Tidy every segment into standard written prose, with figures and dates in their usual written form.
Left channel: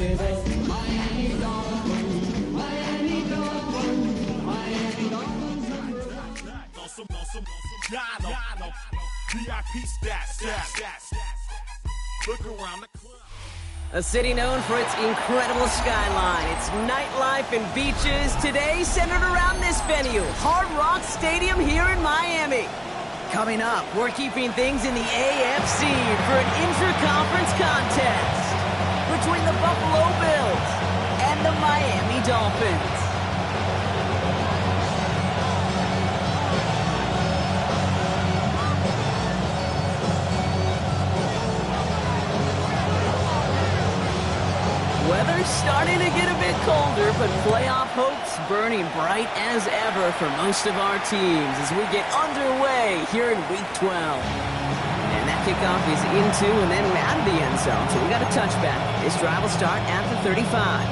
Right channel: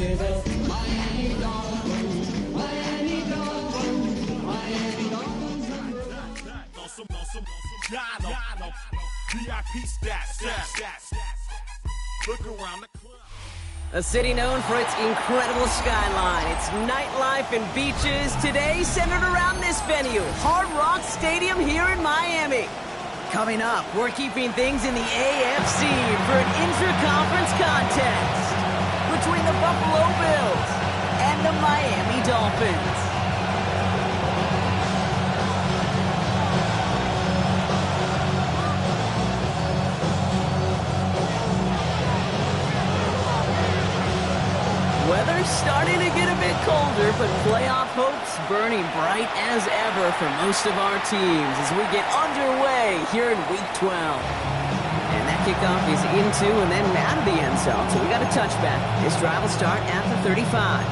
with us. Miami Dolphins, Miami Dolphins, Miami Dolphins. VIP stats. Look around the club. A city known for its incredible skyline, its nightlife and beaches, today centered around this venue, Hard Rock Stadium here in Miami. Coming up, we're keeping things in the AFC for an inter-conference contest between the Buffalo Bills and the Miami Dolphins. Weather's starting to get a bit colder, but playoff hopes burning bright as ever for most of our teams as we get underway here in Week 12. And that kickoff is into and then out of the end zone, so we got a touchback. This drive will start at the 35.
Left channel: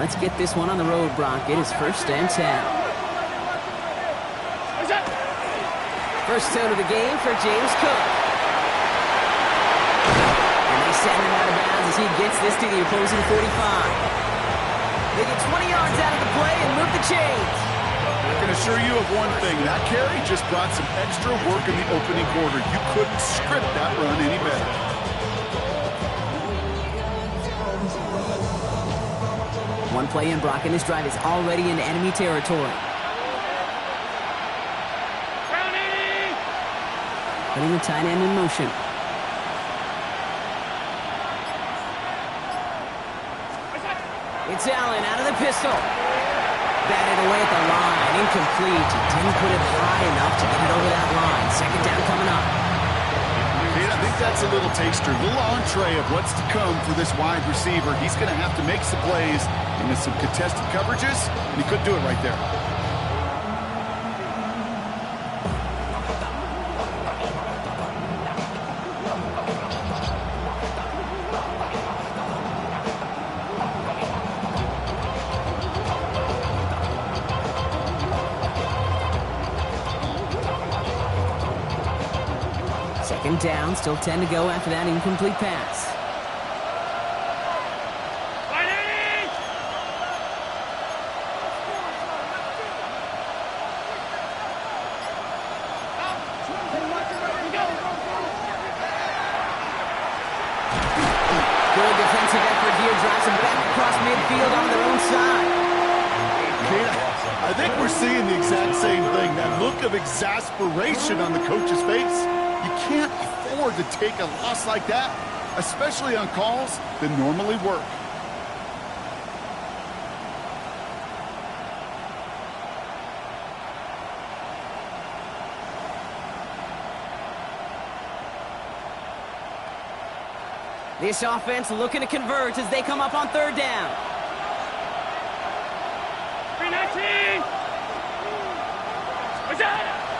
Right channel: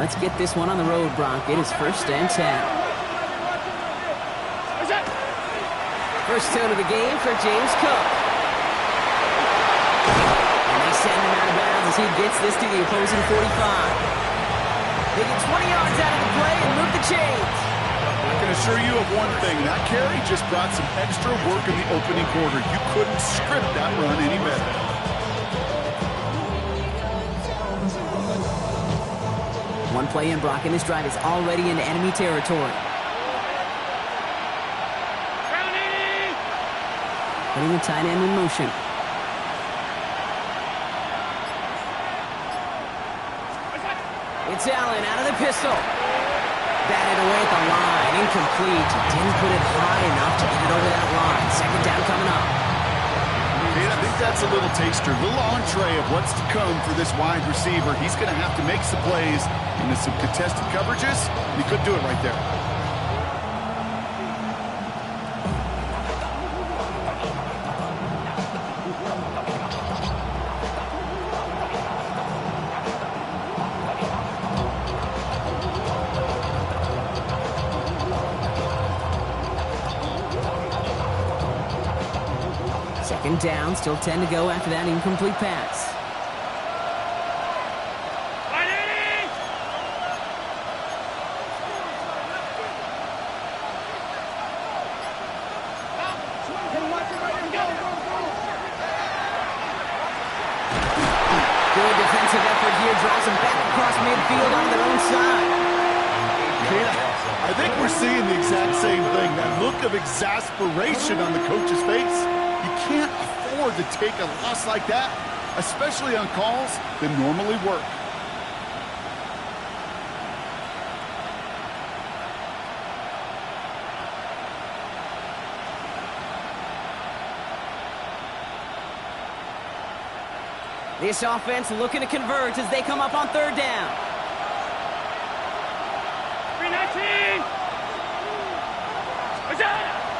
Let's get this one on the road, Brock. It is 1st and 10. First tone of the game for James Cook. And they send him out of bounds as he gets this to the opposing 45. They get 20 yards out of the play and move the chains. I can assure you of one thing. That carry just brought some extra work in the opening quarter. You couldn't script that run any better. One play in, Brock, and this drive is already into enemy territory. Putting the tight end in motion. It's Allen out of the pistol. Batted away at the line. Incomplete. He didn't put it high enough to get it over that line. Second down coming up. I think that's a little taster, a little entree of what's to come for this wide receiver. He's going to have to make some plays into some contested coverages, and he could do it right there. Second down, still 10 to go after that incomplete pass. Good defensive effort here, drives them back across midfield on their own side. I think we're seeing the exact same thing, that look of exasperation on the coach's face. You can't afford to take a loss like that, especially on calls that normally work. This offense looking to convert as they come up on 3rd down. 319!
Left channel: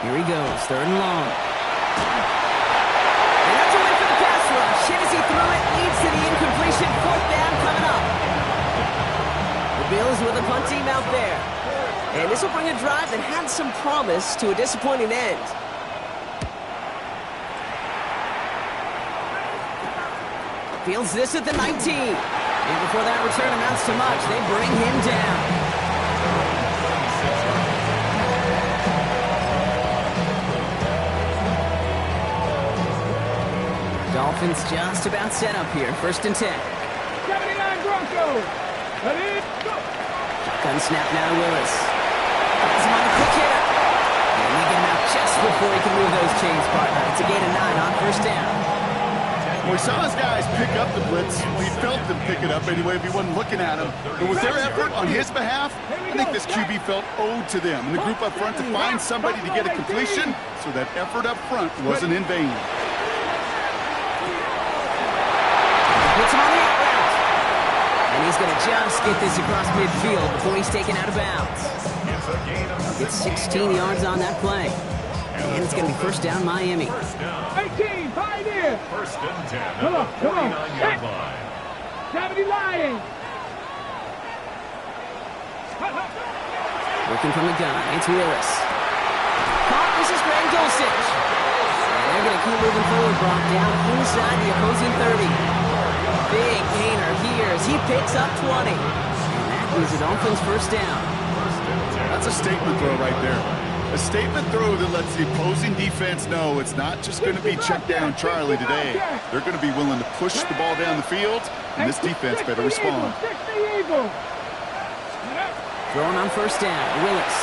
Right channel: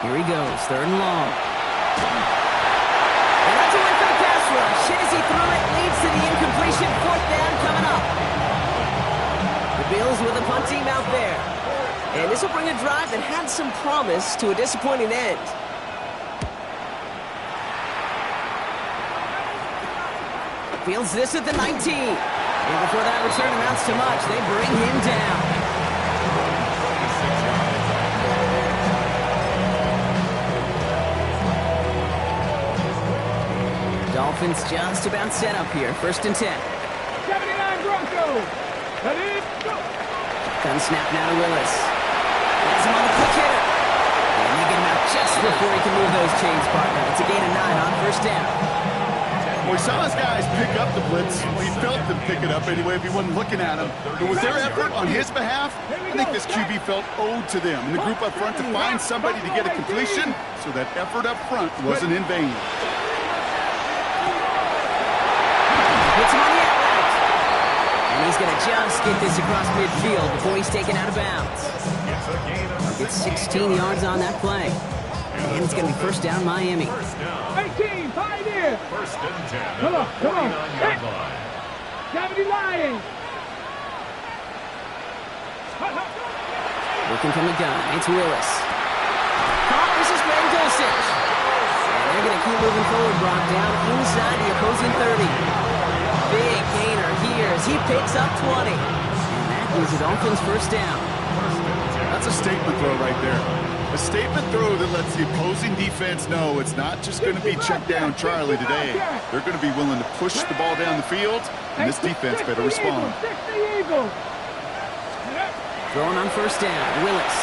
Here he goes, 3rd and long. And that's a win for the pass rush. Hit as he threw it, leads to the incompletion. 4th down coming up. The Bills with a punt team out there. And this will bring a drive that had some promise to a disappointing end. Fields this at the 19. And before that return amounts to much, they bring him down. Dolphins just about set up here. 1st and 10. 79 Broncos. Ready, go. Gun snap now to Willis. Has him on the quick hitter. And they get him out just before he can move those chains, partner. It's a gain of 9 on 1st down. Well, he saw his guys pick up the blitz. Well, he felt them pick it up anyway if he wasn't looking at him. But with their effort on his behalf, I think this QB felt owed to them. And the group up front to find somebody to get a completion, so that effort up front wasn't in vain. Hits him on the out route. And he's going to just get this across midfield before he's taken out of bounds. Gets 16 yards on that play. And it's going to be first down Miami. 18, Pioneer. First and 10. Come on, come on. 49-yard line. 70 Lions. Working from the gun, it's Willis. Caught, this is Greg Dulcich. And they're going to keep moving forward, Brock, down inside the opposing 30. Big gainer here as he picks up 20. And that gives the Dolphins first down. That's a statement throw right there. A statement throw that lets the opposing defense know it's not just going to be check down Charlie today. They're going to be willing to push the ball down the field, and this defense better respond. Throwing on first down, Willis.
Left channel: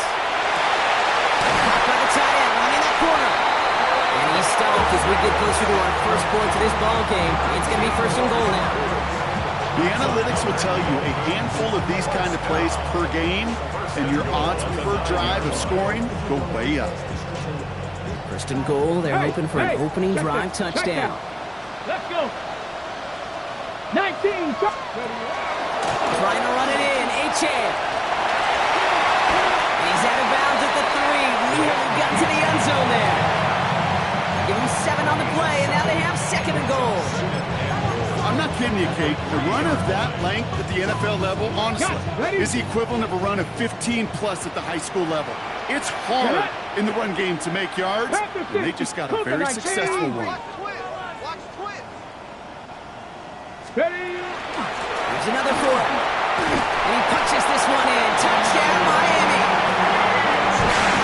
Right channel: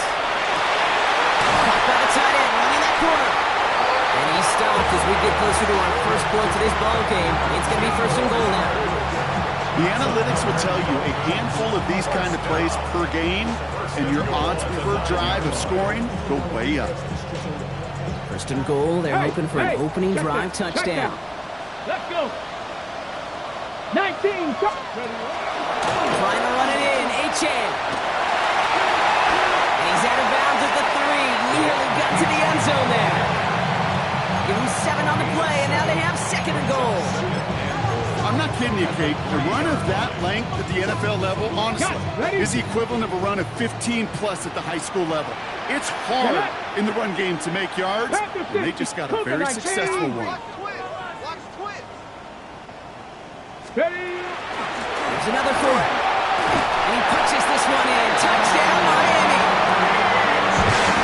Caught by the tight end, running that corner. And he's stopped as we get closer to our first points of this ball game. It's going to be first and goal now. The analytics will tell you a handful of these kind of plays per game, and your odds per drive of scoring go way up. First and goal, they're hoping for an opening drive touchdown. Let's go. 19. Trying to run it in, Achane. And he's out of bounds at the 3. Nearly got to the end zone there. Give him 7 on the play, and now they have second and goal. I'm not kidding you, Kate. A run of that length at the NFL level, honestly, is the equivalent of a run of 15-plus at the high school level. It's hard in the run game to make yards, and they just got a very successful one. There's another for him. And he punches this one in. Touchdown, Miami.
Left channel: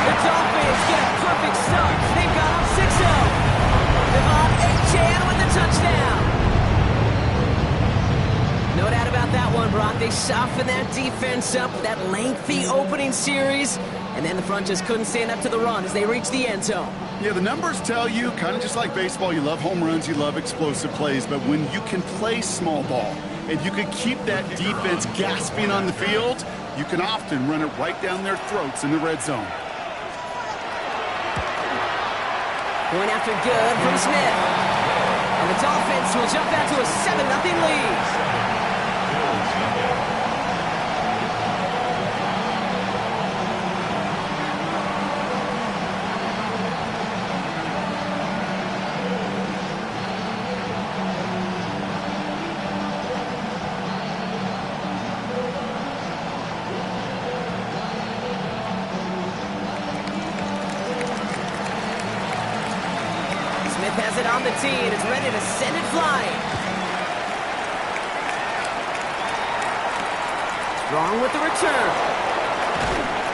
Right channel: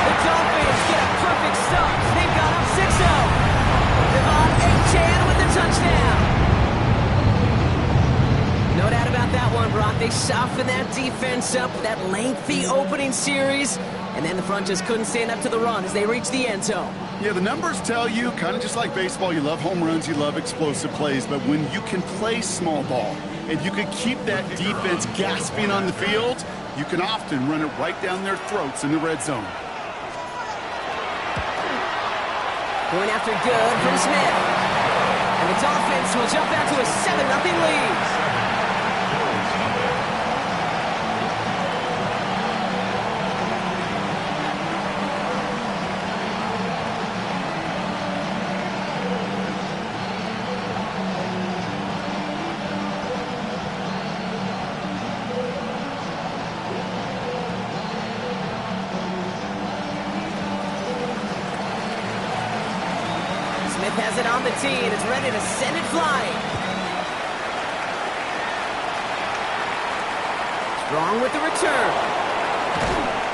The Dolphins get a perfect start. They've got up 6-0. Devon Achane with the touchdown. No doubt about that one, Brock. They softened that defense up, that lengthy opening series, and then the front just couldn't stand up to the run as they reached the end zone. Yeah, the numbers tell you, kind of just like baseball, you love home runs, you love explosive plays, but when you can play small ball and you can keep that defense gasping on the field, you can often run it right down their throats in the red zone. Point after good from Smith. And the Dolphins will jump out to a 7-0 lead. Smith has it on the tee and is ready to send it flying. Strong with the return.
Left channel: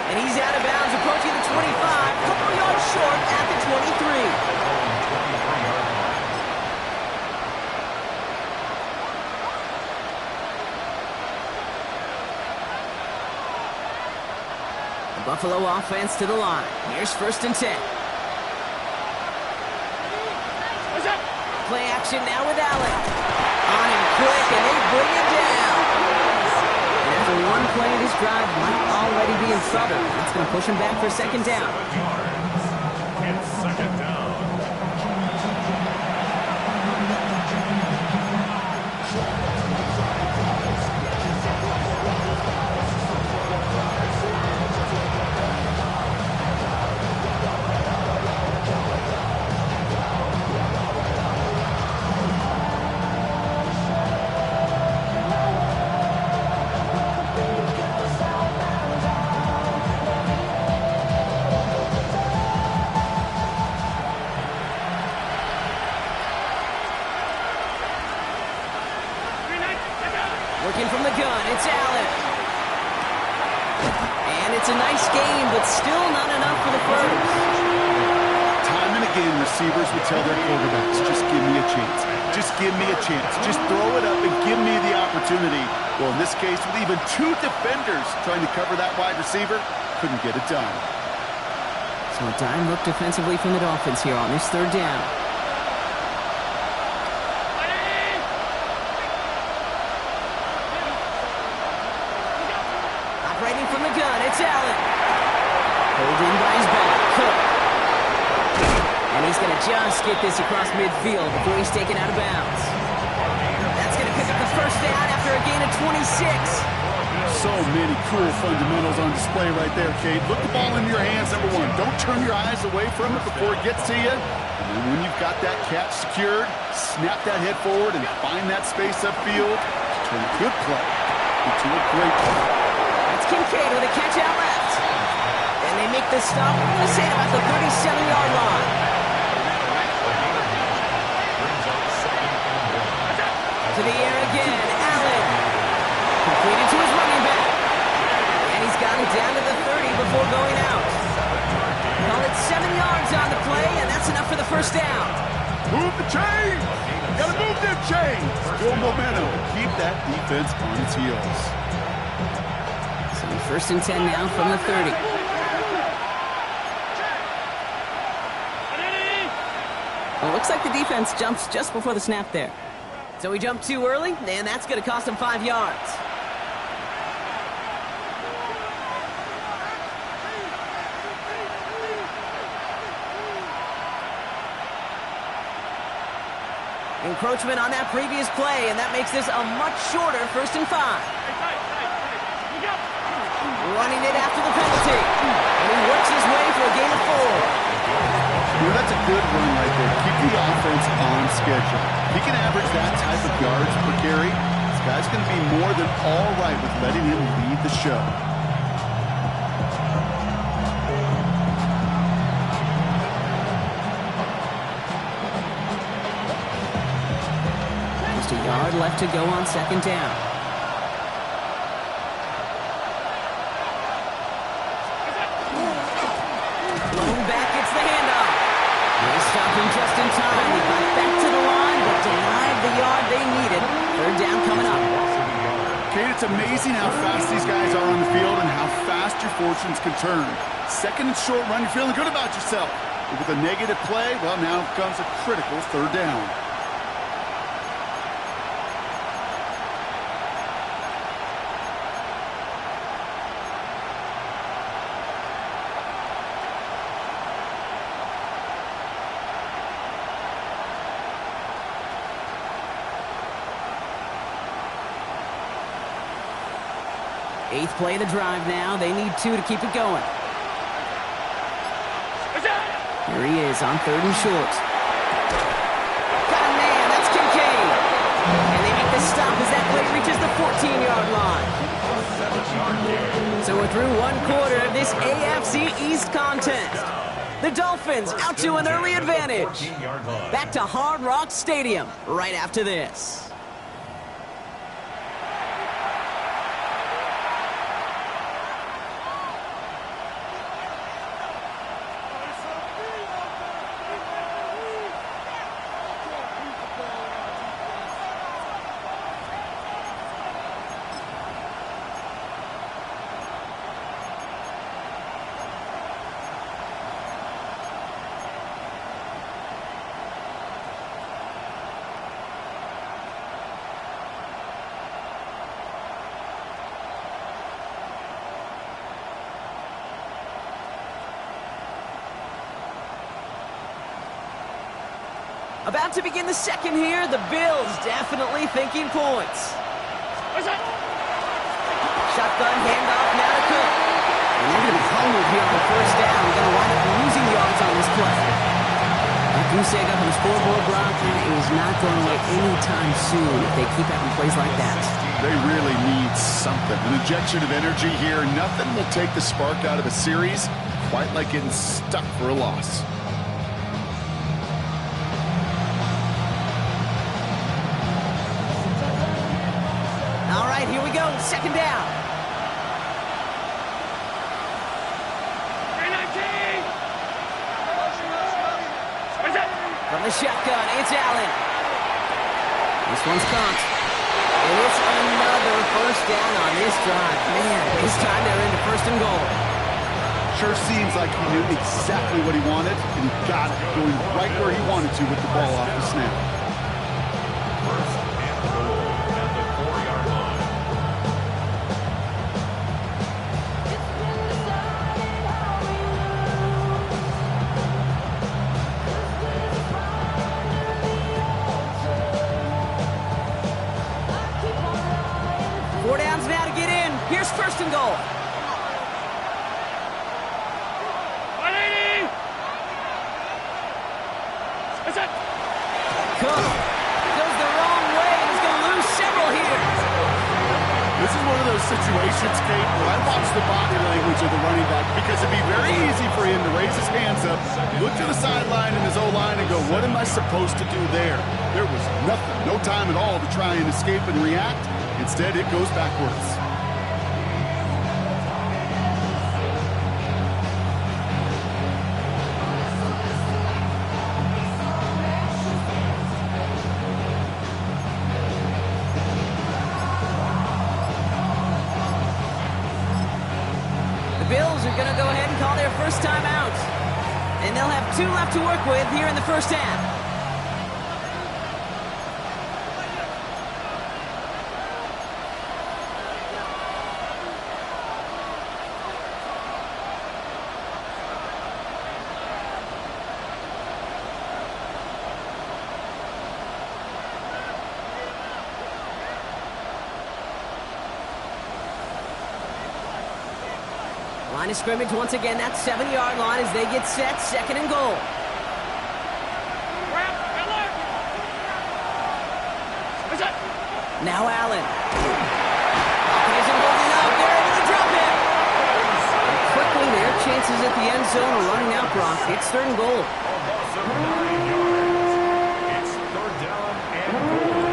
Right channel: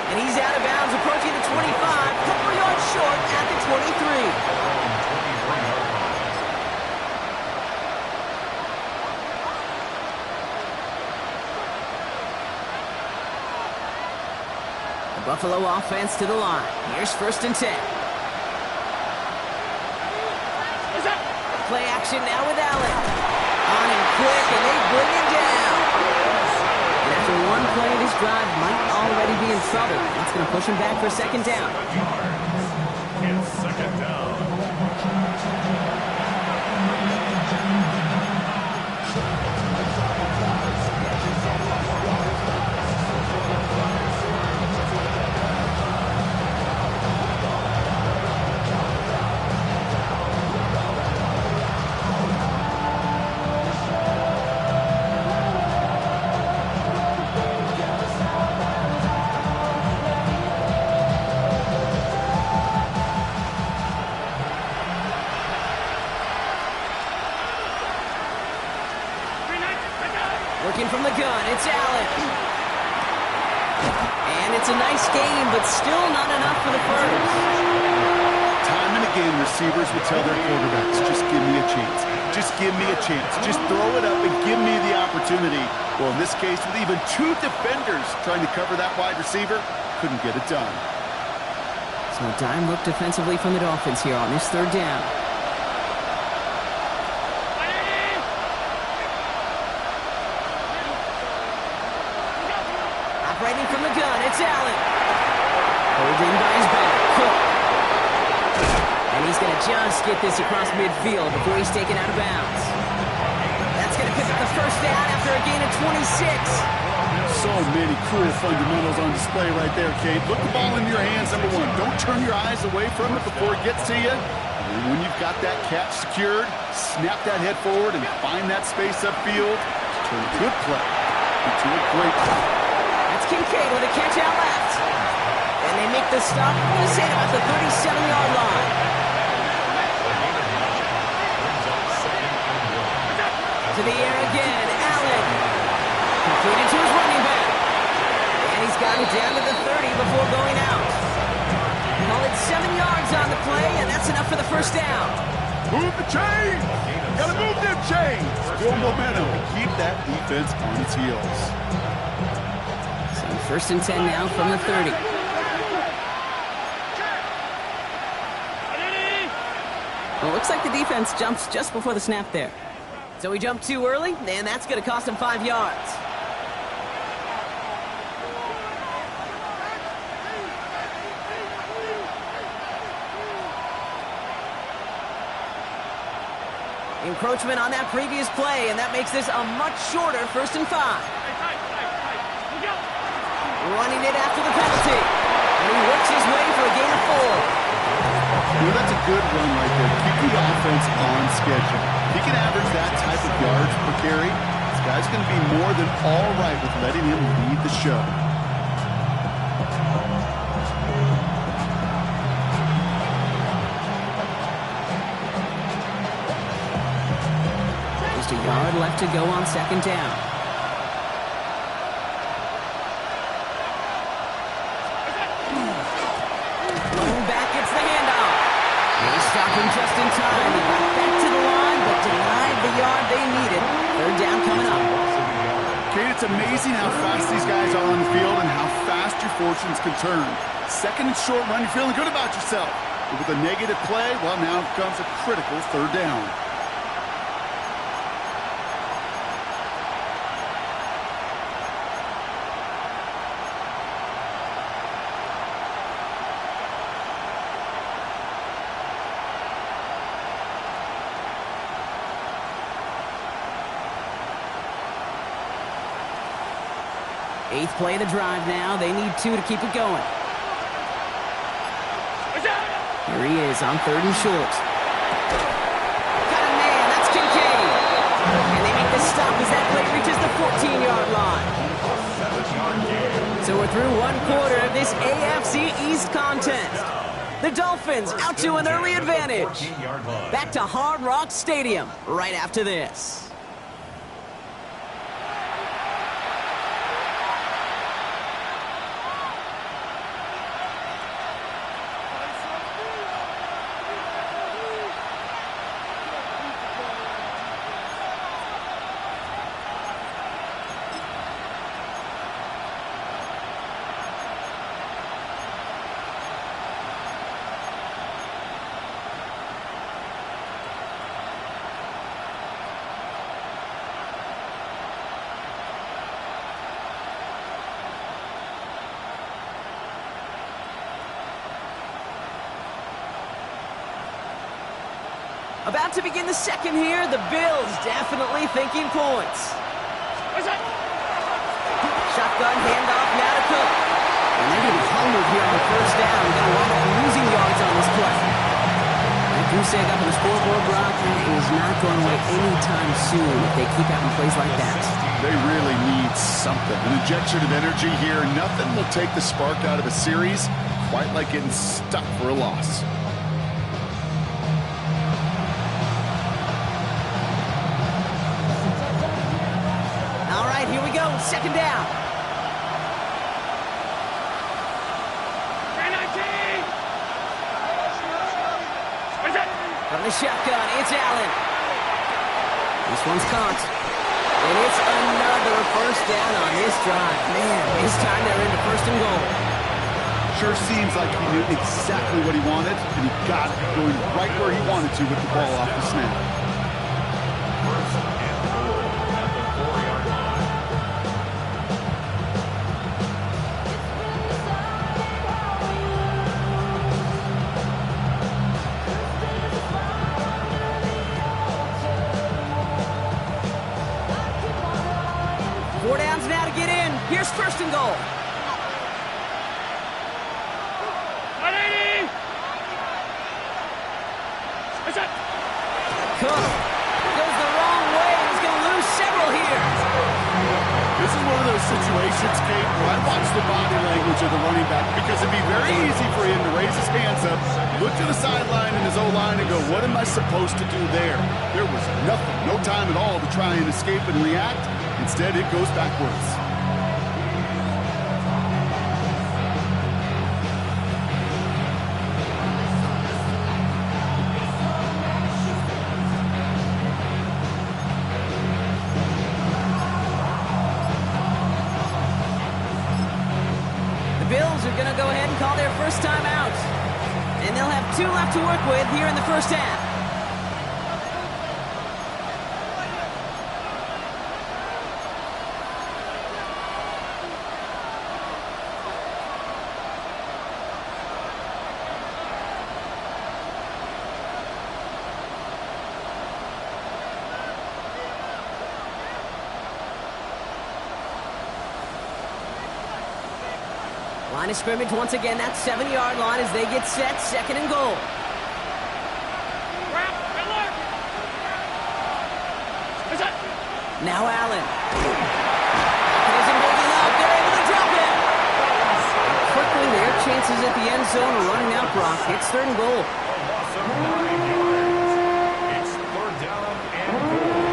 And he's out of bounds, approaching the 25, couple yards short at the 23. The Buffalo offense to the line. Here's first and 10. Play action now with Allen. On him quick, and they bring him down. And after one play, this drive might already be in trouble. It's going to push him back for second down. It's second down. Working from the gun, it's Allen. And it's a nice game, but still not enough for the first. Time and again, receivers would tell their quarterbacks, just give me a chance. Just give me a chance. Just throw it up and give me the opportunity. Well, in this case, with even 2 defenders trying to cover that wide receiver, couldn't get it done. So a dime look defensively from the Dolphins here on this third down. Operating from the gun, it's Allen. Holding by his back, Cook. And he's going to just get this across midfield before he's taken out of bounds. That's going to pick up the first down after a gain of 26. So many cool fundamentals on display right there, Kate. Look the ball into your hands, number one. Don't turn your eyes away from it before it gets to you. And then when you've got that catch secured, snap that head forward and find that space upfield to turn a good play into a great play. That's Kincaid with a catch out left. And they make the stop, we're going to say, about the 37-yard line. To the air again, Allen. Completed to his running back. And he's gotten down to the 30 before going out. Call it 7 yards on the play, and that's enough for the first down. Move the chains! Gotta move them chains! Build momentum and keep that defense on its heels. So first and 10 now from the 30. Well, it looks like the defense jumps just before the snap there. So he jumped too early, and that's going to cost him 5 yards. Encroachment on that previous play, and that makes this a much shorter 1st and 5. Running it after the penalty. And he works his way for a gain of 4. Well, that's a good run right there. Keep the offense on schedule. If he can average that type of yards per carry, this guy's going to be more than all right with letting him lead the show. Just a yard left to go on 2nd down. Blown back gets the handoff. They stopped him just in time. He got back to the line, but denied the yard they needed. 3rd down coming up. Kate, it's amazing how fast these guys are on the field and how fast your fortunes can turn. 2nd and short run, you're feeling good about yourself. But with a negative play, well, now comes a critical 3rd down. Eighth play of the drive now. They need 2 to keep it going. Here he is on 3rd and short. Got a man. That's Kincaid. And they make the stop as that play reaches the 14-yard line. So we're through 1 quarter of this AFC East contest. The Dolphins out to an early advantage. Back to Hard Rock Stadium right after this. About to begin the second here. The Bills definitely thinking points. Shotgun handoff now to Cook. And they're going to be humbled here on 1st down. Going to wind up losing yards on this play. That goose egg up on the scoreboard, Brock, is not going away anytime soon if they keep having plays like that. They really need something. An injection of energy here. Nothing will take the spark out of a series quite like getting stuck for a loss. All right, here we go. 2nd down. From the shotgun, it's Allen. This one's caught. And it's another 1st down on this drive. Man, this time they're into 1st and goal. Sure seems like he knew exactly what he wanted, and he got it, going right where he wanted to with the ball off the snap. 1st and goal at the 4-yard line. Here's first and goal. 180. Is it? Cook goes the wrong way and is going to lose several here. This is one of those situations, Kate, where I watch the body language of the running back because it'd be very easy for him to raise his hands up, look to the sideline in his O-line and go, what am I supposed to do there? There was nothing, no time at all to try and escape and react. Instead, it goes backwards. Bills are going to go ahead and call their first time out. And they'll have 2 left to work with here in the first half. Line of scrimmage once again, that 7-yard line as they get set, second and goal. Now Allen. Isn't holding up, they're able to drop him. Quickly, their chances at the end zone are running out, Brock. It's third and goal. A loss of 9 yards. It's third down and goal.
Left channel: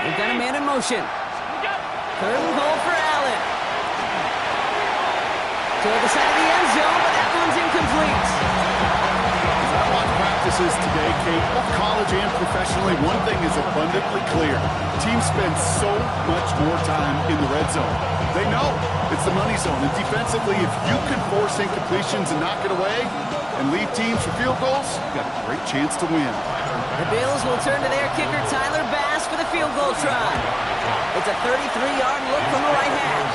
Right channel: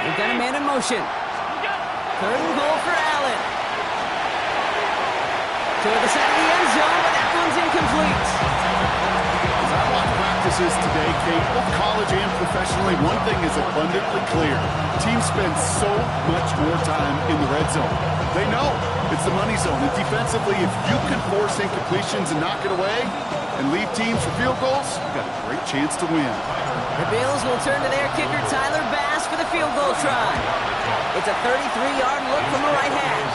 They've got a man in motion. Third and goal for Allen. Toward the side of the end zone, but that one's incomplete. As I watch practices today, Kate, both college and professionally, one thing is abundantly clear. Teams spend so much more time in the red zone. They know it's the money zone. And defensively, if you can force incompletions and knock it away and leave teams for field goals, you've got a great chance to win. The Bills will turn to their kicker, Tyler Bass, for the field goal try. It's a 33-yard look from the right half.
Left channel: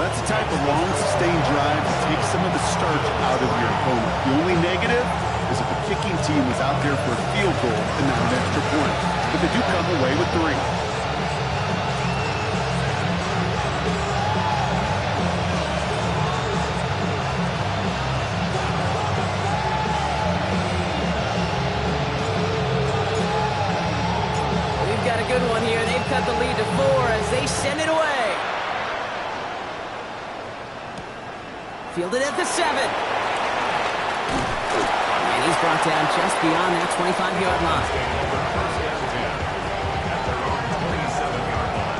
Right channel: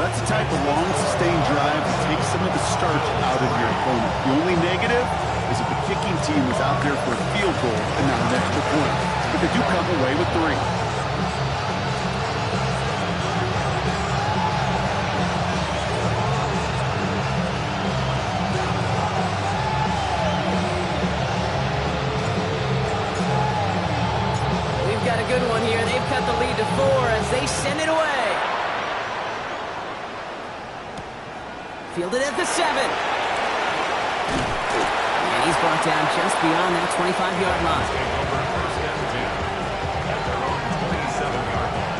That's the type of long, sustained drive that takes some of the starch out of your opponent. The only negative is that the kicking team was out there for a field goal and not an extra point. But they do come away with 3. We've got a good one here. They've cut the lead to 4 as they send it away. Fielded at the 7. And he's brought down just beyond that 25-yard line. Take over first and 10 at their own 27-yard line.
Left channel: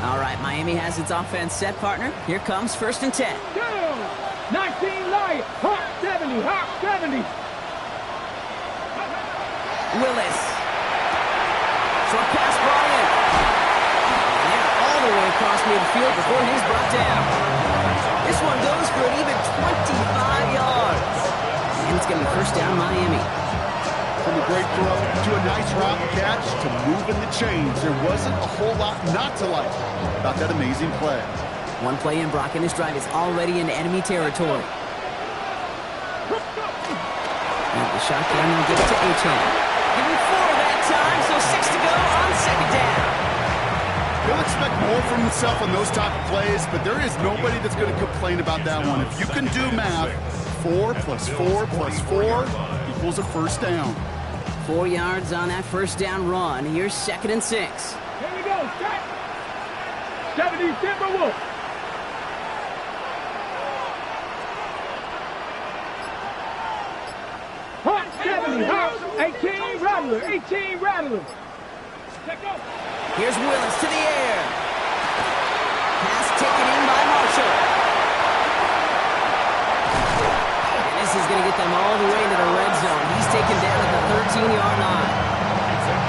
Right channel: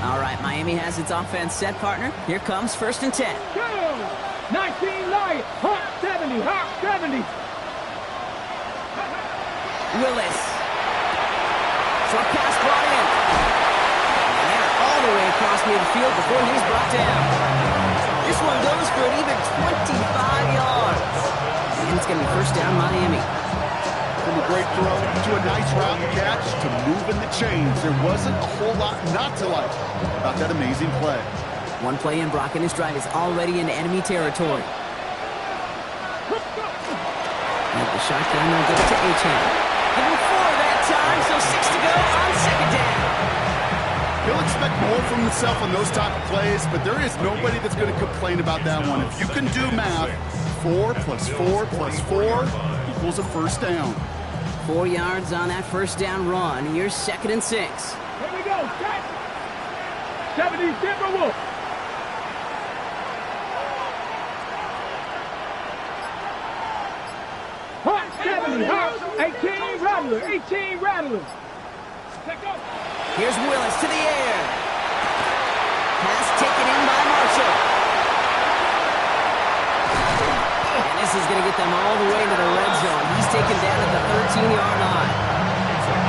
All right, Miami has its offense set, partner. Here comes first and 10. Go! 19 Lions. Hawk 70. Hawk 70. Willis. Short pass brought in. And they're all the way across midfield before he's brought down. This one goes for an even 25 yards. And it's going to be first down, Miami. From a great throw to a nice route catch to moving the chains. There wasn't a whole lot not to like about that amazing play. One play in, Brock, and this drive is already into enemy territory. And the shotgun will give it to Achane. Give him 4 that time, so 6 to go on second down. He'll expect more from himself on those type of plays, but there is nobody that's going to complain about that one. If you can do math, 4 plus 4 plus 4 equals a first down. 4 yards on that first down run. Here's second and 6. Here we go. Set. 70 Timberwolves. Hawk 70. Hawk Rattler, 18 Rattler. Check out. Here's Willis to the air. Pass taken in by Marshall. And this is going to get them all the way into the red zone. He's taken down at the 13-yard line.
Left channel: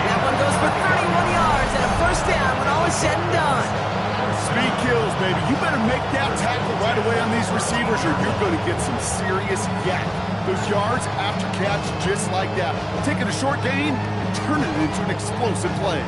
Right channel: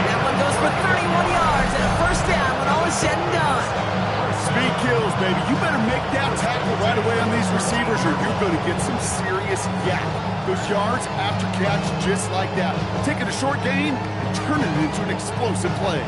That one goes for 31 yards and a first down when all is said and done. Speed kills, baby. You better make that tackle right away on these receivers or you're going to get some serious yak. Those yards after catch just like that. Taking a short gain and turning it into an explosive play.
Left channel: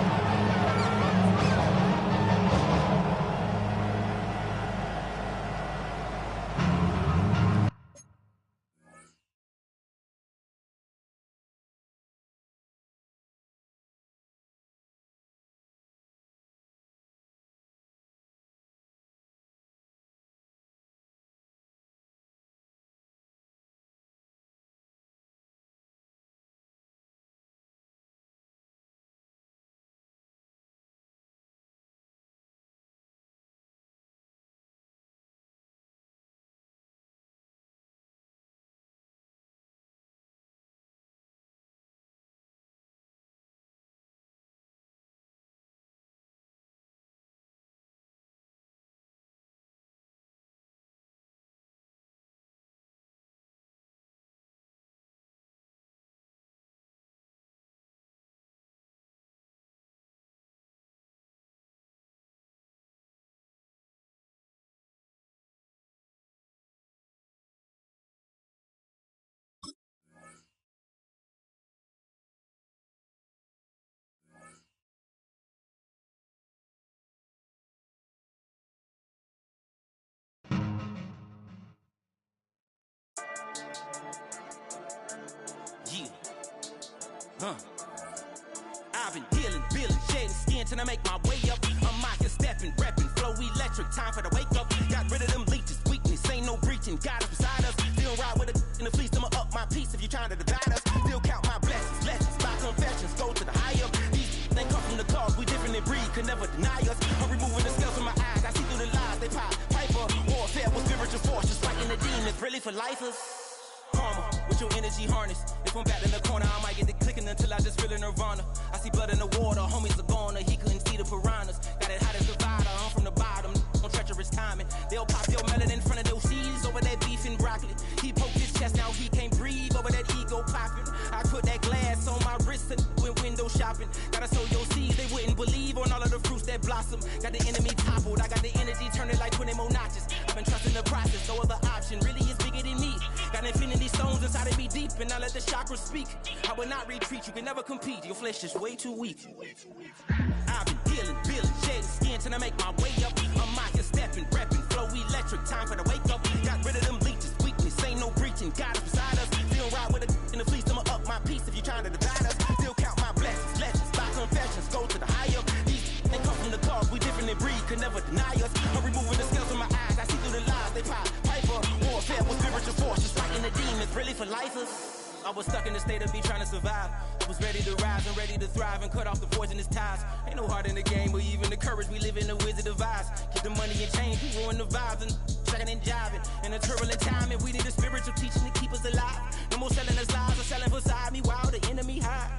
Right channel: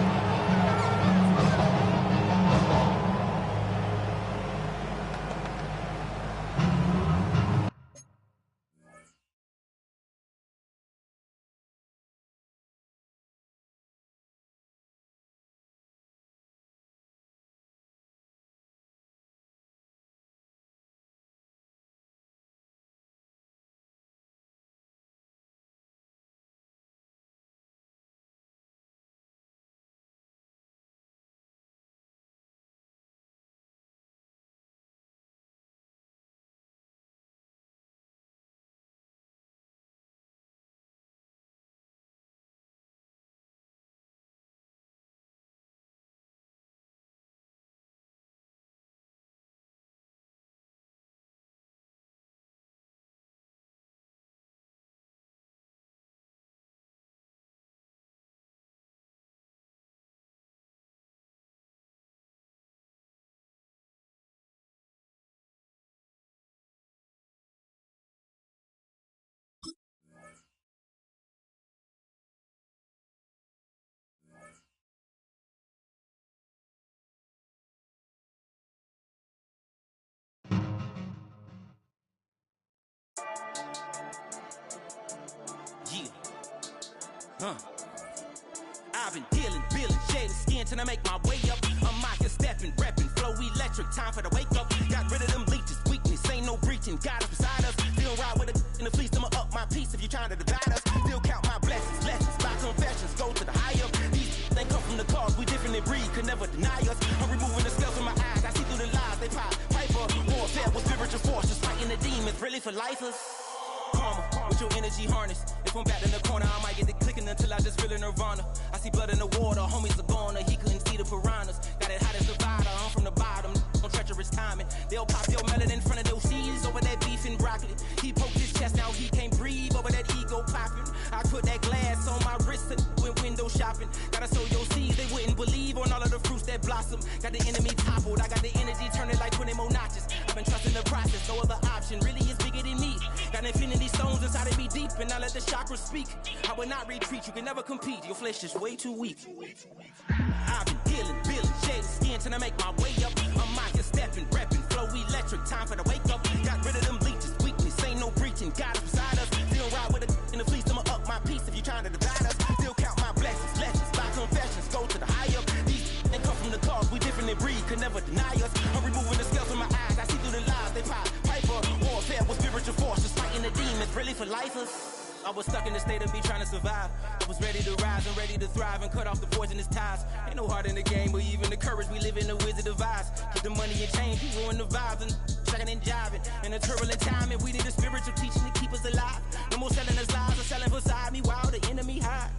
I've been dealing, billing, shedding skin till I make my way up. I'm out here stepping, repping, flow electric, time for the wake up. Got rid of them leeches, weakness, ain't no breaching. Got us beside us, still ride with a in the fleece. I'ma up my piece if you're trying to divide us. Still count my blessings, lessons, my confessions, go to the high up. These they come from the cause, we different in breed, could never deny us. I'm removing the scales from my eyes, I see through the lies they pop. Piper, warfare with spiritual forces, fighting the demons, really for lifers. Karma, with your energy harness. If I'm back in the corner, I might get the clicking until I just feel a nirvana. I see blood in the water, homies are gone, he couldn't see the piranhas. Got it hot as Nevada, I'm from the bottom, on treacherous timing. They'll pop your melon in front of those seeds over that beef and broccoli. He poked his chest, now he can't breathe over that ego popping. I put that glass on my wrist and went window shopping. Gotta sow your seeds, they wouldn't believe on all of the fruits that blossom. Got the enemy toppled, I got the energy turning like 20 more notches. I've been trusting the process, no other option really is bigger than me. Got infinity stones inside of me deep, and I let the chakras speak. I will not retreat, you can never compete, your flesh is way too weak. I've been dealing, billing, shedding skin till I make my way up. I'm out here stepping, repping, flow electric, time for the wake up. Got rid of them leeches, weakness, ain't no breaching, got us beside us. Still ride with a in the fleece, I'ma up my piece if you're trying to divide us. Still count my blessings, lessons, my confessions, go to the high up. These they come from the cause, we different in breed, could never deny us. I'm removing the scales from my eyes, I see through the lies they pop. Piper, warfare with spiritual forces, fighting the demons, really for lifers. I was stuck in the state of me trying to survive. I was ready to rise and ready to thrive and cut off the poisonous ties. Ain't no heart in the game, but even the courage we live in the wizard of Oz. Get the money and change, we ruin the vibes and checking and jiving. In a turbulent time, and we need a spiritual teaching to keep us alive. No more selling us lies or selling beside me while the enemy hide.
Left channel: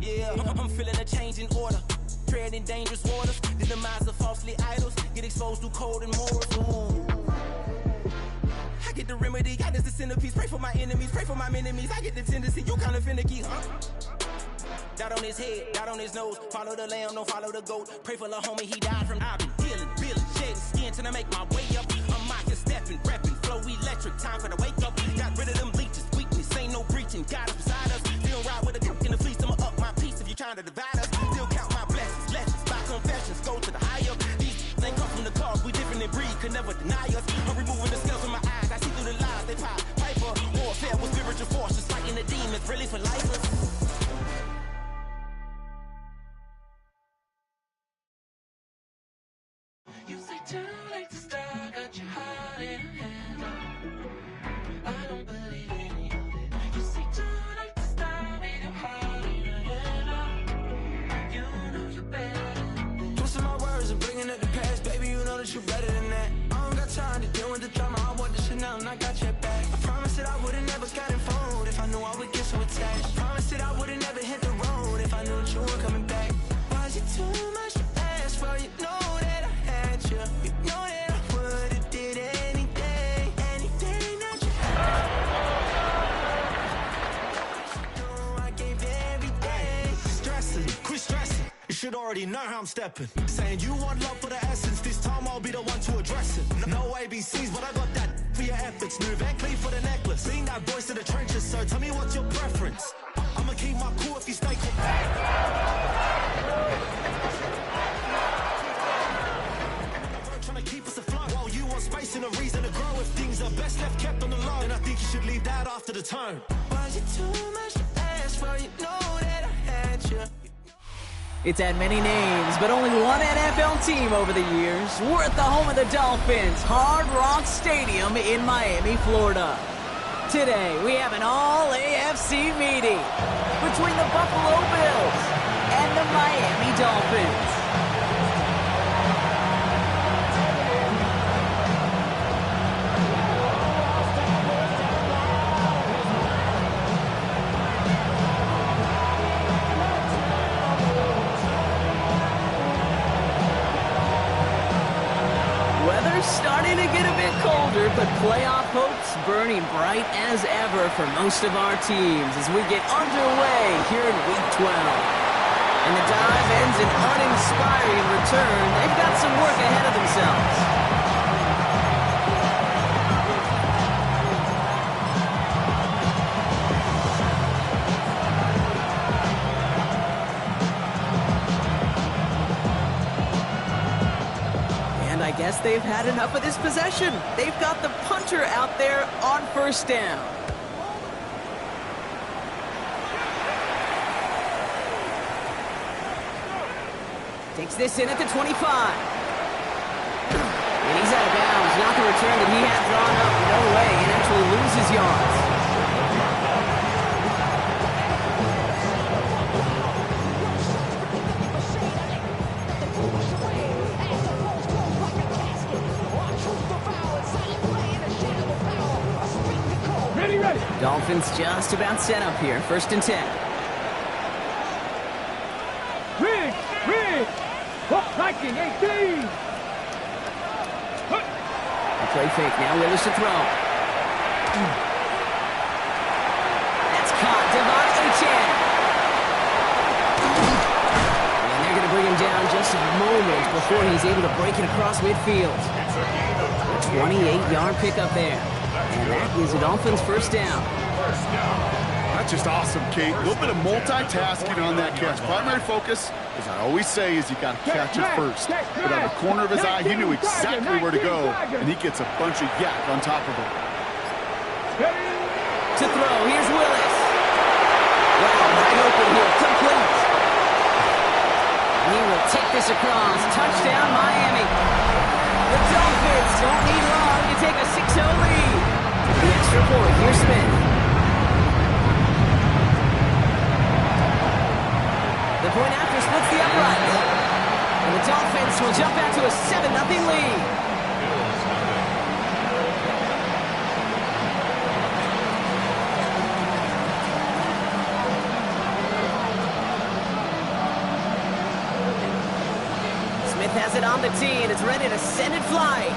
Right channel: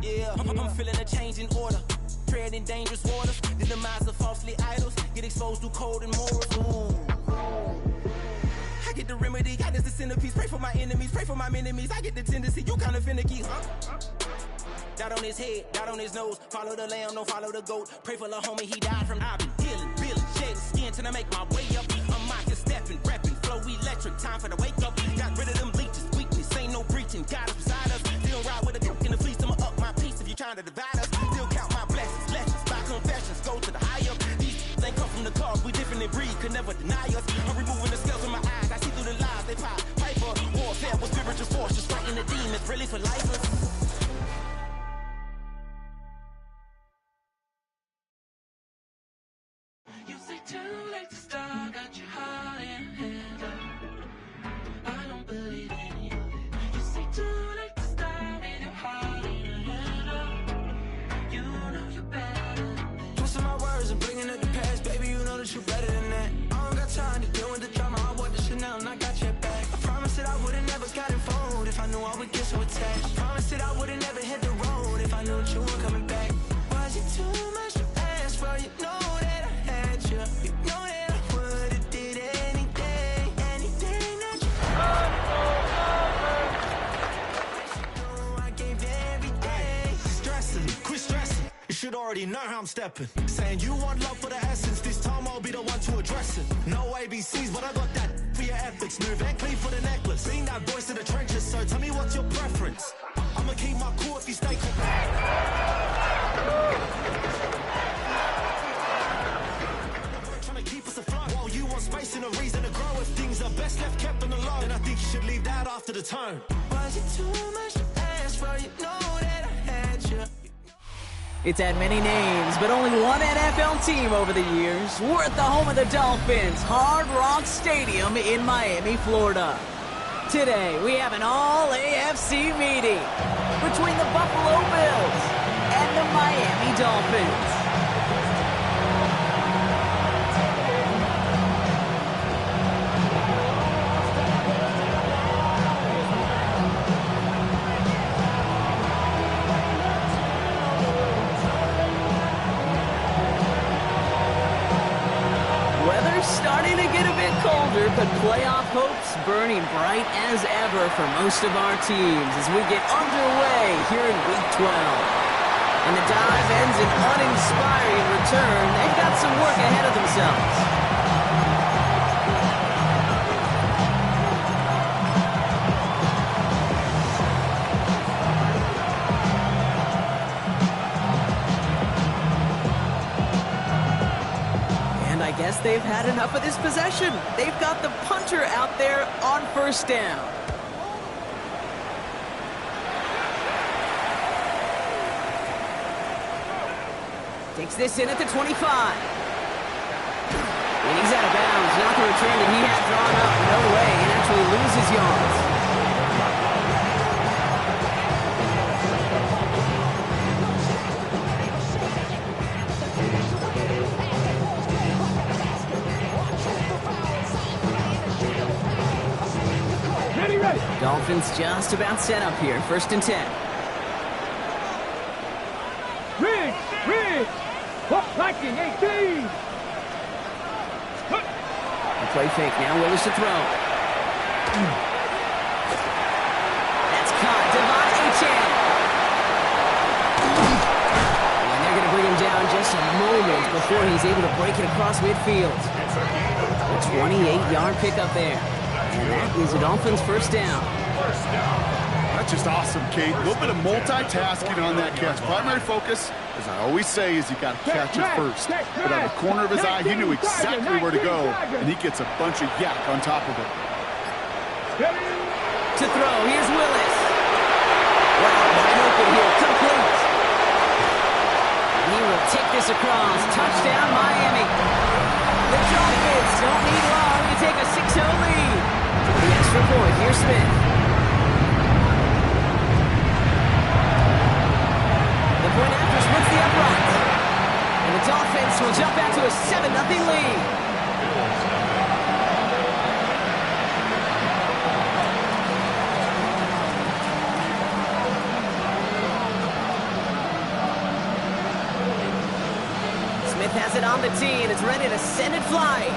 Yeah, I'm feeling a change in order. Treading dangerous waters, the demise of falsely idols. Get exposed through code and morals. Ooh. I get the remedy, God is the centerpiece. Pray for my enemies, pray for my enemies. I get the tendency, you kinda finicky, huh? Dot on his head, dot on his nose. Follow the lamb, don't follow the goat. Pray for the homie, he died from. I've been dealing, billing, shedding skin till I make my way up. I'm out here stepping, repping, flow electric, time for the wake up. Got rid of them leeches, weakness, ain't no breaching. Got us beside us, still ride with a cook in the fleece. I'ma up my piece if you're trying to divide us. Still count my blessings, lessons, my confessions, go to the high up. These ain't come from the cause, we different in breed, could never deny us. I'm removing the scales from my eyes, I see through the lies they pop. Piper, warfare with spiritual forces, fighting the demons, really for lifers. You say too late to start, got your heart in hand. I don't believe any of it. You say too late to start, ain't your heart in hand. You know you're better than this. Twisting my words and bringing up the past, baby, you know that you better than that. I don't got time to deal with the drama, I want the Chanel and I got your back. I promised that I would've never got involved if I knew I would get so attached. I promised that I would've never hit the road if you. You know that I would've did anything, anything that you I gave everything. Stressing, quit stressing. You should already know how I'm stepping. Saying you want love for the essence. This time I'll be the one to address it. No ABCs, but I got that for your efforts. New Van Cleef for the necklace. Being that voice in the trenches, so tell me what's your preference. I'ma keep my cool if you stay calm. Trying to keep us afloat while you want space and a reason to grow. If things are best left kept on the low, then I think you should leave that after the tone. Was it too much to ask for? You know that I had you. It's had many names, but only one NFL team over the years. We're at the home of the Dolphins, Hard Rock Stadium in Miami, Florida. Today, we have an all-AFC meeting between the Buffalo Bills and the Miami Dolphins. Weather's starting to get a bit colder, but playoff hopes burning bright as ever for most of our teams as we get underway here in Week 12. And the dive ends in uninspiring return. They've got some work ahead of themselves. I guess they've had enough of this possession. They've got the punter out there on first down. Takes this in at the 25. And he's out of bounds. Not the return that he had drawn up. No way. And actually loses yards. Ready. Dolphins just about set up here. 1st and 10. Rig. Viking 18. A play fake. Now Willis to throw. That's caught. Devon Achane. And they're going to bring him down just a moment before he's able to break it across midfield. A 28-yard pickup there. And that is the Dolphins' first down. That's just awesome, Kate. A little bit of multitasking on that catch. Primary focus, as I always say, is you got to catch it first. But out of the corner of his eye, he knew exactly where to go, and he gets a bunch of yak on top of it. To throw, here's Willis. Wow, wide open here, complete. And he will take this across. Touchdown, Miami. The Dolphins don't need long to take a 6-0 lead. The extra point, here's Smith. The point after splits the upright. And the Dolphins will jump out to a 7-0 lead. Bills nothing. Smith has it on the tee, and it's ready to send it flying.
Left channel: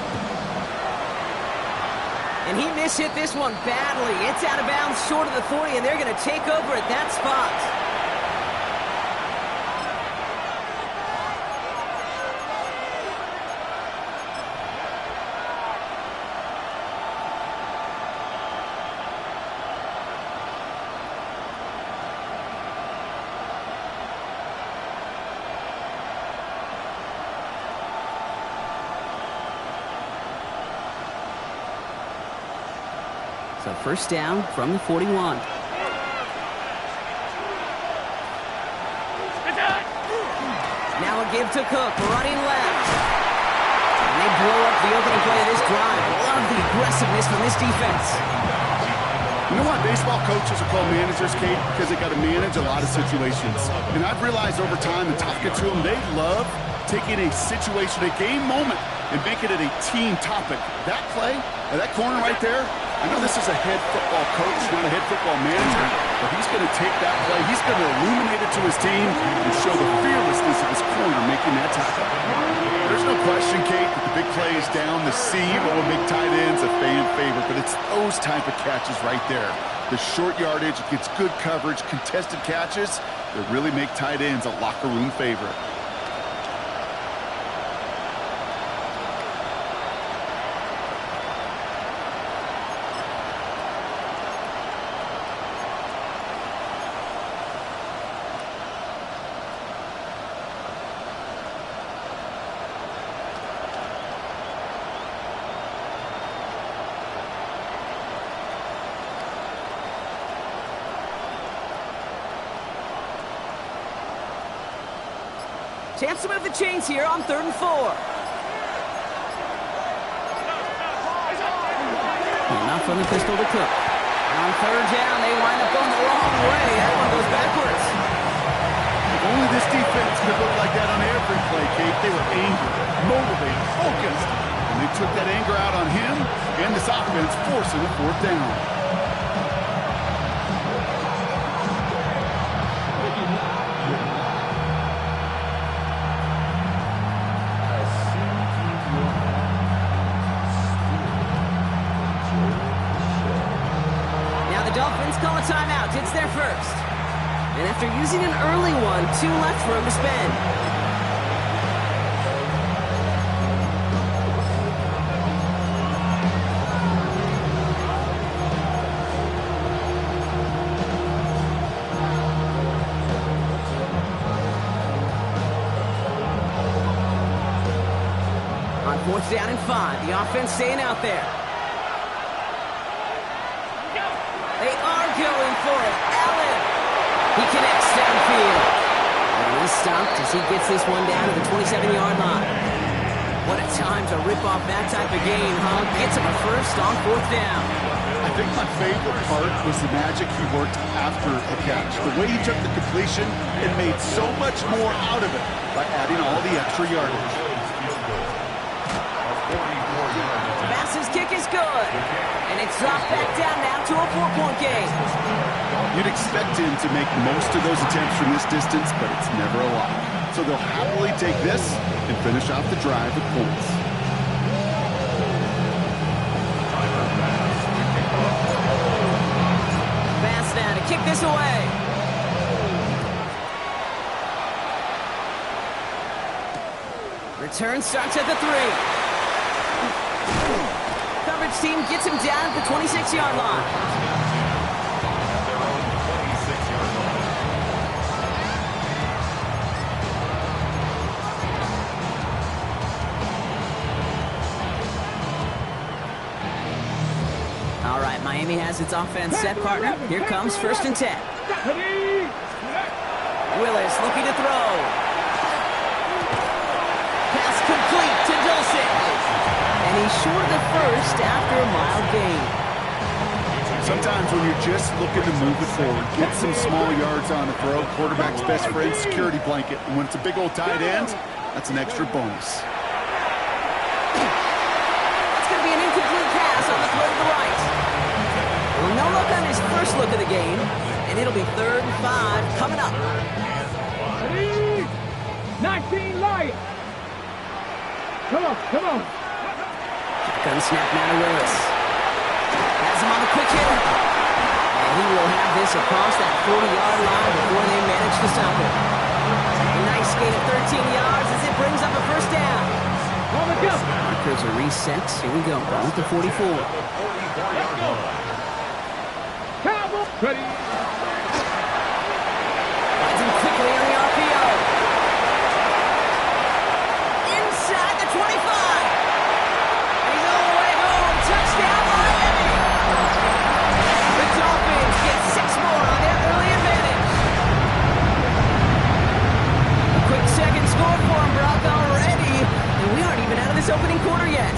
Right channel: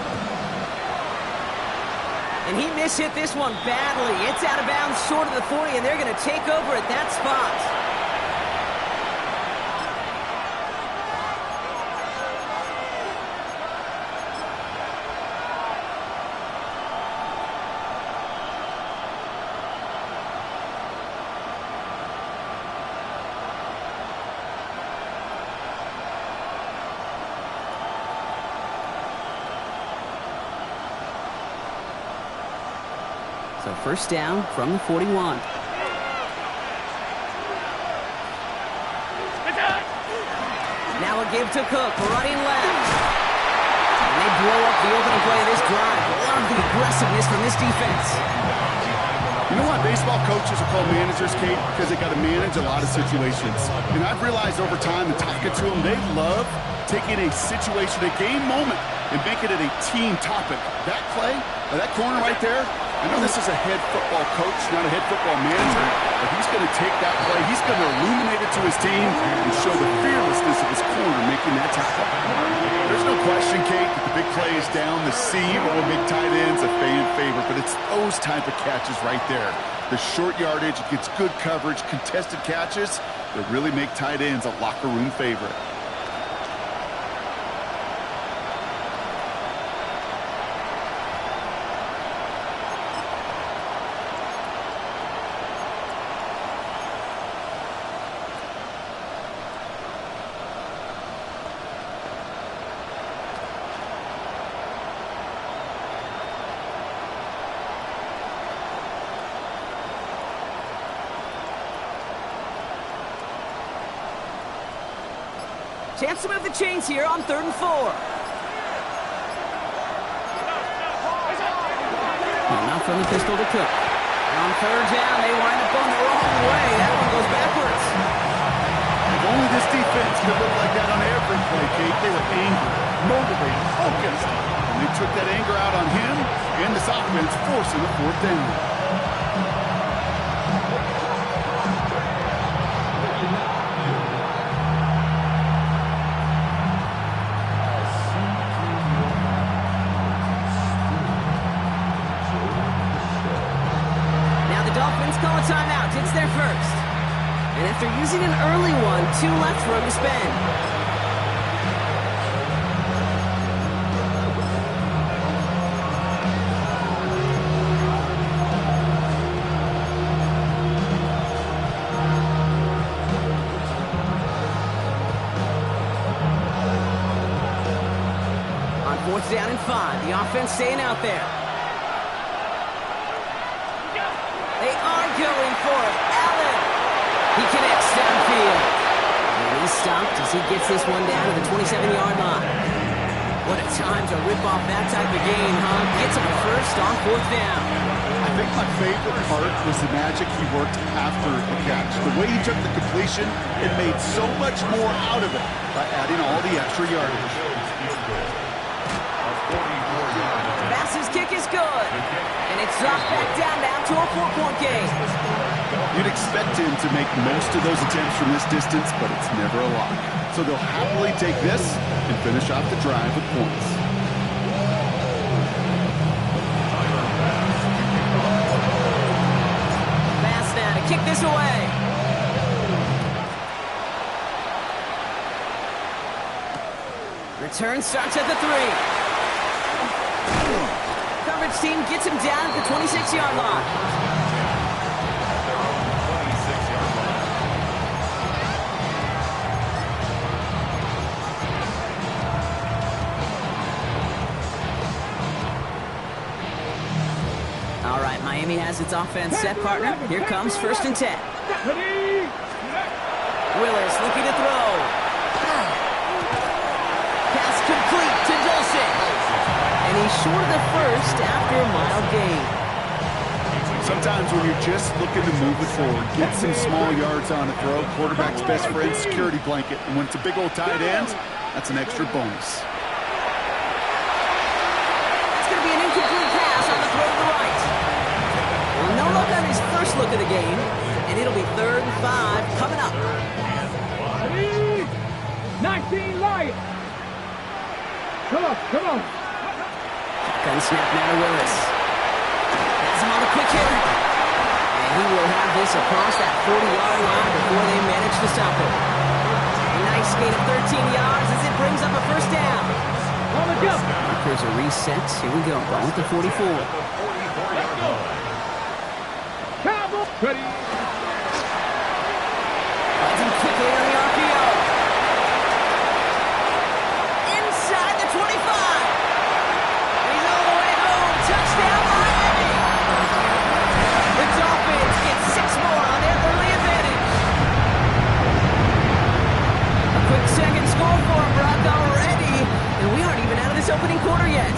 And he mishit this one badly. It's out of bounds short of the 40, and they're going to take over at that spot. So first down from the 41. Now a give to Cook, running left. And they blow up the opening play of this drive. Love the aggressiveness from this defense. You know why baseball coaches are called managers, Kate? Because they got to manage a lot of situations. And I've realized over time, and talking to them, they love taking a situation, a game moment, and making it a team topic. That play, that corner right there, I know this is a head football coach, not a head football manager, but he's going to take that play, he's going to illuminate it to his team and show the fearlessness of his corner making that tackle. There's no question, Kate, that the big play is down the seam or big tight ends a fan favorite, but it's those type of catches right there. The short yardage, it gets good coverage, contested catches that really make tight ends a locker room favorite. Chance to move the chains here on 3rd and 4. Not from the pistol to Cook. And on 3rd down, they wind up going the wrong way. That one goes backwards. If only this defense could look like that on every play, Kate. They were angry, motivated, focused. And they took that anger out on him and this offense, forcing a 4th down. Dolphins call a timeout. It's their first. And after using an early one, 2 left for him to spend. On 4th down and 5, the offense staying out there. They are going for it. Allen. He connects downfield. And he's stopped as he gets this one down to the 27-yard line. What a time to rip off that type of game, huh? Gets him a first on 4th down. I think my favorite part was the magic he worked after the catch. The way he took the completion and made so much more out of it by adding all the extra yardage. Bass's kick is good. And it's dropped back down now to a 4-point game. You'd expect him to make most of those attempts from this distance, but it's never a lock. So they'll happily take this and finish off the drive with points. Bass now to kick this away. Return starts at the 3. Coverage team gets him down at the 26-yard line. At their own 26-yard line. All right, Miami has its offense set, partner. Here comes 1st and 10. Willis looking to throw. Pass complete to Dulcich. And he's short of the first after a mild gain. Sometimes when you're just looking to move it forward, get some small yards on the throw, quarterback's best friend, security blanket. And when it's a big old tight end, that's an extra bonus. That's going to be an incomplete pass on the throw to the right. Well, no look on his first look of the game, and it'll be 3rd and 5 coming up. 19 Lions. Come on. Shotgun snap now to Willis. Has him on the quick hitter. And he will have this across that 40-yard line before they manage to stop it. A nice gain of 13 yards as it brings up a 1st down. Markers are reset. Here we go. Ball at the 44. Cowboys. Ready. Finds him quickly on the RPO. Inside the 25. He's all the way home. Touchdown, Miami. The Dolphins get 6 more on their early advantage. A quick second score for him, Brock, already. And we aren't even out of this opening quarter yet.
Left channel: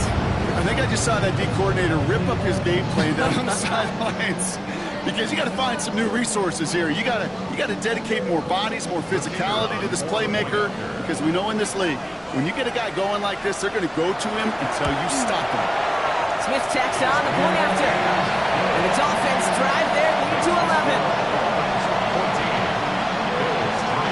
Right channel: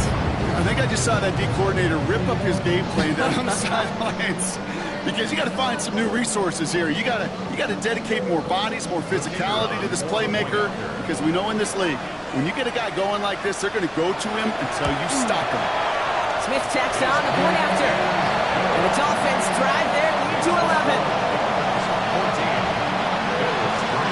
I think I just saw that D coordinator rip up his game plan down on the sidelines. because you got to find some new resources here. You got to dedicate more bodies, more physicality to this playmaker, because we know in this league, when you get a guy going like this, they're going to go to him until you stop him. Smith tacks on the point after. And the Dolphins drive their lead to 11. 14. Bills 3.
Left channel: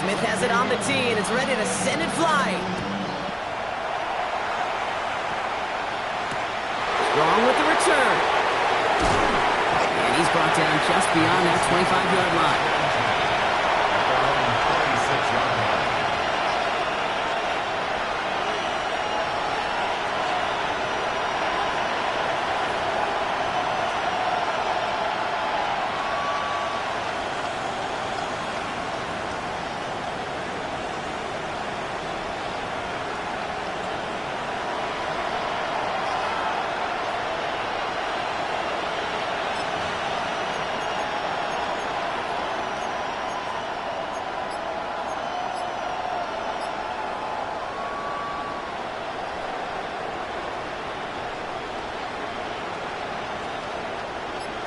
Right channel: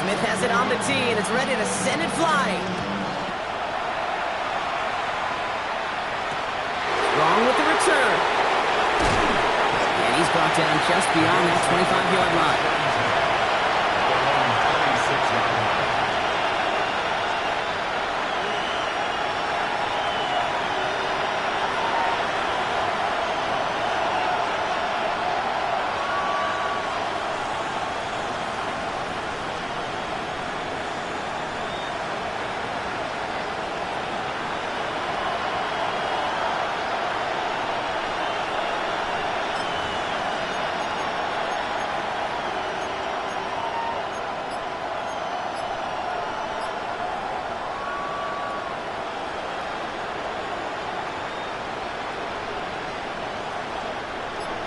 Smith has it on the tee, and it's ready to send it flying. Strong with the return. And he's brought down just beyond that 25-yard line. At their own 26-yard line.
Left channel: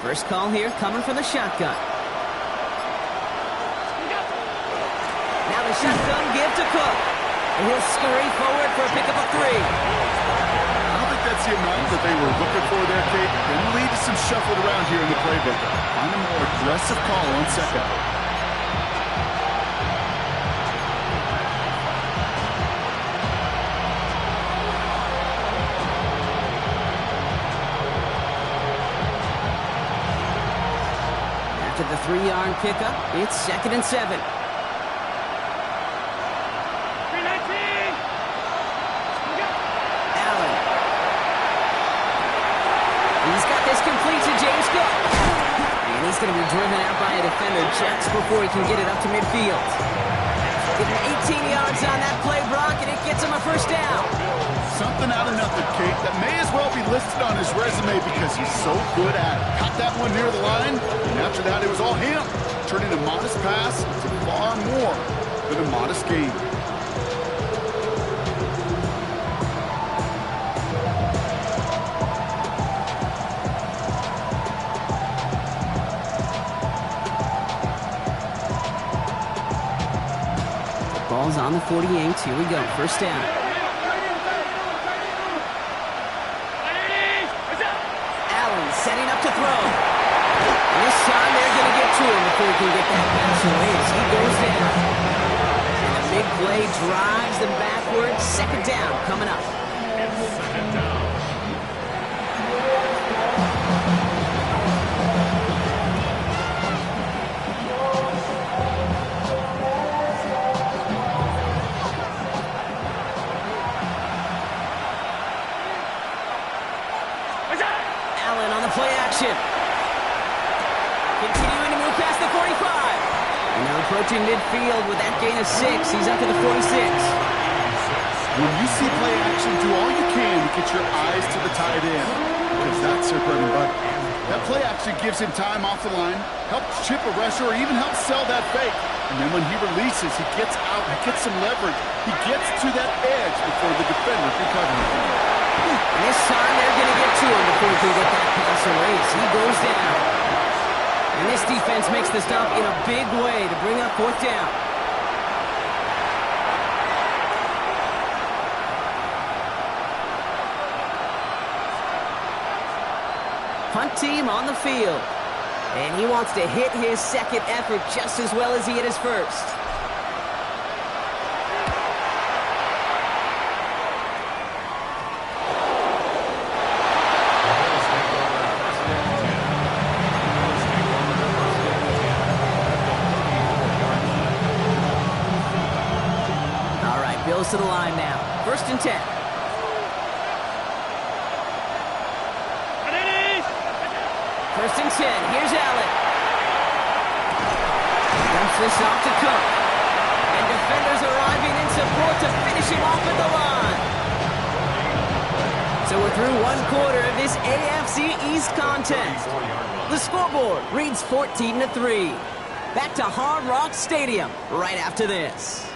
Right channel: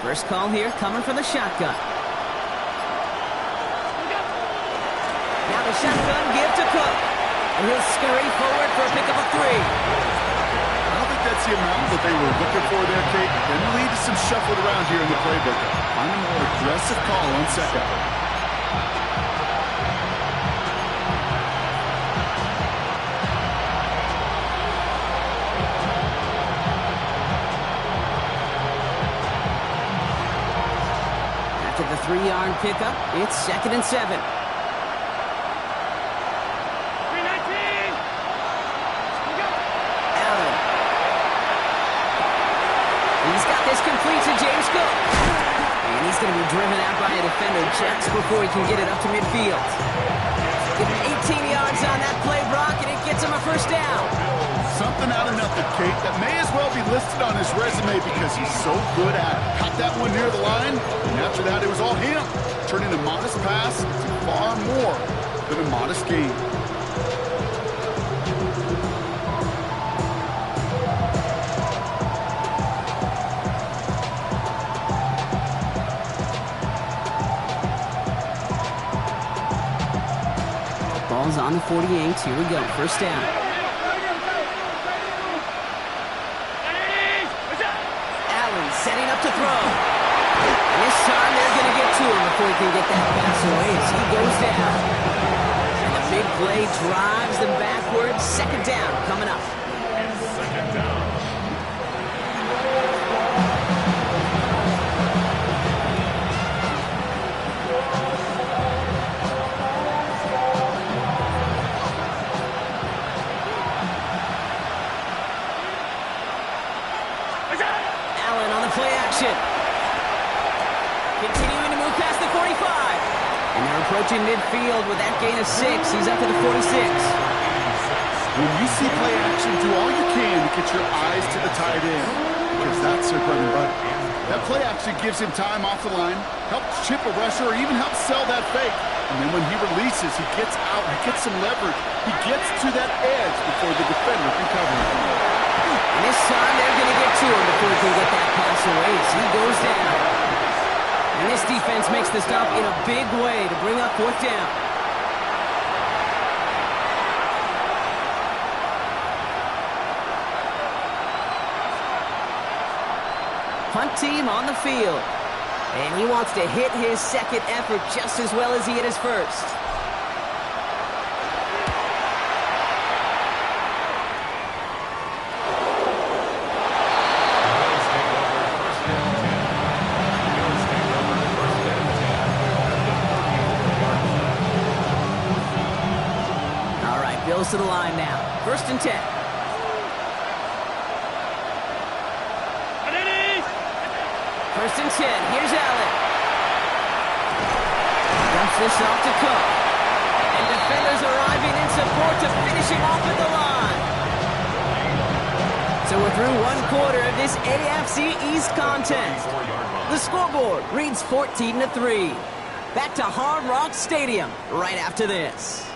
First call here coming from the shotgun. Now the shotgun give to Cook. And he'll scurry forward for a pickup of 3. I don't think that's the amount that they were looking for there, Kate. Can lead to some shuffled around here in the playbook. Find a more aggressive call on second. After the 3-yard pickup, it's 2nd and 7. 319. Allen. He's got this complete to James Cook. And he's going to be driven out by a defender just before he can get it up to midfield. Give him 18 yards on that play, Brock, and it gets him a first down. Something out of nothing, Kate, that may as well be listed on his resume because he's so good at it. Caught that one near the line, and after that, it was all him. Turning a modest pass into far more than a modest gain. Ball's on the 48. Here we go. First down. Allen setting up to throw. And this time they're going to get to him before he can get that pass away as he goes down. And the big play drives them backwards. 2nd down coming up. It's 2nd down. Allen on the play action. Continuing to move past the 45. And they're approaching midfield with that gain of 6. He's up to the 46. When you see play action, do all you can to get your eyes to the tight end, because that's their bread and butter. That play action gives him time off the line, helps chip a rusher, or even helps sell that fake. And then when he releases, he gets out, he gets some leverage. He gets to that edge before the defender can cover him. And this time they're going to get to him before he can get that pass away as he goes down. And this defense makes the stop in a big way to bring up 4th down. Punt team on the field. And he wants to hit his 2nd effort just as well as he hit his 1st. Bills to the line now. 1st and 10. First and 10. Here's Allen. Dumps this off to Cook. And defenders arriving in support to finish him off at the line. So we're through one quarter of this AFC East contest. The scoreboard reads 14-3. Back to Hard Rock Stadium right after this.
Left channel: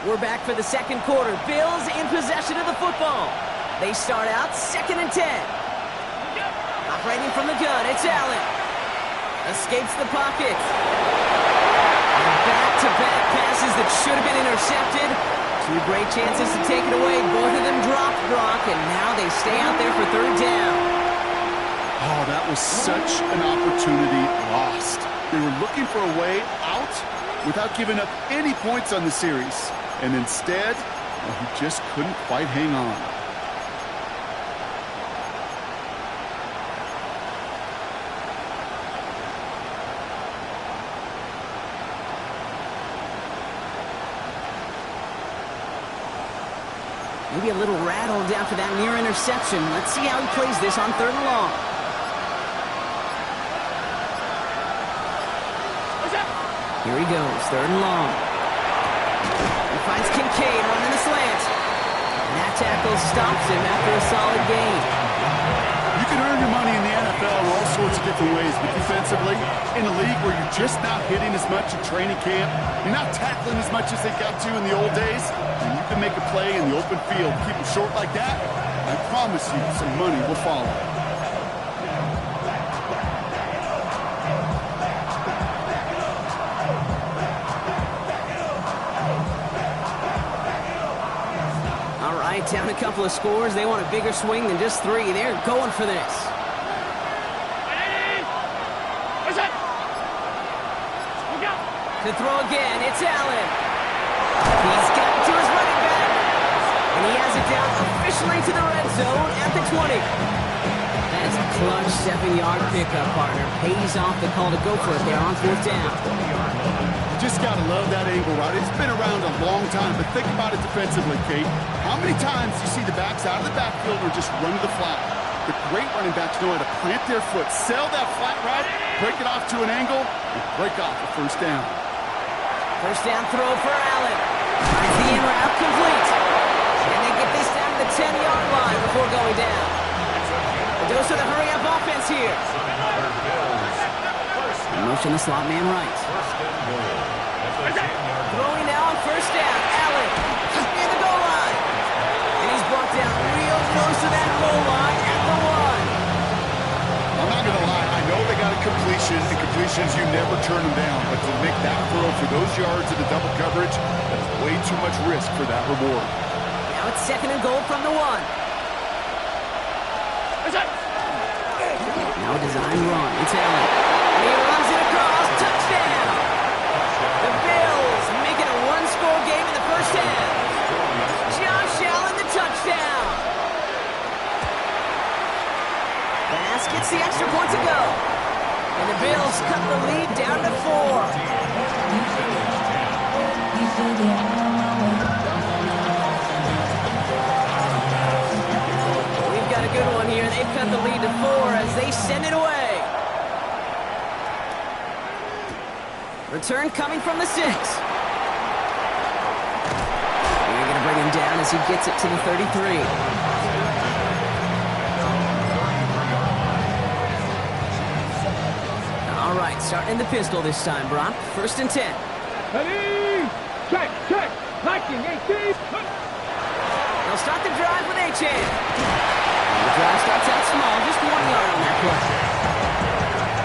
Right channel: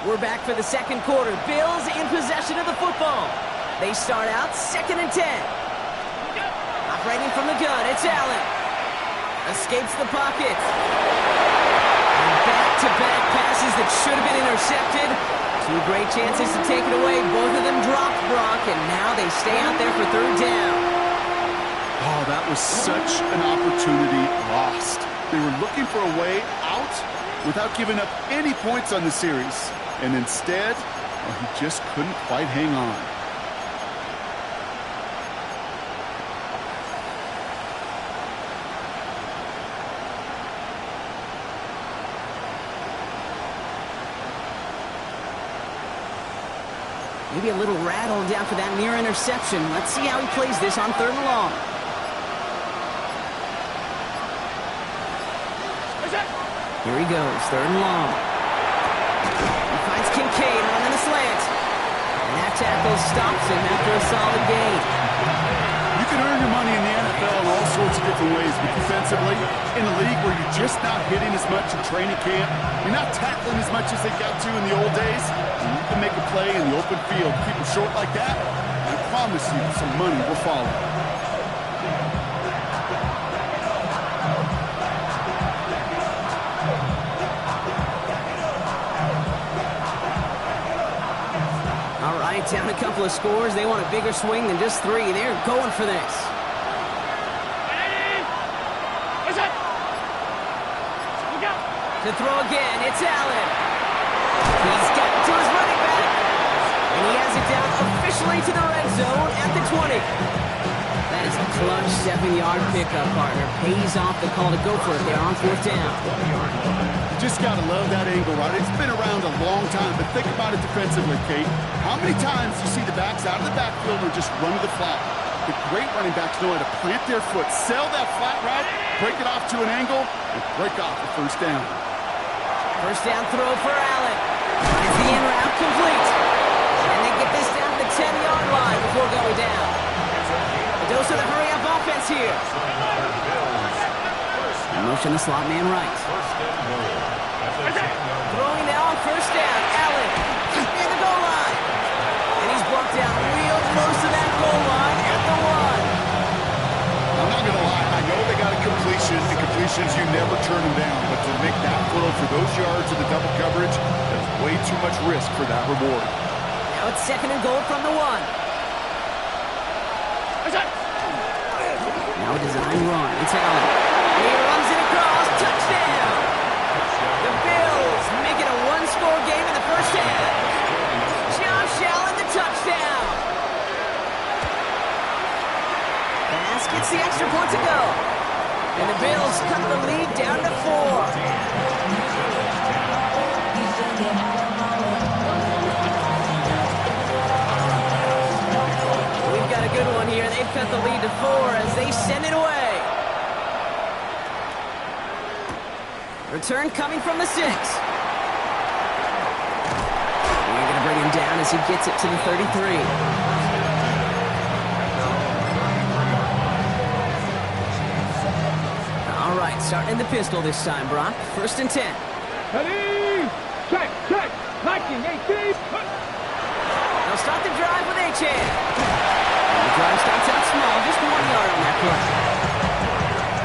We're back for the second quarter. Bills in possession of the football. They start out 2nd and 10. Operating from the gun, it's Allen. Escapes the pocket. And back-to-back passes that should have been intercepted. Two great chances to take it away. Both of them dropped, Brock, and now they stay out there for 3rd down. Oh, that was such an opportunity lost. They were looking for a way out without giving up any points on the series. And instead, well, he just couldn't quite hang on. Maybe a little rattled after that near interception. Let's see how he plays this on 3rd and long. Here he goes, 3rd and long. He finds Kincaid running the slant. And that tackle stops him after a solid gain. You can earn your money in the NFL in all sorts of different ways, but defensively, in a league where you're just not hitting as much in training camp, you're not tackling as much as they got to in the old days, and you can make a play in the open field, keep them short like that, I promise you some money will follow. All right, down a couple of scores. They want a bigger swing than just 3. They're going for this. To throw again, it's Allen. He's got it to his running back. And he has it down officially to the red zone at the 20. That is a clutch 7-yard pickup, partner. Pays off the call to go for it there on 4th down. You just got to love that angle, right? It's been around a long time, but think about it defensively, Kate. How many times do you see the backs out of the backfield or just run to the flat? The great running backs know how to plant their foot, sell that flat route, break it off to an angle, and break off a 1st down. 1st down throw for Allen. Finds the in route complete. And they get this down to the 10-yard line before going down. A dose of the hurry-up offense here. Motion the slot man right. Throwing now on 1st down. Allen near the goal line. And he's brought down real close to that goal line at the 1. I'm not going to lie. I know they got a completion, and completions, you never turn them down. But to make that throw for those yards in the double coverage, that is way too much risk for that reward. Now it's 2nd and goal from the 1. Now a design run. It's Allen. And he runs it across. Touchdown! The Bills make it a 1-score game in the 1st half. Josh Allen, the touchdown. Bass gets the extra point to go. And the Bills cut the lead down to 4. We've got a good one here. They've cut the lead to 4 as they send it away. Return coming from the 6. They're going to bring him down as he gets it to the 33. All right, starting in the pistol this time, Brock. 1st and 10. Ready? Check. 1918. They'll start the drive with Achane. And the drive starts out small, just 1 yard on that play.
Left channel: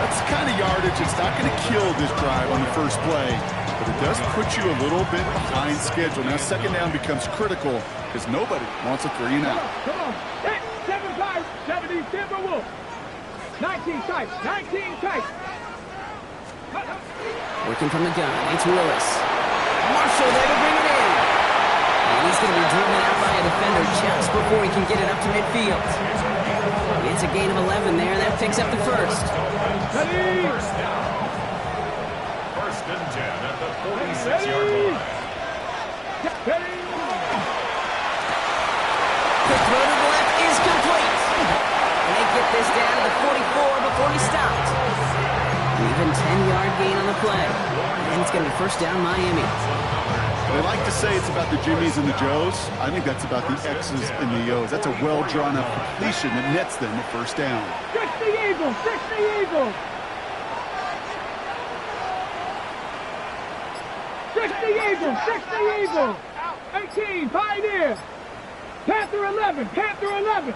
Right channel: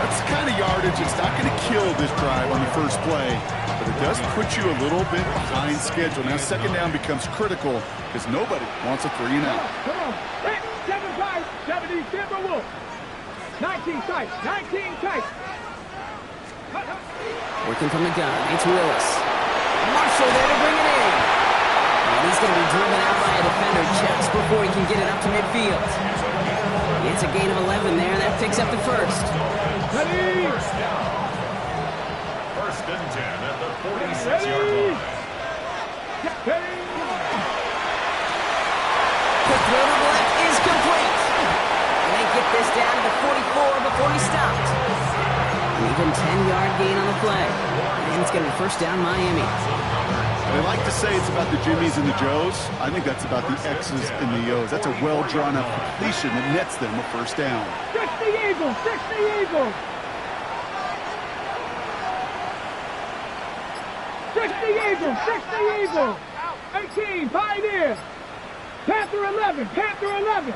That's the kind of yardage it's not going to kill this drive on the first play, but it does put you a little bit behind schedule. Now 2nd down becomes critical because nobody wants a 3 and out. Come on. 7-5, 70 Timberwolves. 19 tight. Working from the gun, it's Willis. Marshall there to bring it in. And he's going to be driven out by a defender just before he can get it up to midfield. It's a gain of 11 there. That picks up the first. Ready? First down. First and 10 at the 46-yard line. Ready? The throw to the left is complete. And they get this down to the 44 before he stopped. An even 10-yard gain on the play. And it's going to be first down Miami. They like to say it's about the Jimmies and the Joes. I think that's about the X's and the O's. That's a well-drawn-up completion that nets them a first down. 60 Eagles! 60 Eagles! 60 Eagles! 60 Eagles! 18, Pioneer! Panther 11! Panther 11!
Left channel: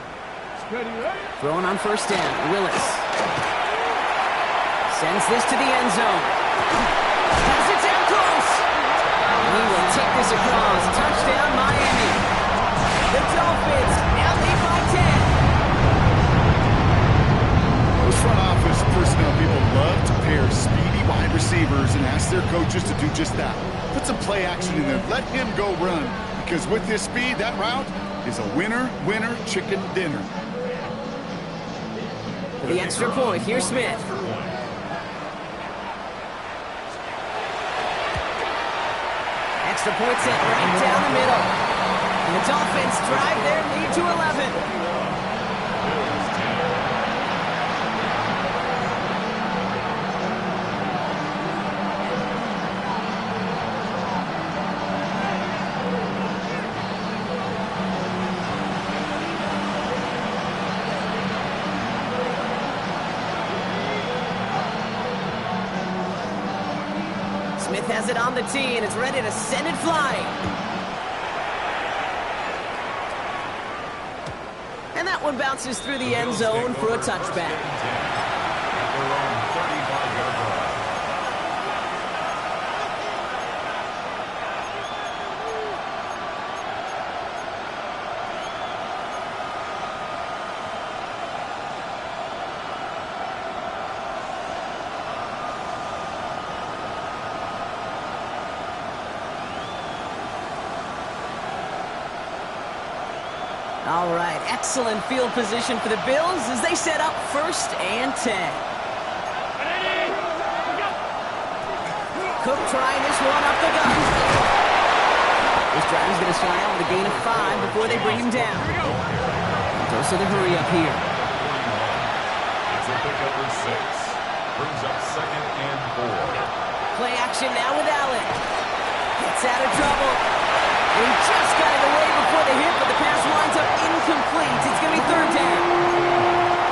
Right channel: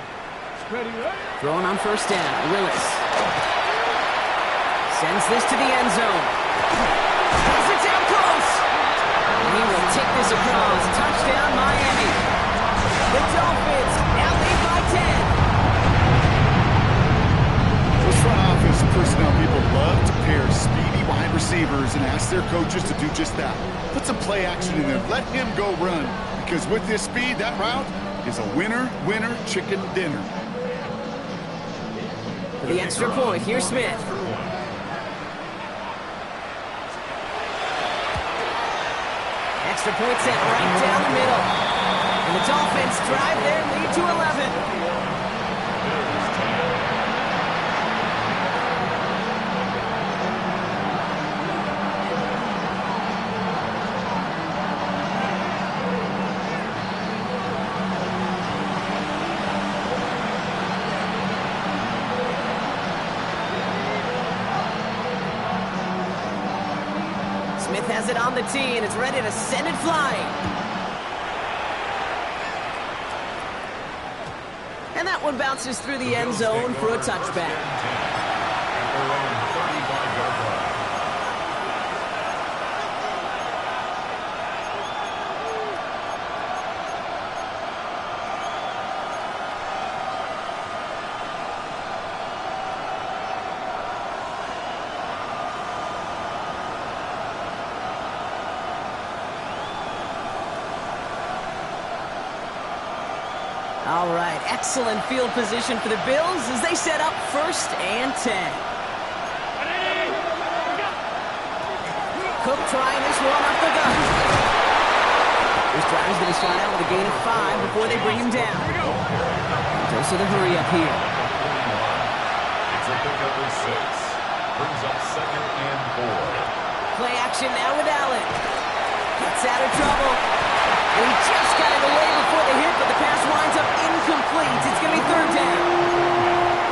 Ready, ready? Throwing on first down, Willis. Sends this to the end zone. Has it down close. He will take this across. Touchdown, Miami. The Dolphins now lead by 10. Those front office personnel people love to pair speedy wide receivers and ask their coaches to do just that. Put some play action in there. Let him go run. Because with his speed, that route is a winner, chicken dinner. For the extra point, here's Smith. Extra point sent right down the middle. And the Dolphins drive their lead to 11. Smith has it on the tee and is ready to send it flying. And that one bounces through the end zone for a touchback. At their own 35-yard line. All right, excellent field position for the Bills as they set up first and 10. Cook trying this one up the gut. This drive is going to start out with a gain of 5 before they bring him down. Goes to the hurry up here. It's a pickup of 6. Brings up second and 4. Play action now with Allen. Gets out of trouble. And he just got it away before the hit, but the pass winds up incomplete. It's going to be third down.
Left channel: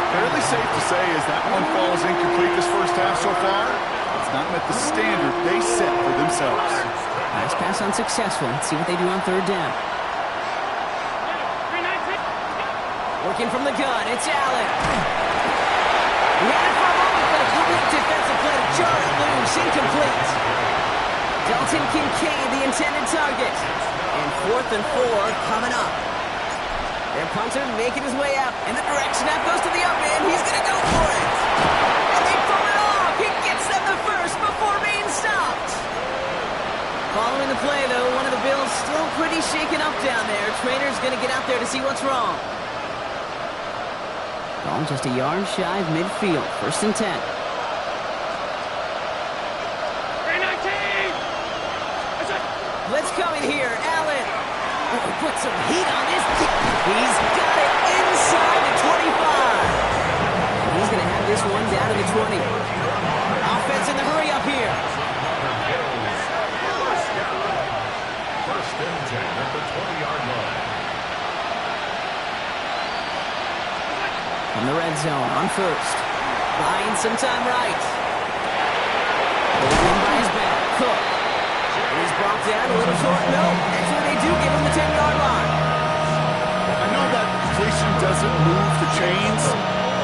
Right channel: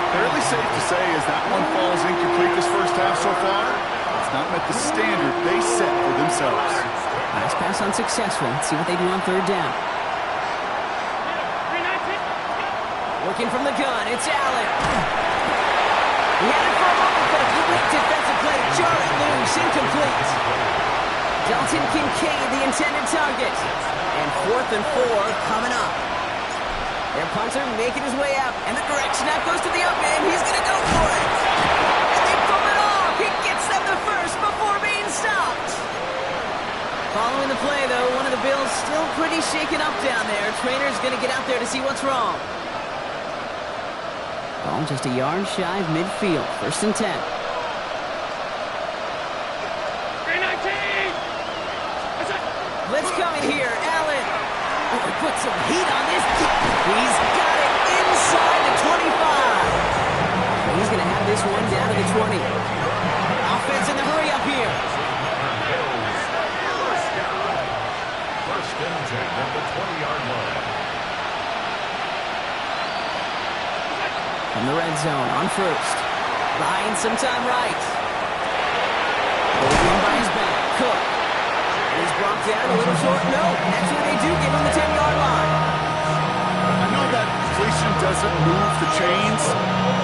Fairly safe to say as that one falls incomplete this first half so far, it's not met the standard they set for themselves. Nice pass unsuccessful. Let's see what they do on third down. Working from the gun, it's Allen. He had it for a moment, but a great defensive play to jar it loose. Incomplete. Dalton Kincaid, the intended target. And 4th and 4 coming up. Their punter making his way out. And the direct snap goes to the up man. He's going to go for it. And they pull it off. He gets them the first before being stopped. Following the play, though, one of the Bills still pretty shaken up down there. Trainer's going to get out there to see what's wrong. Ball just a yard shy of midfield. First and 10. Blitz coming here, Allen. Oh, he put some heat on this. He's got it inside the 25. And he's going to have this one down to the 20. Offense in the hurry up here. First and 10 at the 20-yard line. From the red zone on first. Buying some time right. Holding by his back. Cook. He's brought down a little short. No, actually they do give him the 10-yard line. I know that completion doesn't move the chains.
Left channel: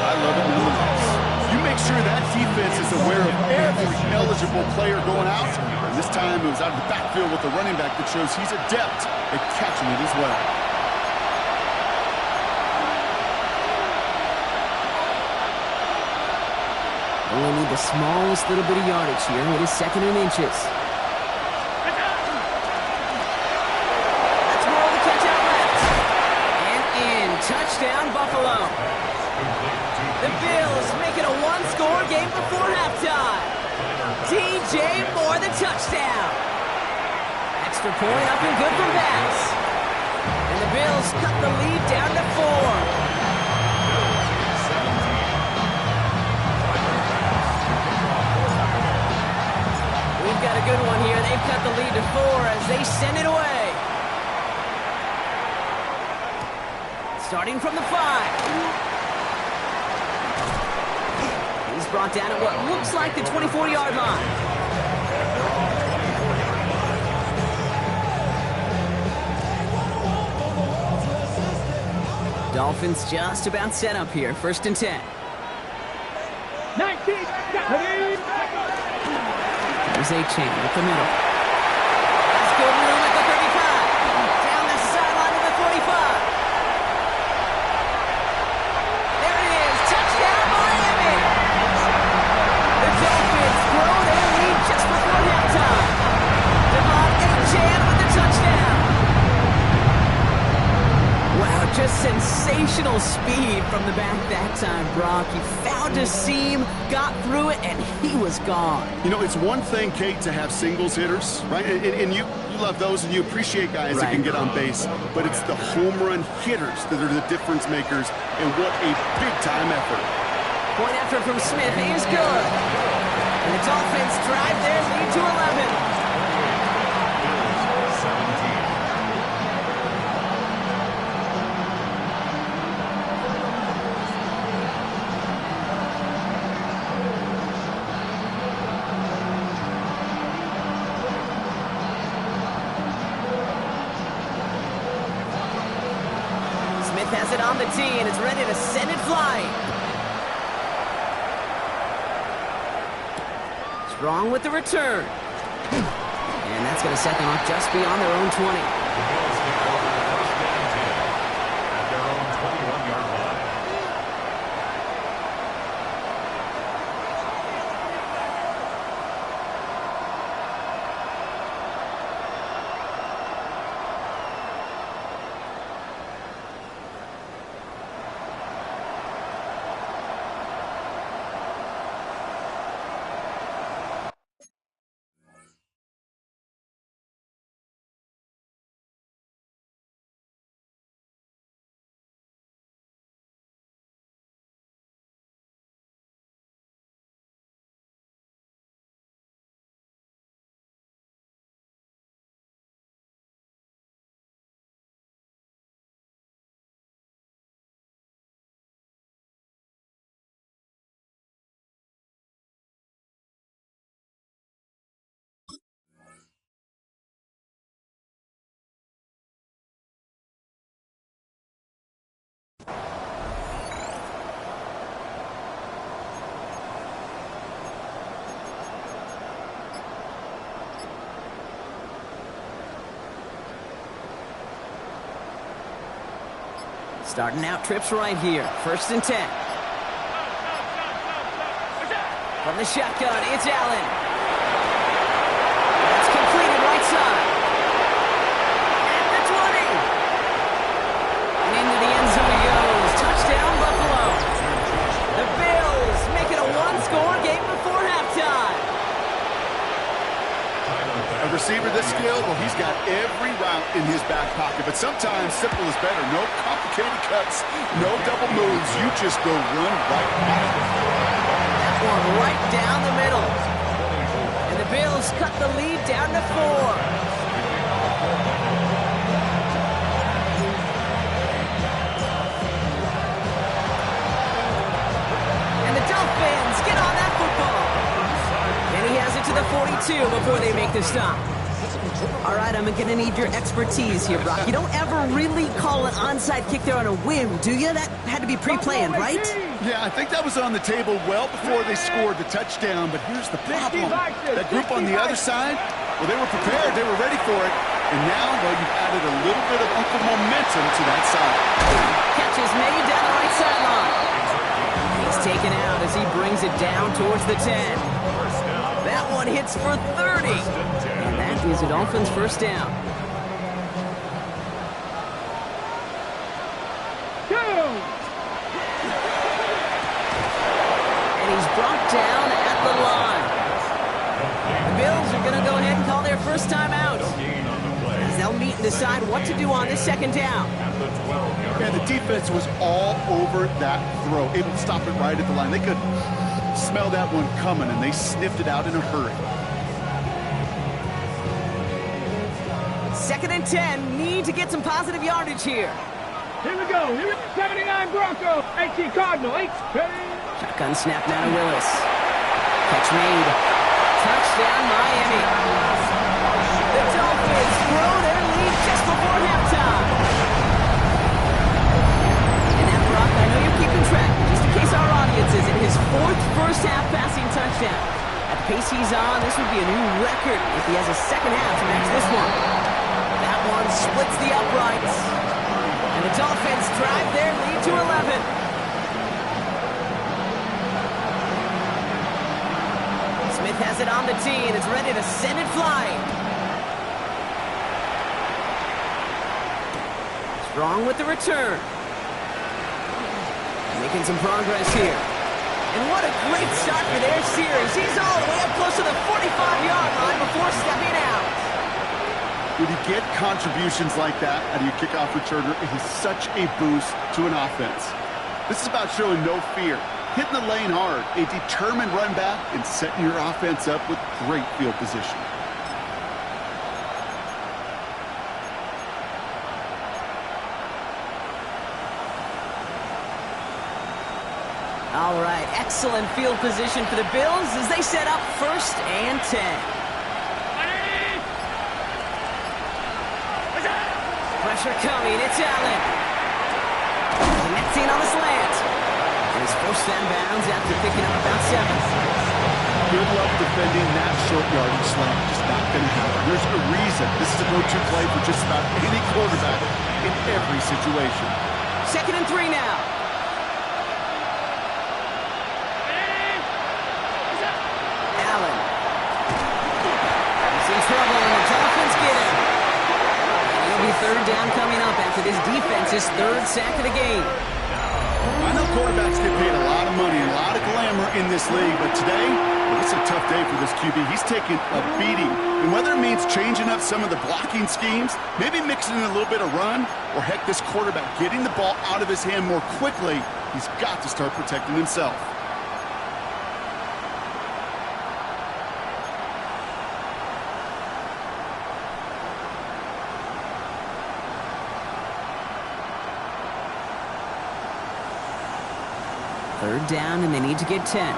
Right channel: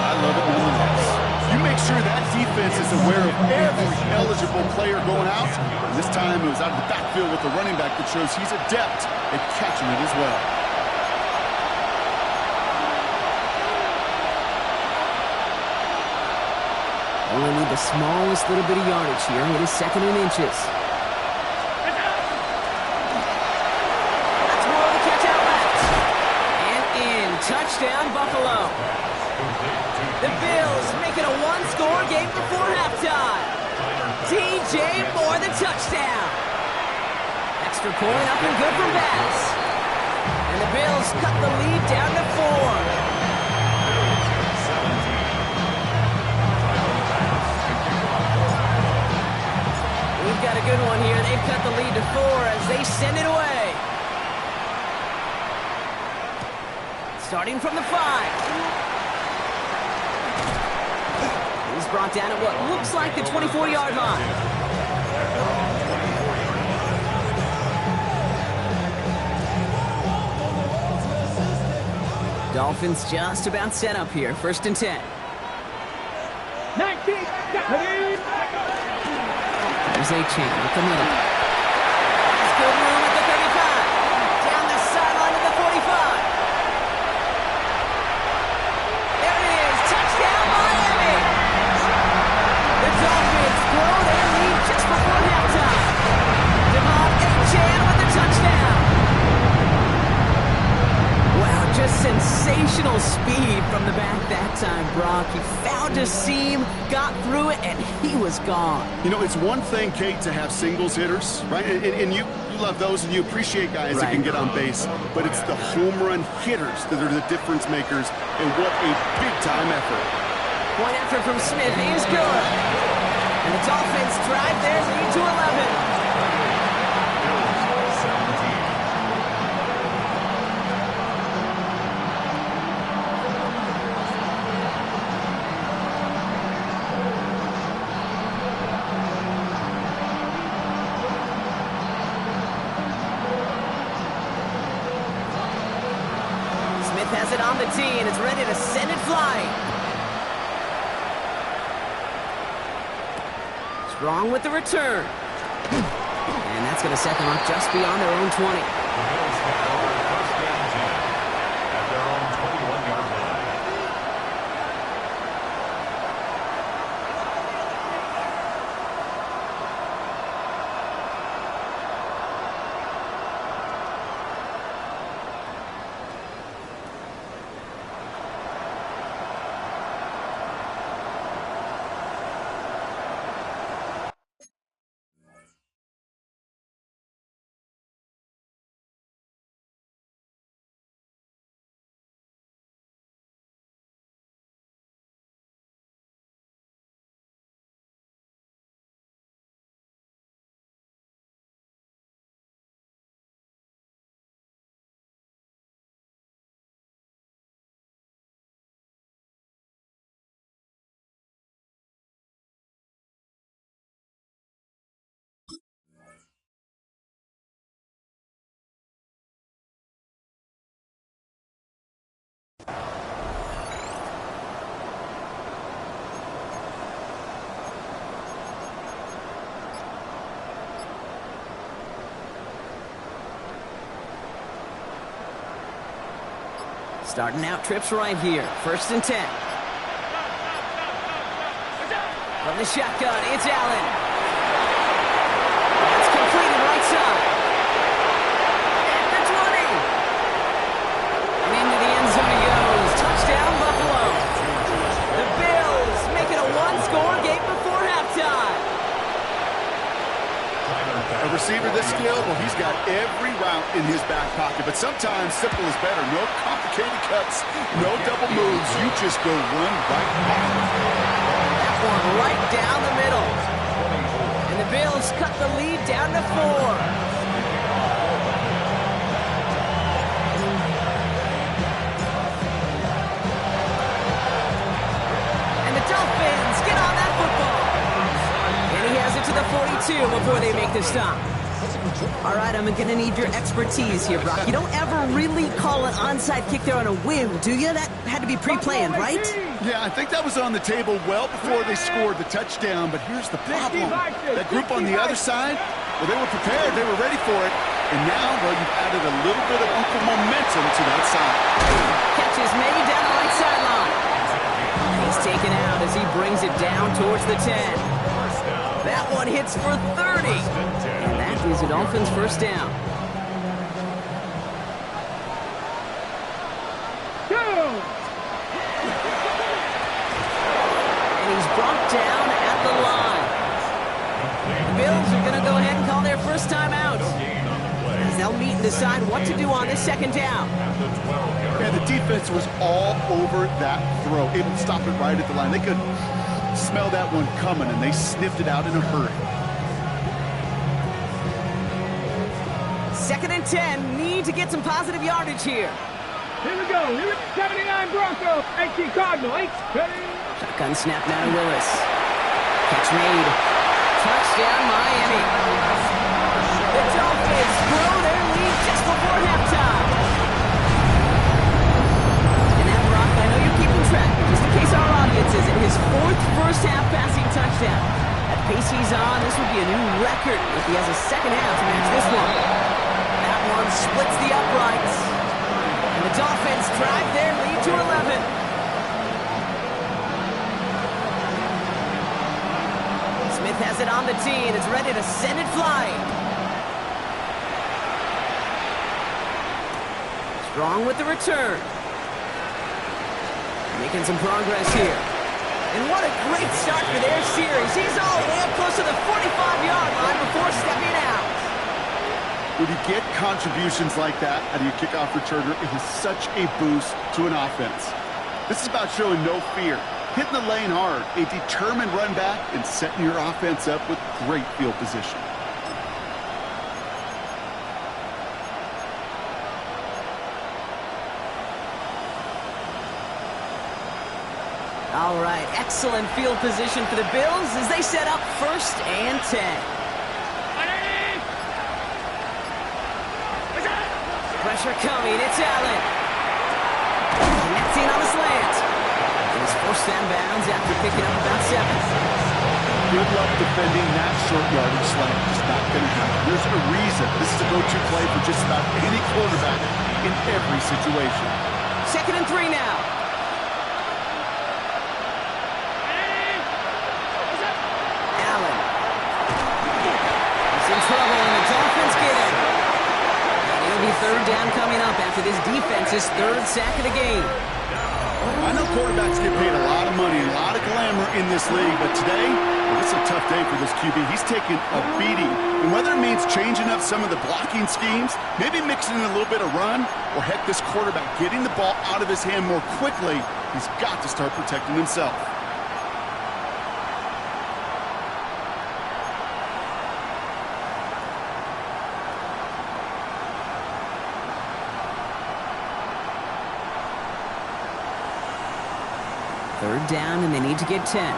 I love it nonetheless. You make sure that defense is aware of every eligible player going out. And this time it was out of the backfield with the running back that shows he's adept at catching it as well. Only need the smallest little bit of yardage here. It is second and inches. Touchdown, Buffalo. The Bills make it a one-score game before halftime. DJ Moore, the touchdown. Extra point up and good from Bass. And the Bills cut the lead down to 4. We've got a good one here. They've cut the lead to 4 as they send it away. Starting from the 5. He's brought down at what looks like the 24-yard line. Dolphins just about set up here. 1st and 10. 19. There's A-Chain up the middle. Has good room at the 35. Down the sideline to the 45. There it is. Touchdown, Miami. The Dolphins grow their lead just before halftime. Devon A-Chain with the touchdown. Wow, just sensational speed from the back that time, Brock. He found a seam, got through it, and he was gone. You know, it's one thing, Kate, to have singles hitters, right? And you love those, and you appreciate guys that can get on base. But it's the home run hitters that are the difference makers, and what a big-time effort. Point after from Smith is good. And the Dolphins drive their lead to 11. Has it on the tee, and it's ready to send it flying. Strong with the return. And that's going to set them up just beyond their own 20. The Bills take over 1st and 10 at their own 21-yard line. Starting out trips right here. 1st and 10. From the shotgun, it's Allen. That's completed right side. At the 20. And into the end zone he goes. Touchdown, Buffalo. The Bills make it a one-score game before halftime. A receiver this skilled, well, he's got every route in his back pocket. But sometimes simple is better. No complicated cuts, no double moves. You just go run right back. That one right down the middle. And the Bills cut the lead down to 4. And the Dolphins get on that football. And he has it to the 42 before they make the stop. All right, I'm going to need your expertise here, Brock. You don't ever really call an onside kick there on a whim, do you? That had to be pre-planned, right? Yeah, I think that was on the table well before they scored the touchdown. But here's the problem. That group on the other side, well, they were prepared. They were ready for it. And now, well, you've added a little bit of Uncle momentum to that side. Catch is made down the right sideline. And he's taken out as he brings it down towards the 10. That one hits for 30. And that is a Dolphins first down. Good. brought down at the line. The Bills are going to go ahead and call their first time out. Gain on the play. As they'll meet and decide what to do on this second down. At the 12-yard And the defense was all over that throw, able to stop it right at the line. They could smell that one coming, and they sniffed it out in a hurry. 2nd and 10, need to get some positive yardage here. Here we go. 79 Bronco. 18 Cardinal. 8. Ready. Shotgun snap now to Willis. Catch made. Touchdown, Miami. The Dolphins grow their lead just before halftime. And that, Brock, I know you're keeping track, but just in case our audience isn't, his 4th first-half passing touchdown. At the pace he's on, this would be a new record if he has a second half to match this one. That one splits the uprights. And the Dolphins drive their lead to 11. Smith has it on the tee and is ready to send it flying. Strong with the return. Making some progress here. And what a great start for their series. He's all the way up close to the 45-yard line before stepping out. When you get contributions like that out of your kickoff returner, it is such a boost to an offense. This is about showing no fear, hitting the lane hard, a determined run back, and setting your offense up with great field position. All right, excellent field position for the Bills as they set up 1st and 10. Pressure coming, it's Allen. Connecting on the slant. And he's forced out of bounds after picking up about 7. Good luck defending that short yardage slant. Just not going to happen. There's a reason this is a go-to play for just about any quarterback in every situation. 2nd and 3 now. Allen. He's in trouble, and the Dolphins get him. It'll be 3rd down coming up after this defense's 3rd sack of the game. I know quarterbacks get paid a lot of money, a lot of glamour in this league, but today, well, it's a tough day for this QB. He's taking a beating. And whether it means changing up some of the blocking schemes, maybe mixing in a little bit of run, or heck, this quarterback getting the ball out of his hand more quickly, he's got to start protecting himself. Third down, and they need to get 10.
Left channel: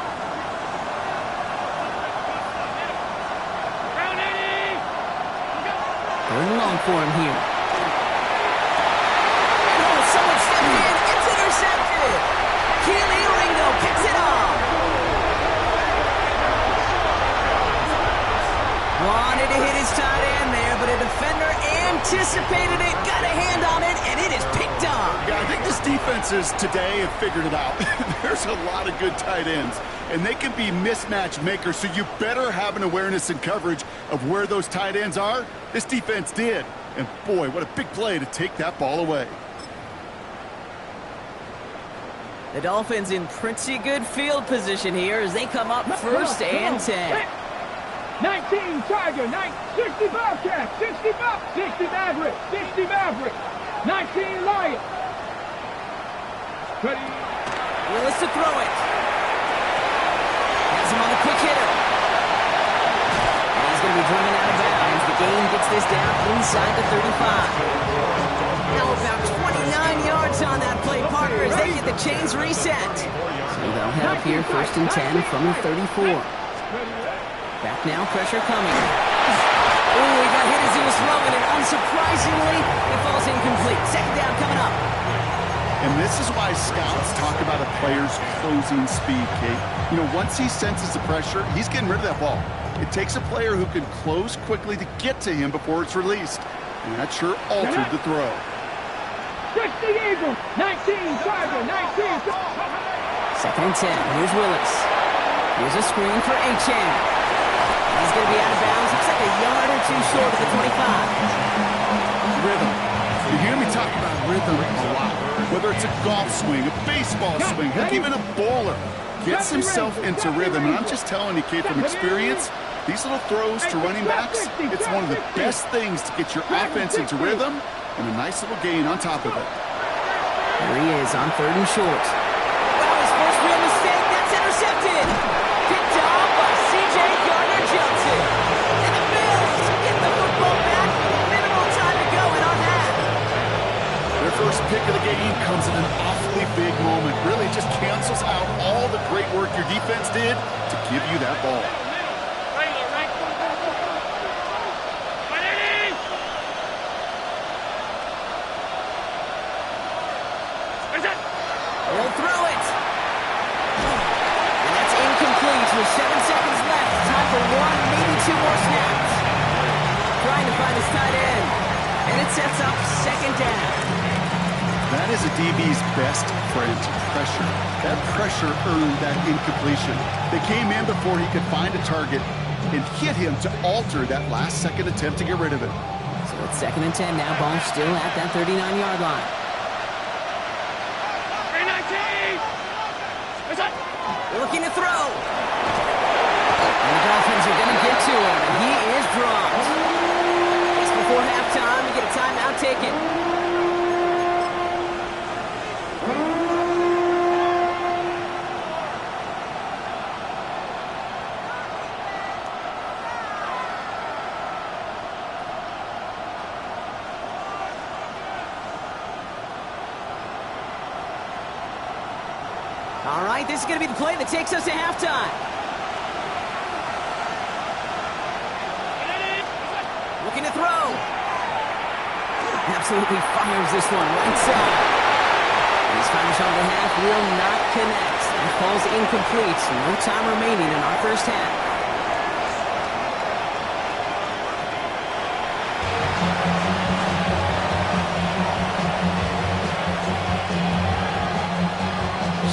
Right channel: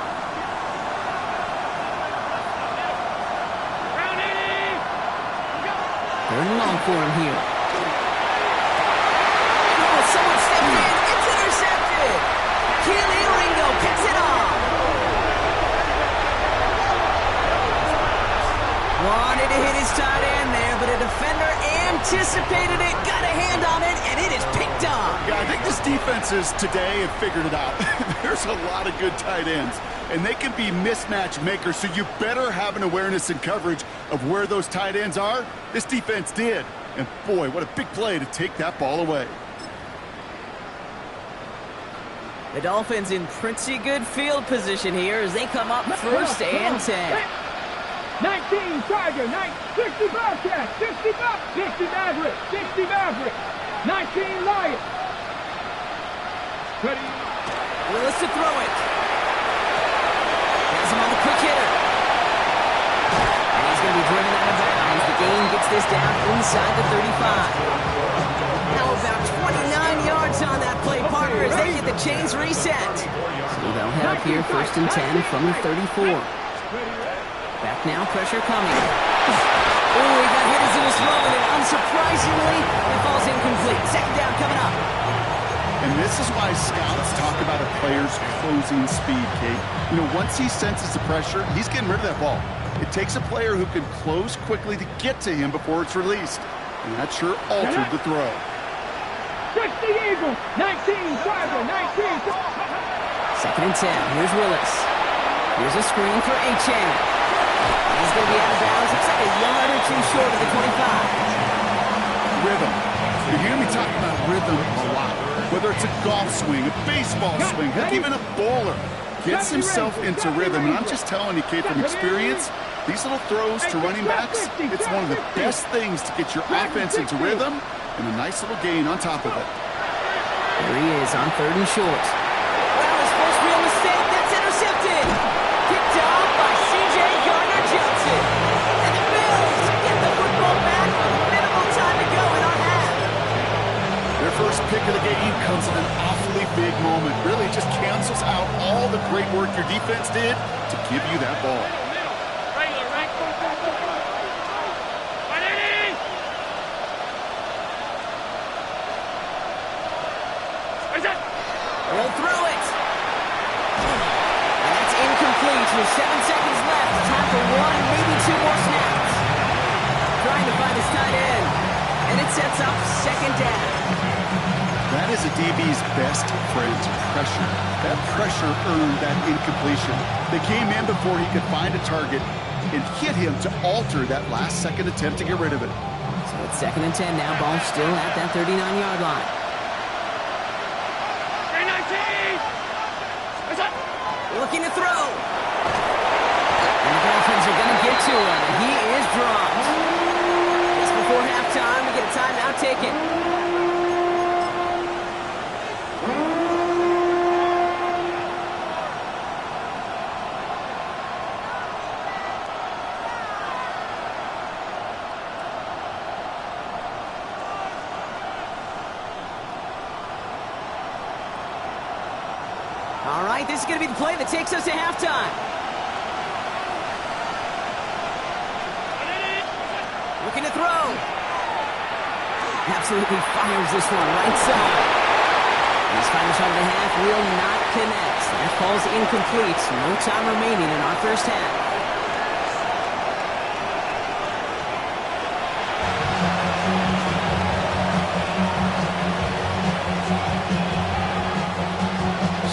3rd and long for him here. Oh, someone stepped in. It's intercepted. Keely Ringo picks it off. Wanted to hit his tight end there, but a defender anticipated it, got a hand on it, and it is picked up. Yeah, I think this defenses today have figured it out. There's a lot of good tight ends, and they can be mismatch makers, so you better have an awareness and coverage of where those tight ends are. This defense did, and boy, what a big play to take that ball away. The Dolphins in pretty good field position here as they come up 1st and 10. 19 Tiger, 60 Bobcat, 60 Maverick, 60 Maverick, 19 Lion. Ready. Willis to throw it. Has him on the quick hitter. And he's going to be driven out of bounds. The gain gets this down inside the 35. Now about 29 yards on that play, partner, as they get the chains reset. So they'll head up here 1st and 10 from the 34. Back now, pressure coming. Oh, he got hit as he was throwing it. Unsurprisingly, it falls incomplete. 2nd down coming up. And this is why scouts talk about a player's closing speed, Kate. You know, once he senses the pressure, he's getting rid of that ball. It takes a player who can close quickly to get to him before it's released. And that sure altered the throw. 60 Eagle, 19 Tiger, 19. 2nd and 10. Here's Willis. Here's a screen for Achane. He's going to be out of bounds. Looks like a yard or 2 short of the 25. Rhythm. You hear me talk about rhythm a lot. Whether it's a golf swing, a baseball swing, heck, even a bowler. gets himself into rhythm. And I'm just telling you, kid, from experience, these little throws to running backs, it's one of the best things to get your offense into rhythm and a nice little gain on top of it. Here he is on 3rd and short. Well, his first real mistake, that's intercepted. Picked off by C.J. Gardner-Johnson. And the Bills get the football back with minimal time to go in our half. Their first pick of the game comes at an awfully big moment. Really just cancels out all the great work your defense did to give you that ball. He'll throw it. And that's incomplete with 7 seconds left. Time for 1, maybe 2 more snaps. Trying to find his tight end. And it sets up 2nd down. That is a DB's best friend, pressure. That pressure earned that incompletion. They came in before he could find a target and hit him to alter that last-second attempt to get rid of it. So it's 2nd and 10 now. Ball still at that 39-yard line. Looking to throw. And the Dolphins are going to get to him. And he is dropped. Just before halftime, we get a timeout taken. All right, this is going to be the play that takes us to halftime. Looking to throw. Absolutely fires this one right side. And his final shot of the half will not connect. That falls incomplete. No time remaining in our first half.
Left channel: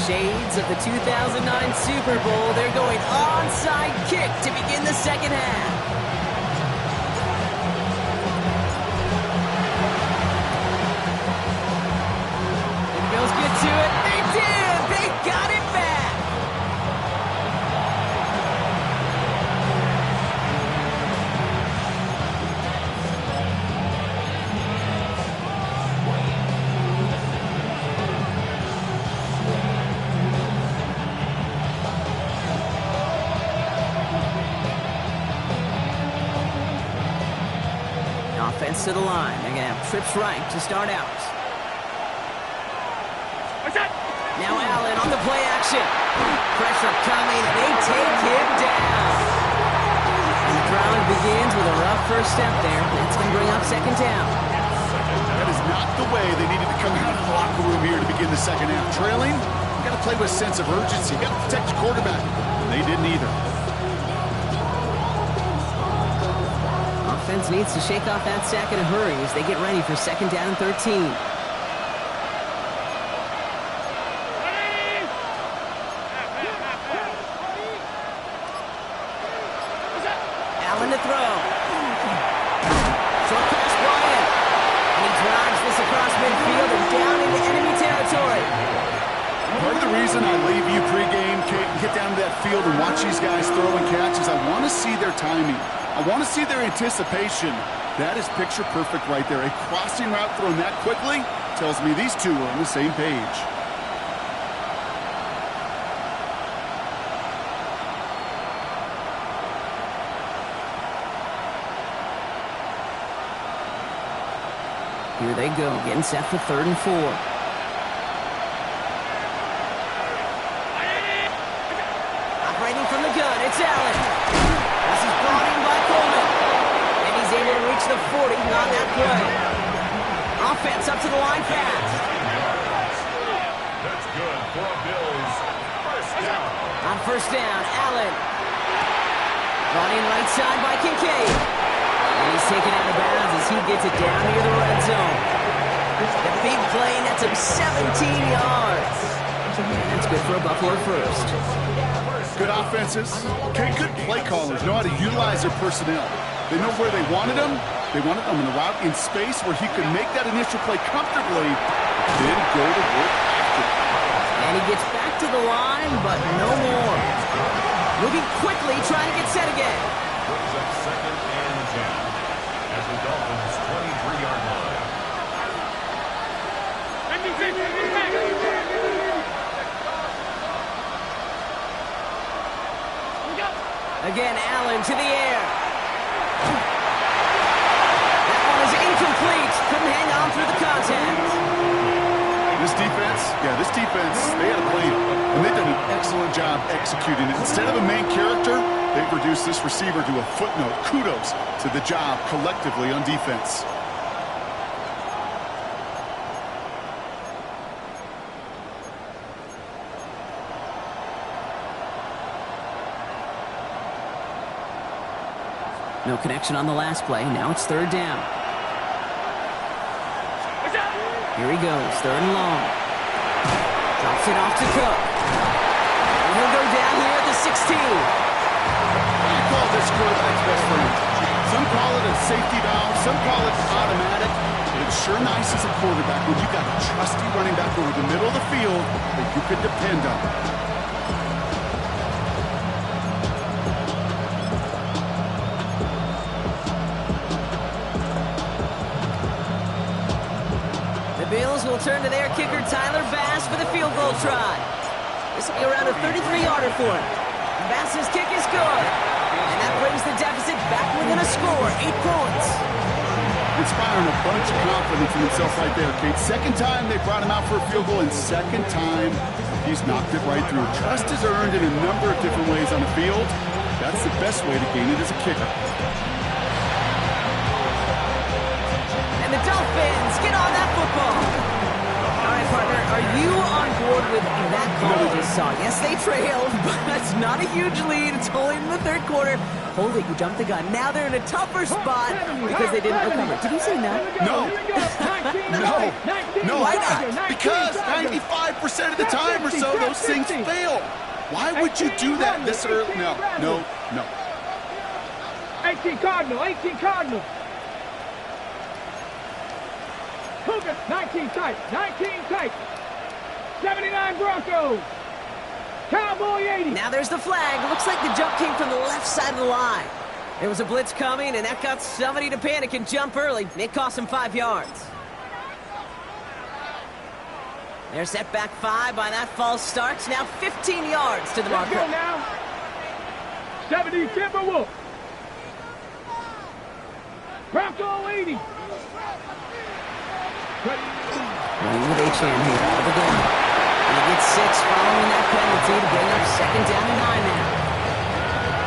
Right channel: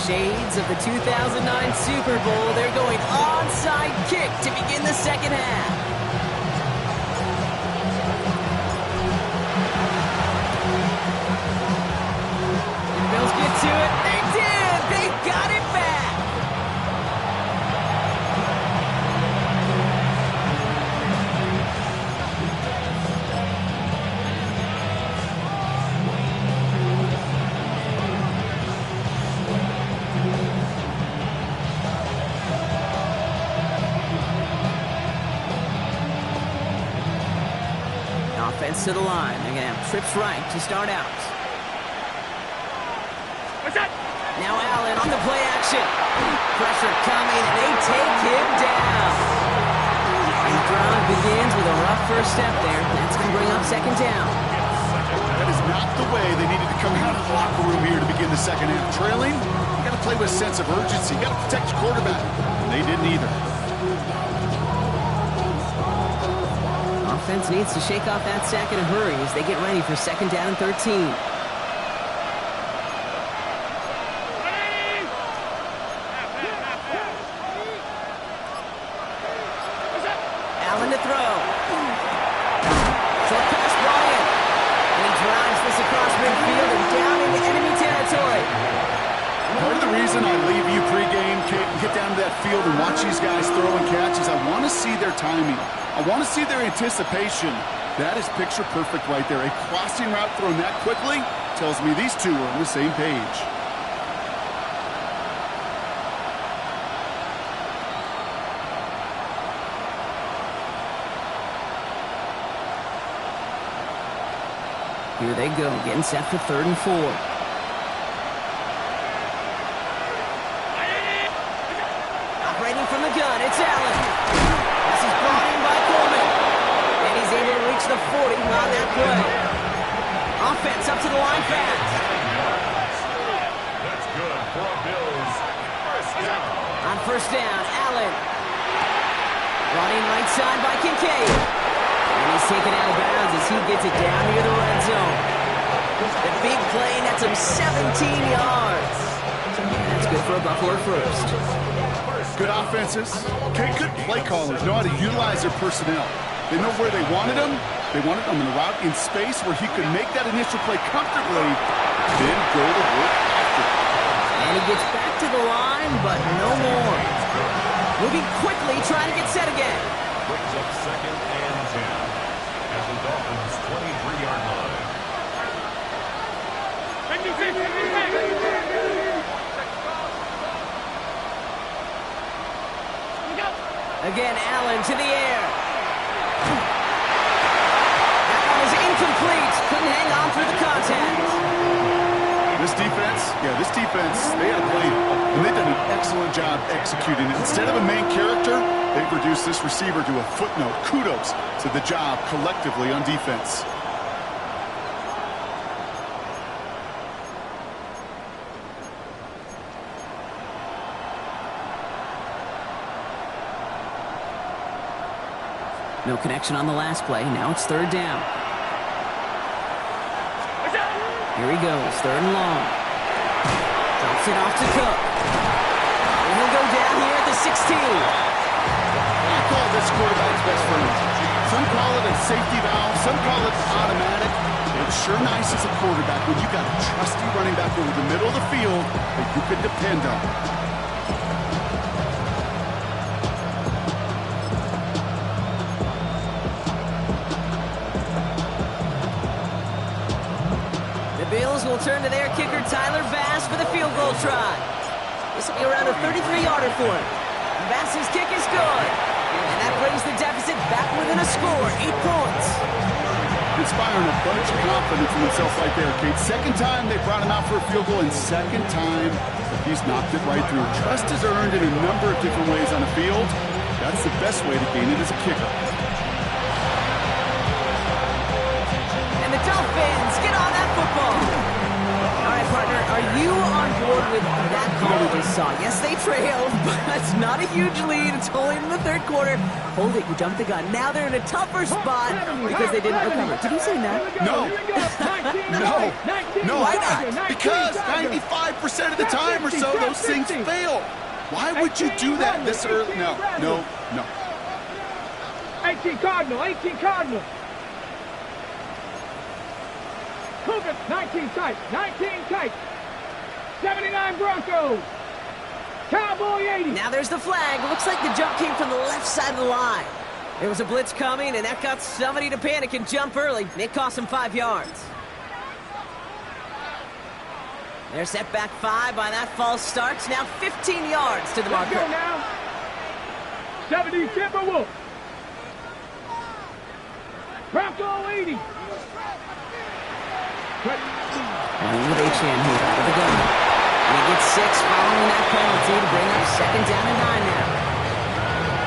Shades of the 2009 Super Bowl. They're going onside kick to begin the second half. And the Bills get to it. They did. They got it back. Offense to the line. They're going to have trips right to start out. Now Allen on the play action. Pressure coming, and they take him down. And the drive begins with a rough first step there. That's going to bring up 2nd down. That is not the way they needed to come out of the locker room here to begin the second half. Trailing, you got to play with a sense of urgency. You got to protect your quarterback. And they didn't either. Offense needs to shake off that sack in a hurry as they get ready for 2nd down and 13. Allen to throw. Short pass brought in. And he drives this across midfield and down into enemy territory. Part of the reason I leave you pregame, Kate, and get down to that field and watch these guys throw and catch is I want to see their timing. I want to see their anticipation. That is picture perfect right there. A crossing route thrown that quickly tells me these two are on the same page. Here they go, getting set for 3rd and 4. Operating from the gun, it's Allen. This is brought in by Coleman. And he's able to reach the 40 on that play. Offense up to the line fast. That's good for a Bills first down. On 1st down, Allen. Brought in right side by Kincaid. And he's taken out of bounds as he gets it down near the red zone. The big play, and that's him 17 yards. And that's good for a Buffalo first. Good offenses. Okay, good play callers know how to utilize their personnel. They know where they wanted them. They wanted them in a route in space where he could make that initial play comfortably, then go to work after. And he gets back to the line, but no more. Moving quickly, trying to get set again. Brings up second and 10 at the Dolphins' 23-yard line. Again, Allen to the air. That one is incomplete. Couldn't hang on through the contact. This defense, they had a plan, and they've done an excellent job executing it. Instead of a main character, they've reduced this receiver to a footnote. Kudos to the job collectively on defense. No connection on the last play. Now it's third down. Here he goes, third and long. Drops it off to Cook. And he'll go down here at the 16. I call this quarterback's best friend. Some call it a safety valve, some call it automatic. But it's sure nice as a quarterback when you got a trusty running back over the middle of the field that you can depend on. The Bills will turn to their kicker, Tyler Bass, for the field goal try. This will be around a 33-yarder for him. Bass's kick is good. And that brings the deficit back within a score, 8 points. Inspiring a bunch of confidence in himself right there, Kate. Second time they brought him out for a field goal, and second time he's knocked it right through. Trust is earned in a number of different ways on the field. That's the best way to gain it as a kicker. And the Dolphins get on that football. All right, partner, are you on board with that call we just saw? Yes, they trailed, but it's not a huge lead. It's only in the third quarter. Hold it, you jumped the gun. Now they're in a tougher spot because they didn't recover. Did you say no? No. Why not? Because 95% of the time or so, those things fail. Why would you do that this early? No. 18 Cardinal. Cougar, 19 tight. 79 Broncos. Cowboy 80. Now there's the flag. Looks like the jump came from the left side of the line. There was a blitz coming, and that got somebody to panic and jump early. It cost him 5 yards. They're set back 5 by that false start. Now 15 yards to the marker. Let's go now. 70 Timberwolf. Bronco 80. Running with H.M. here out of the gun. And he gets 6 following that penalty to bring up second down and 9 now.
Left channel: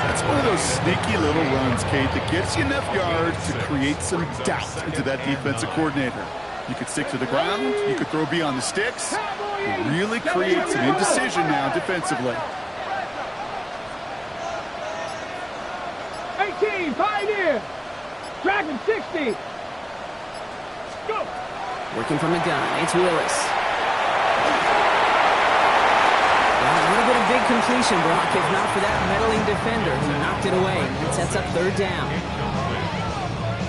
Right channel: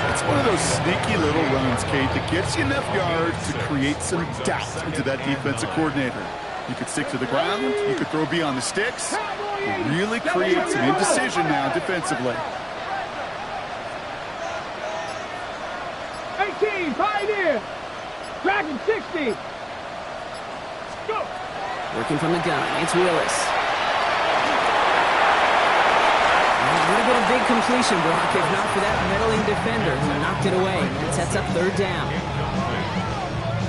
That's one of those sneaky little runs, Kate, that gets you enough yards to create some doubt into that defensive coordinator. You could stick to the ground, you could throw beyond the sticks, and really create some indecision now defensively. 18, Pioneer. Dragon 60. Go. Working from the gun, it's Willis. Well, it would have been a big completion, Brock, if not for that meddling defender who knocked it away. That sets up third down.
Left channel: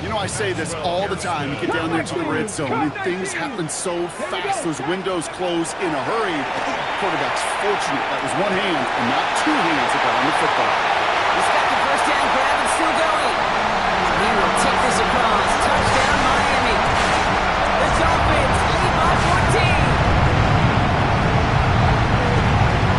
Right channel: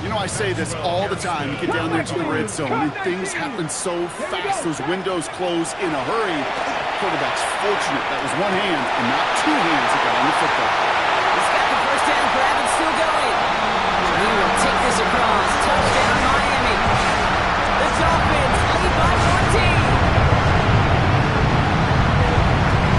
You know, I say this all the time. You get down there to the red zone, and things happen so fast. Those windows close in a hurry. Quarterback's fortunate that was one hand and not two hands that got on the football. He's got the first down grab and still going. He will take this across. Touchdown, Miami. The Dolphins lead by 14.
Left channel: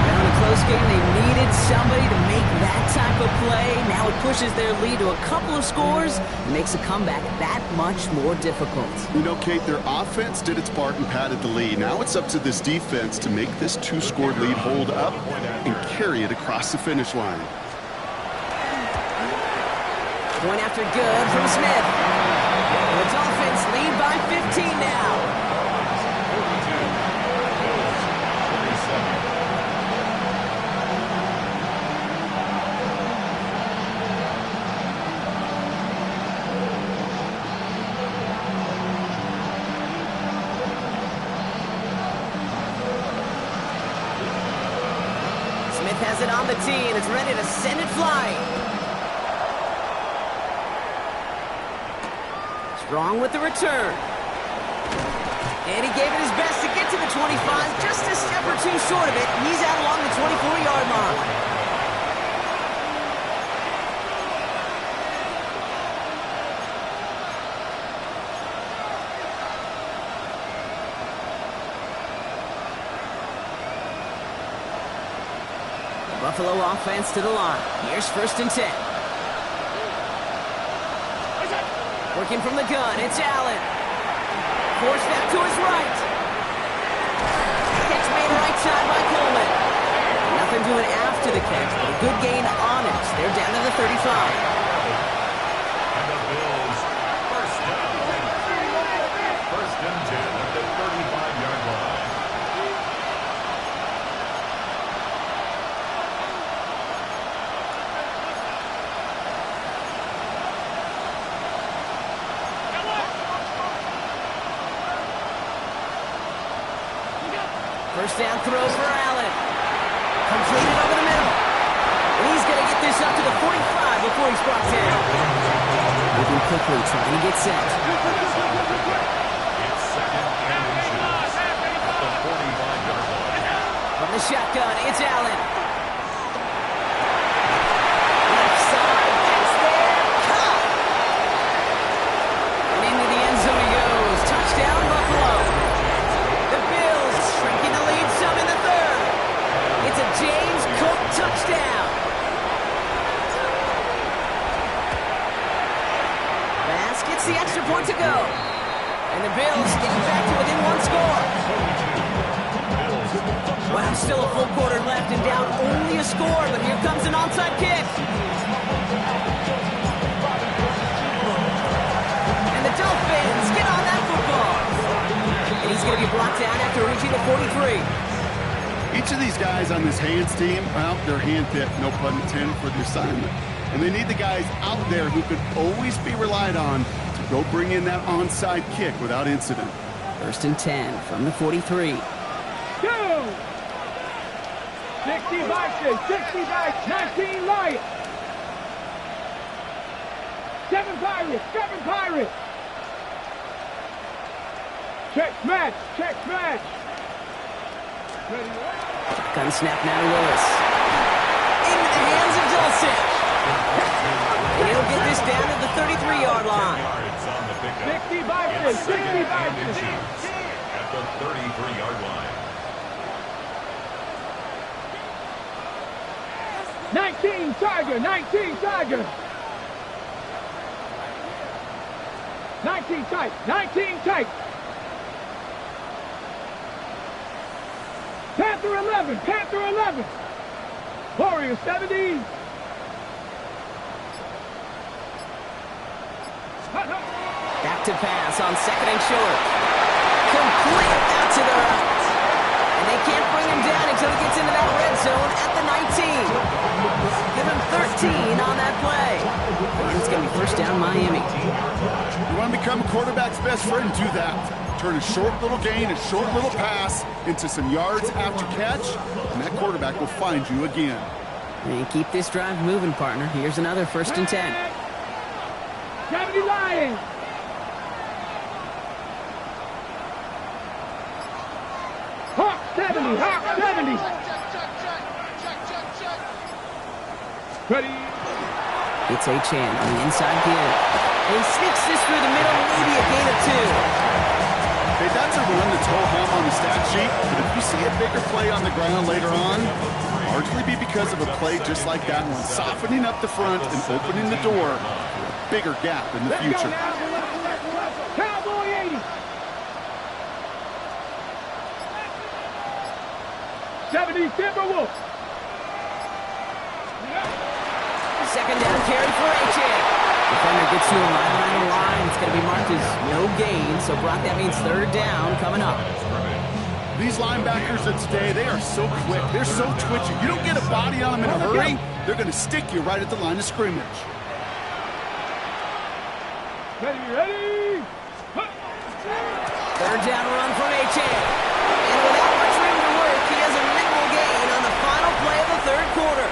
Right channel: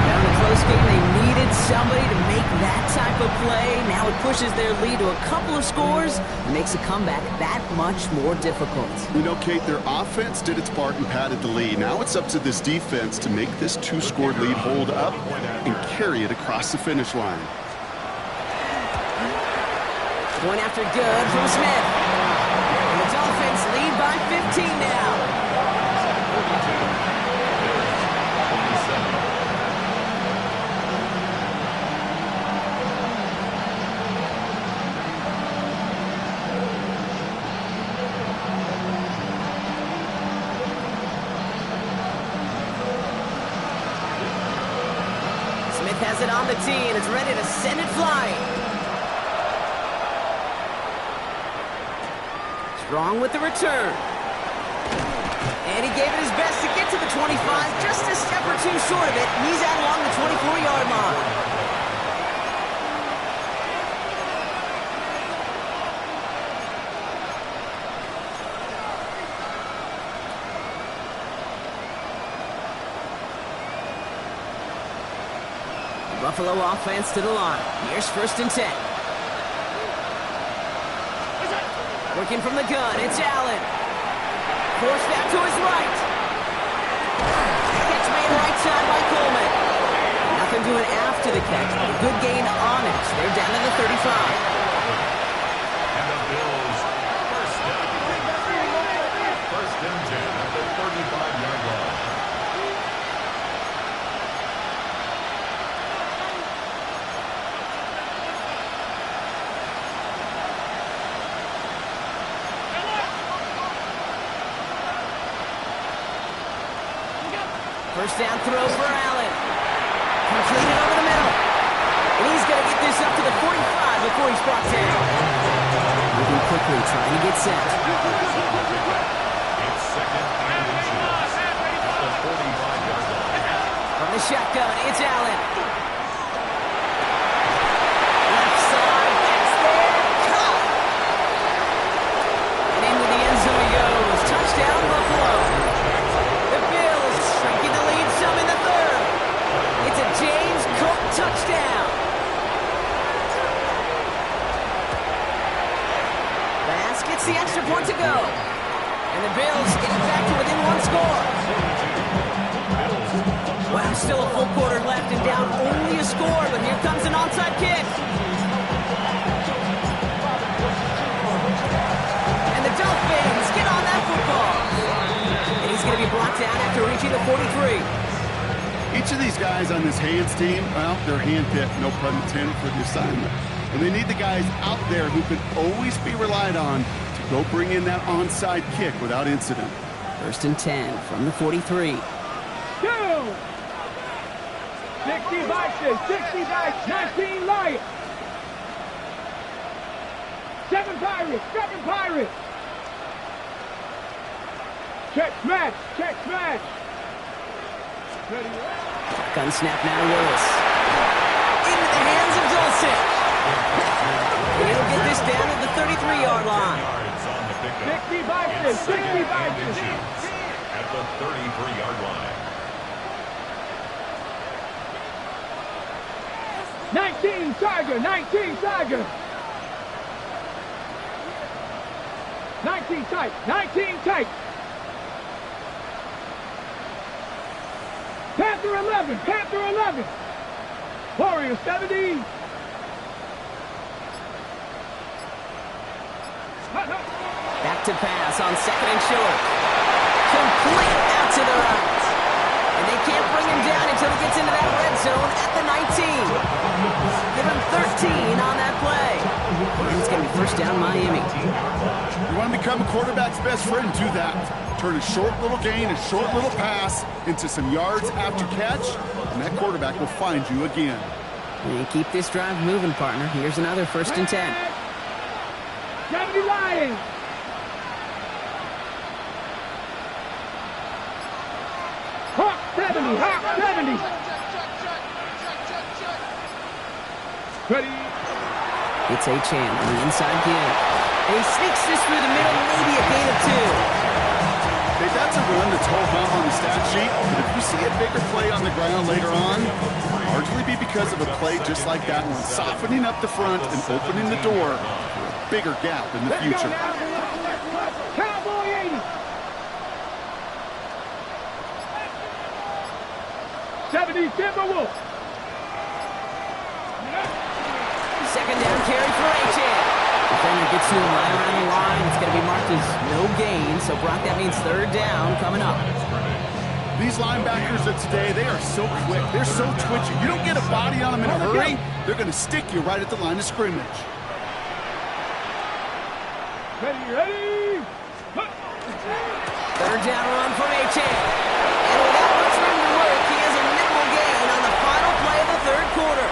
Down in a close game, they needed somebody to make that type of play. Now it pushes their lead to a couple of scores and makes a comeback that much more difficult. You know, Kate, their offense did its part and padded the lead. Now it's up to this defense to make this 2-score lead hold up and carry it across the finish line. Point after good from Smith. And the Dolphins lead by 15 now. 42, Bills, 27. Smith has it on the tee and is ready to send it flying. Strong with the return. And he gave it his best to get to the 25, just a step or two short of it. He's out along the 24-yard line. Buffalo offense to the line. Here's 1st and 10. Working from the gun, it's Allen. Forced out to his right. Catch made right side by Coleman. Nothing doing after the catch, but a good gain on it. They're down to the 35. And the Bills, 1st down. 1st and 10 at the 35-yard line. First down throw for Allen. Completed over the middle. And he's going to get this up to the 45 before he's brought down. Moving quickly, trying to get set. It's 2nd and inches at the 45-yard line. From the shotgun, it's Allen. Left side, that's there. Caught. And into the end zone he goes. Touchdown, Buffalo. The Bills shrinking the lead some in the 3rd. It's a James Cook touchdown. Bass gets the extra point to go. And the Bills get it back to within 1 score. Wow, still a full quarter left and down only a score, but here comes an onside kick. And the Dolphins get on that football. And he's going to be brought down after reaching the 43. Each of these guys on this Hands team, well, they're handpicked, no pun intended, for the assignment. And they need the guys out there who could always be relied on to go bring in that onside kick without incident. 1st and 10 from the 43. 2. 60 Vikings, 60 Vikings, 19 Lions. 7 Pirates, 7 Pirates. Check smash, check smash. Ready, Gun snap now to Willis. Into the hands of Dulcich. And he'll get this down at the 33-yard line. 60 Vikings, 60 Vikings. At the 33-yard line. 19 Tiger, 19 Tiger. 19 tight, 19 tight. Panther 11, Panther 11. Warrior 70. Back to pass on 2nd and short. Complete out to the right. And they can't bring him down until he gets into that red zone at the 19. Give him 13 on that play. And it's going to be 1st down Miami. You want to become a quarterback's best friend, do that. Turn a short little gain, a short little pass into some yards after catch, and that quarterback will find you again. And keep this drive moving, partner. Here's another 1st and 10. 70 Lions. Hawk 70, Hawk 70. Ready. It's Achan on the inside give. And he sneaks this through the middle, maybe a gain of 2. Hey, that's a run that's ho-hum on the stat sheet, but if you see a bigger play on the ground later on, largely be because of a play just like that one, softening up the front and opening the door for a bigger gap in the future. Cowboy 80. 70 Timberwolves. 2nd down carry for Achan. Defender gets to him right around the line. It's going to be marked as no gain. So, Brock, that means 3rd down coming up. These linebackers of today, they are so quick. They're so twitchy. You don't get a body on them in a hurry, they're going to stick you right at the line of scrimmage. Ready, ready. 3rd down run from Achan. And without much room to work, he has a minimal gain on the final play of the 3rd quarter.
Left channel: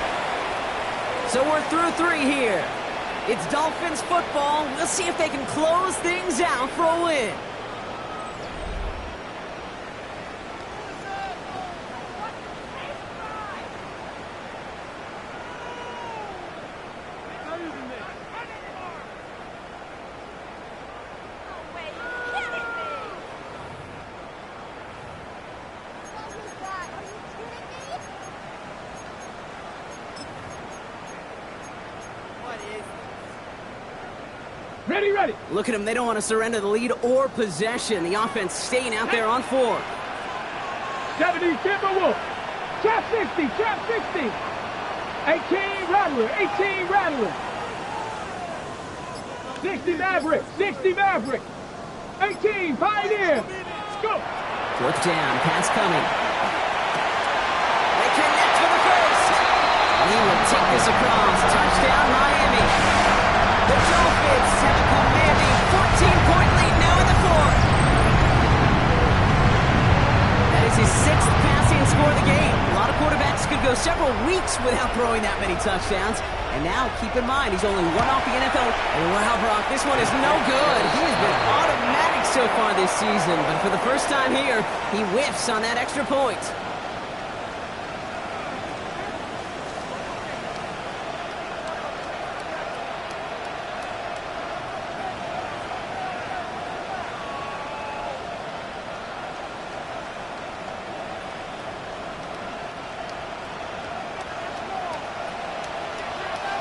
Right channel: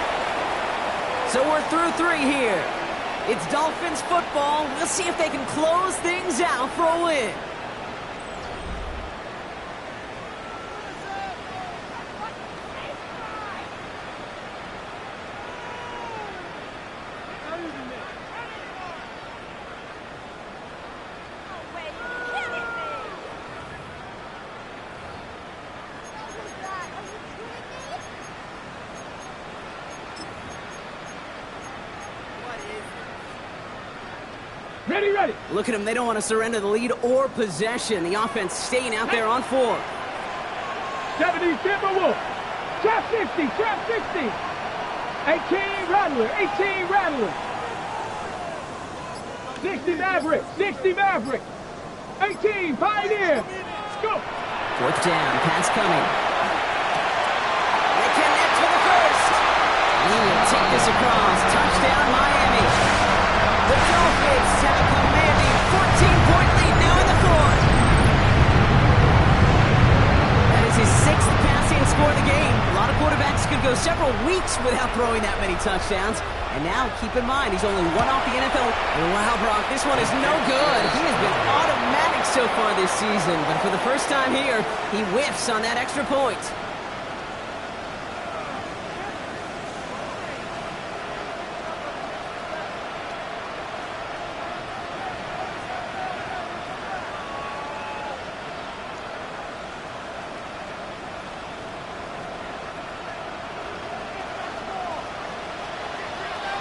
So we're through 3 here. It's Dolphins football. We'll see if they can close things out for a win. Ready, ready. Look at them. They don't want to surrender the lead or possession. The offense staying out there on 4. 70 Timberwolves. Trap 60, trap 60. 18 Rattler, 18 Rattler. 60 Maverick, 60 Maverick. 18 Pioneer. Go. 4th down. Pass coming. They connect for the first. He will take this across. Touchdown, Miami. The Dolphins have a commanding 14-point lead now in the 4th. That is his 6th passing score of the game. A lot of quarterbacks could go several weeks without throwing that many touchdowns. And now, keep in mind, he's only one off the NFL. And wow, Brock, this one is no good. He has been automatic so far this season. But for the first time here, he whiffs on that extra point.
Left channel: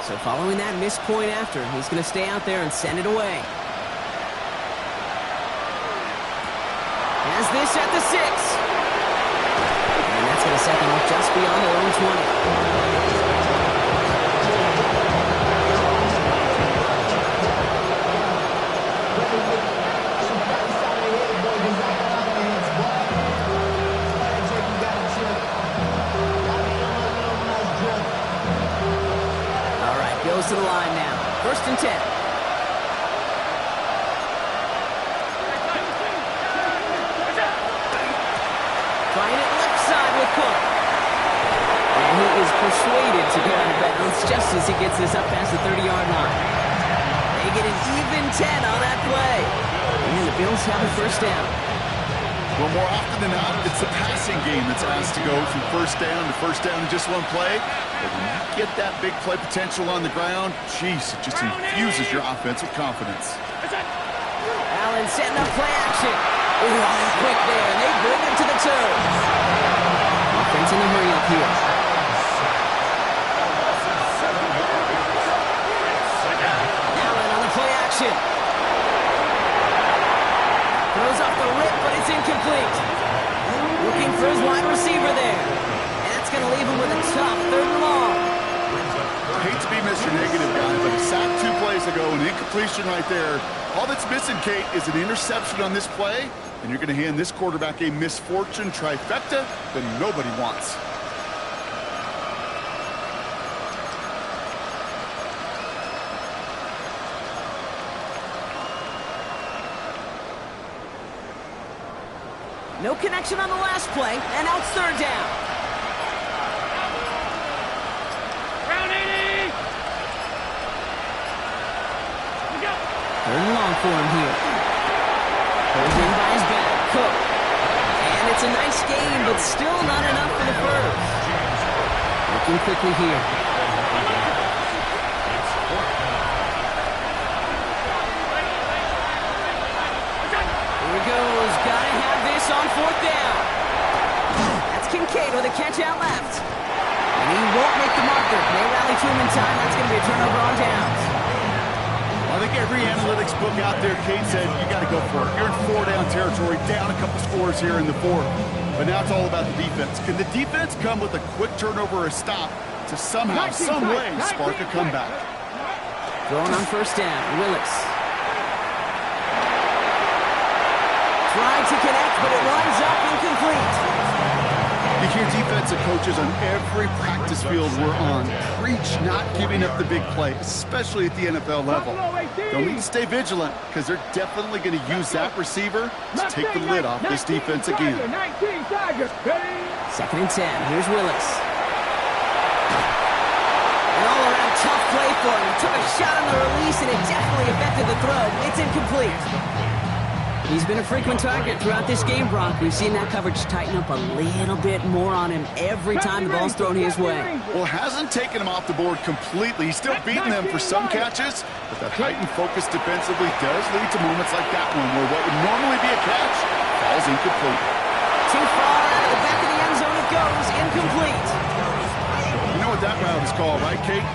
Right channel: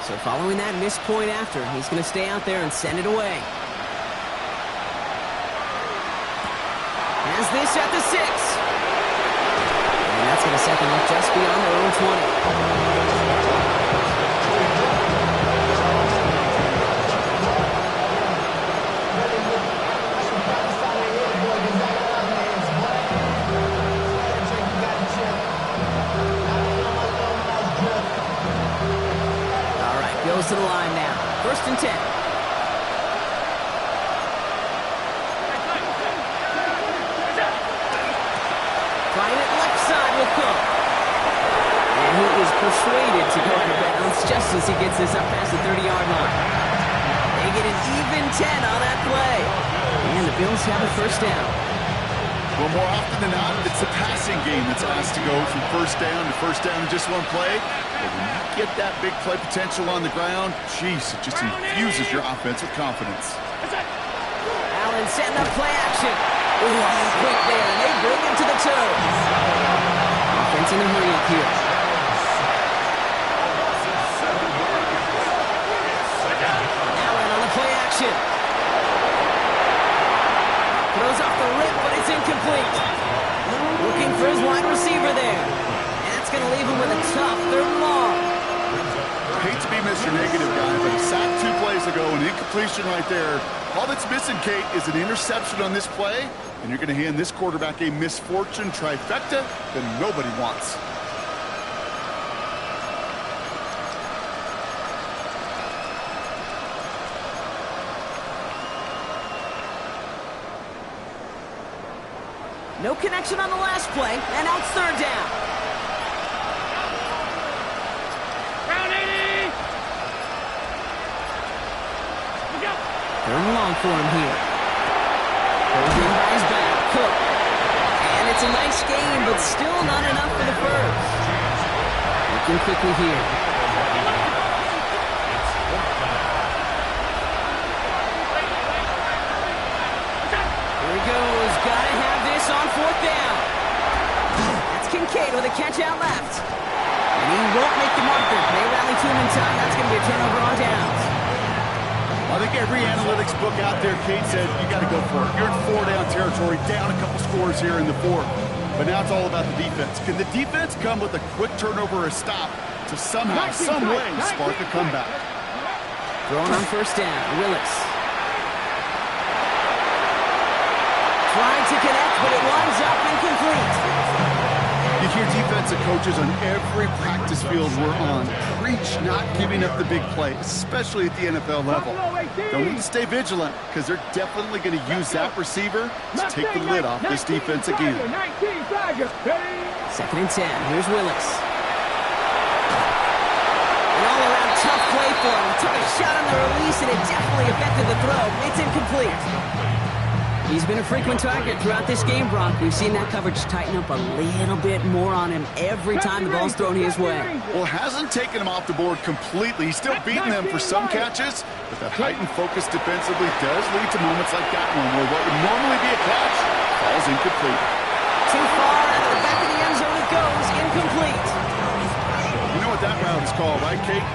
So following that missed point after, he's going to stay out there and send it away. Has this at the 6. And that's going to set them up just beyond their own 20. All right, goes to the line now. 1st and 10. Trying it left side with Cook. And he is persuaded to go out of bounds just as he gets this up past the 30-yard line. They get an even 10 on that play. And the Bills have a 1st down. Well, more often than not, it's the passing game that's asked to go from 1st down to 1st down in just one play. But when you get that big play potential on the ground, jeez, it just infuses your offense with confidence. Allen setting up play action. Ooh, quick there, and they bring him to the turf. Offense in a hurry up here. Allen on the play action. Throws off the rip, but it's incomplete. Looking for his wide receiver there. And that's going to leave him with a tough 3rd and long. Hate to be Mr. Negative guy, but a sack 2 plays ago, an incompletion right there. All that's missing, Kate, is an interception on this play, and you're going to hand this quarterback a misfortune trifecta that nobody wants. No connection on the last play, and now it's 3rd down. Round 80. 3rd and long for him here. Goes in by his back. Cook. And it's a nice game, but still not enough for the first. Looking quickly here. Here he goes. Gotta have this on 4th down. That's Kincaid with a catch out left. And he won't make the marker. They rally to him in time. That's going to be a turnover on downs. Well, I think every analytics book out there, Kate, said you got to go for it. You're in 4-down territory, down a couple scores here in the 4th. But now it's all about the defense. Can the defense come with a quick turnover or a stop to somehow, some way, spark a comeback? Throwing on 1st down. Willis. Tried to connect, but it winds up incomplete. You hear defensive coaches on every practice field we're on preach not giving up the big play, especially at the NFL level. They'll need to stay vigilant because they're definitely going to use that receiver to take the lid off this defense again. 2nd and 10. Here's Willis. An all-around tough play for him. He took a shot on the release, and it definitely affected the throw. It's incomplete. He's been a frequent target throughout this game, Brock. We've seen that coverage tighten up a little bit more on him every time the ball's thrown his way. Well, it hasn't taken him off the board completely. He's still beating them for some catches, but that heightened focus defensively does lead to moments like that one where what would normally be a catch falls incomplete. Too far out of the back of the end zone it goes, incomplete. You know what that route is called, right, Kate?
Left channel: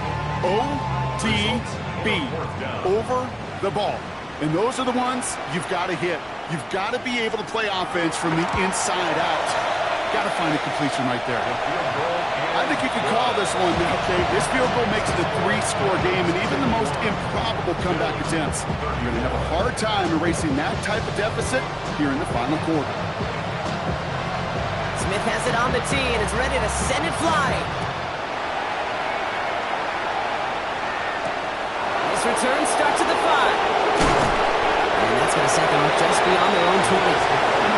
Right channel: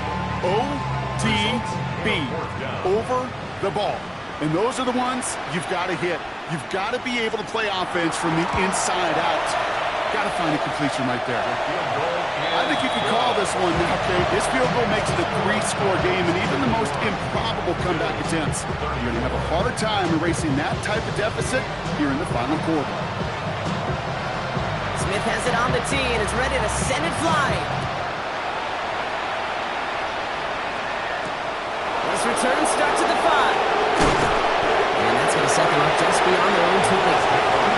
ODB, over the ball. And those are the ones you've got to hit. You've got to be able to play offense from the inside out. Got to find a completion right there. I think you can call this one now, Kate. This field goal makes it a 3-score game, and even the most improbable comeback attempts, you're going to have a hard time erasing that type of deficit here in the final quarter. Smith has it on the tee and is ready to send it flying. This return starts at the 5. And that's going to set them up just beyond their own 20.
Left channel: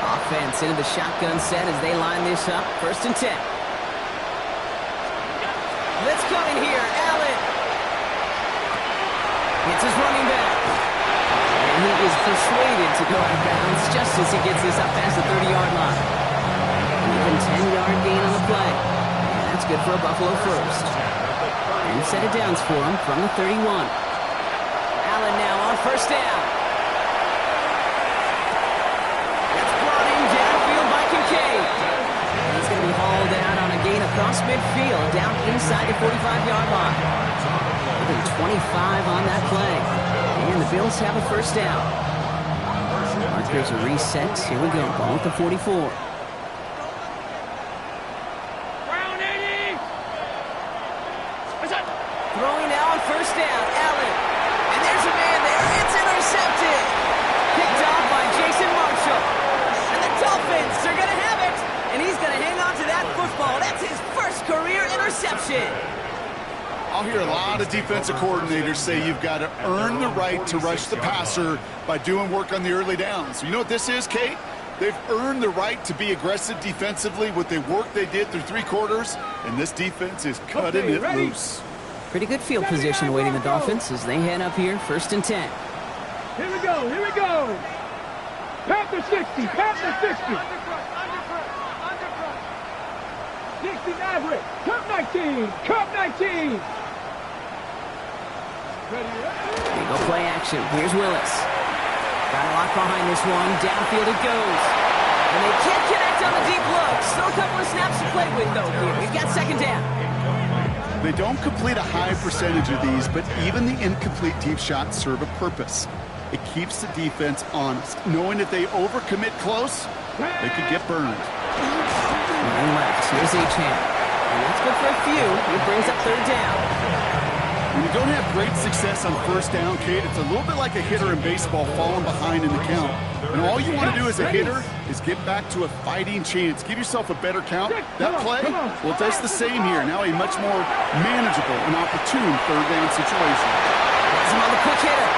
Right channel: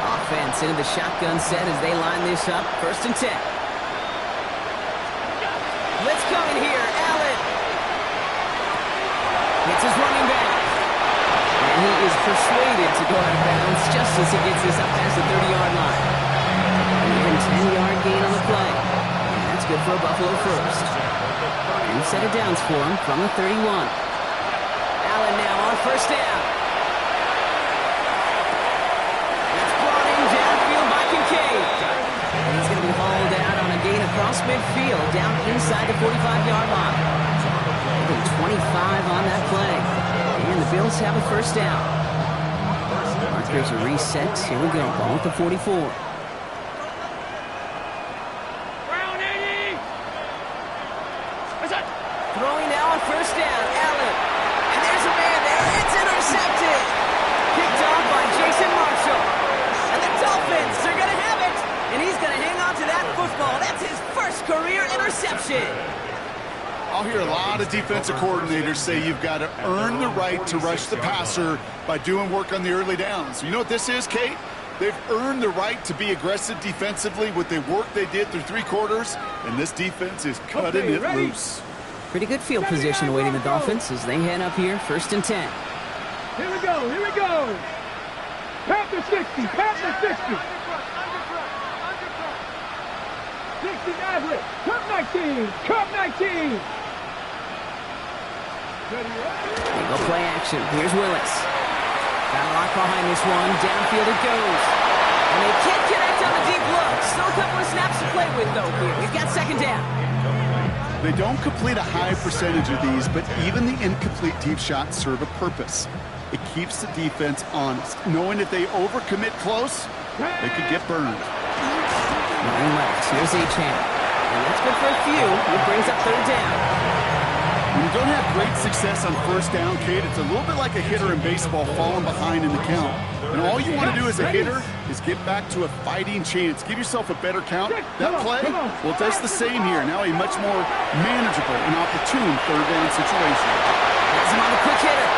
Offense into the shotgun set as they line this up. 1st and 10. Let's come in here. Allen. It's his running back. And he is persuaded to go out of bounds just as he gets this up past the 30-yard line. An even 10-yard gain on the play. And that's good for a Buffalo first. 2 set of downs for him from the 31. Allen now on 1st down. It's brought in downfield by Kincaid. And he's going to be hauled out on a gain across midfield, down inside the 45-yard line. Even 25 on that play. And the Bills have a 1st down. Markers are reset. Here we go. Ball at the 44. Throwing now on 1st down. Allen. And there's a man there. It's intercepted. Picked off by Jason Marshall. And the Dolphins are going to have it. And he's going to hang on to that football. That's his first career interception. I'll hear a lot of defensive coordinators say you've got to earn the right to rush the passer by doing work on the early downs. You know what this is, Kate? They've earned the right to be aggressive defensively with the work they did through 3 quarters, and this defense is cutting it loose. Pretty good field position awaiting the Dolphins as they head up here, 1st and 10. Here we go, here we go. Panther 60, Panther 60. 60 average. Cup 19, Cup 19. They go play action. Here's Willis. Got a lot behind this one. Downfield it goes. And they can't connect on the deep look. Still a couple of snaps to play with, though, here. We've got 2nd down. They don't complete a high percentage of these, but even the incomplete deep shots serve a purpose. It keeps the defense honest, knowing if they overcommit close, they could get burned. Running left. Here's Achane. And that's good for a few. It brings up 3rd down. When you don't have great success on 1st down, Kate, it's a little bit like a hitter in baseball falling behind in the count. And all you want to do as a hitter is get back to a fighting chance. Give yourself a better count. That play, well, it does the same here. Now a much more manageable and opportune 3rd down situation. Has him on the quick hitter.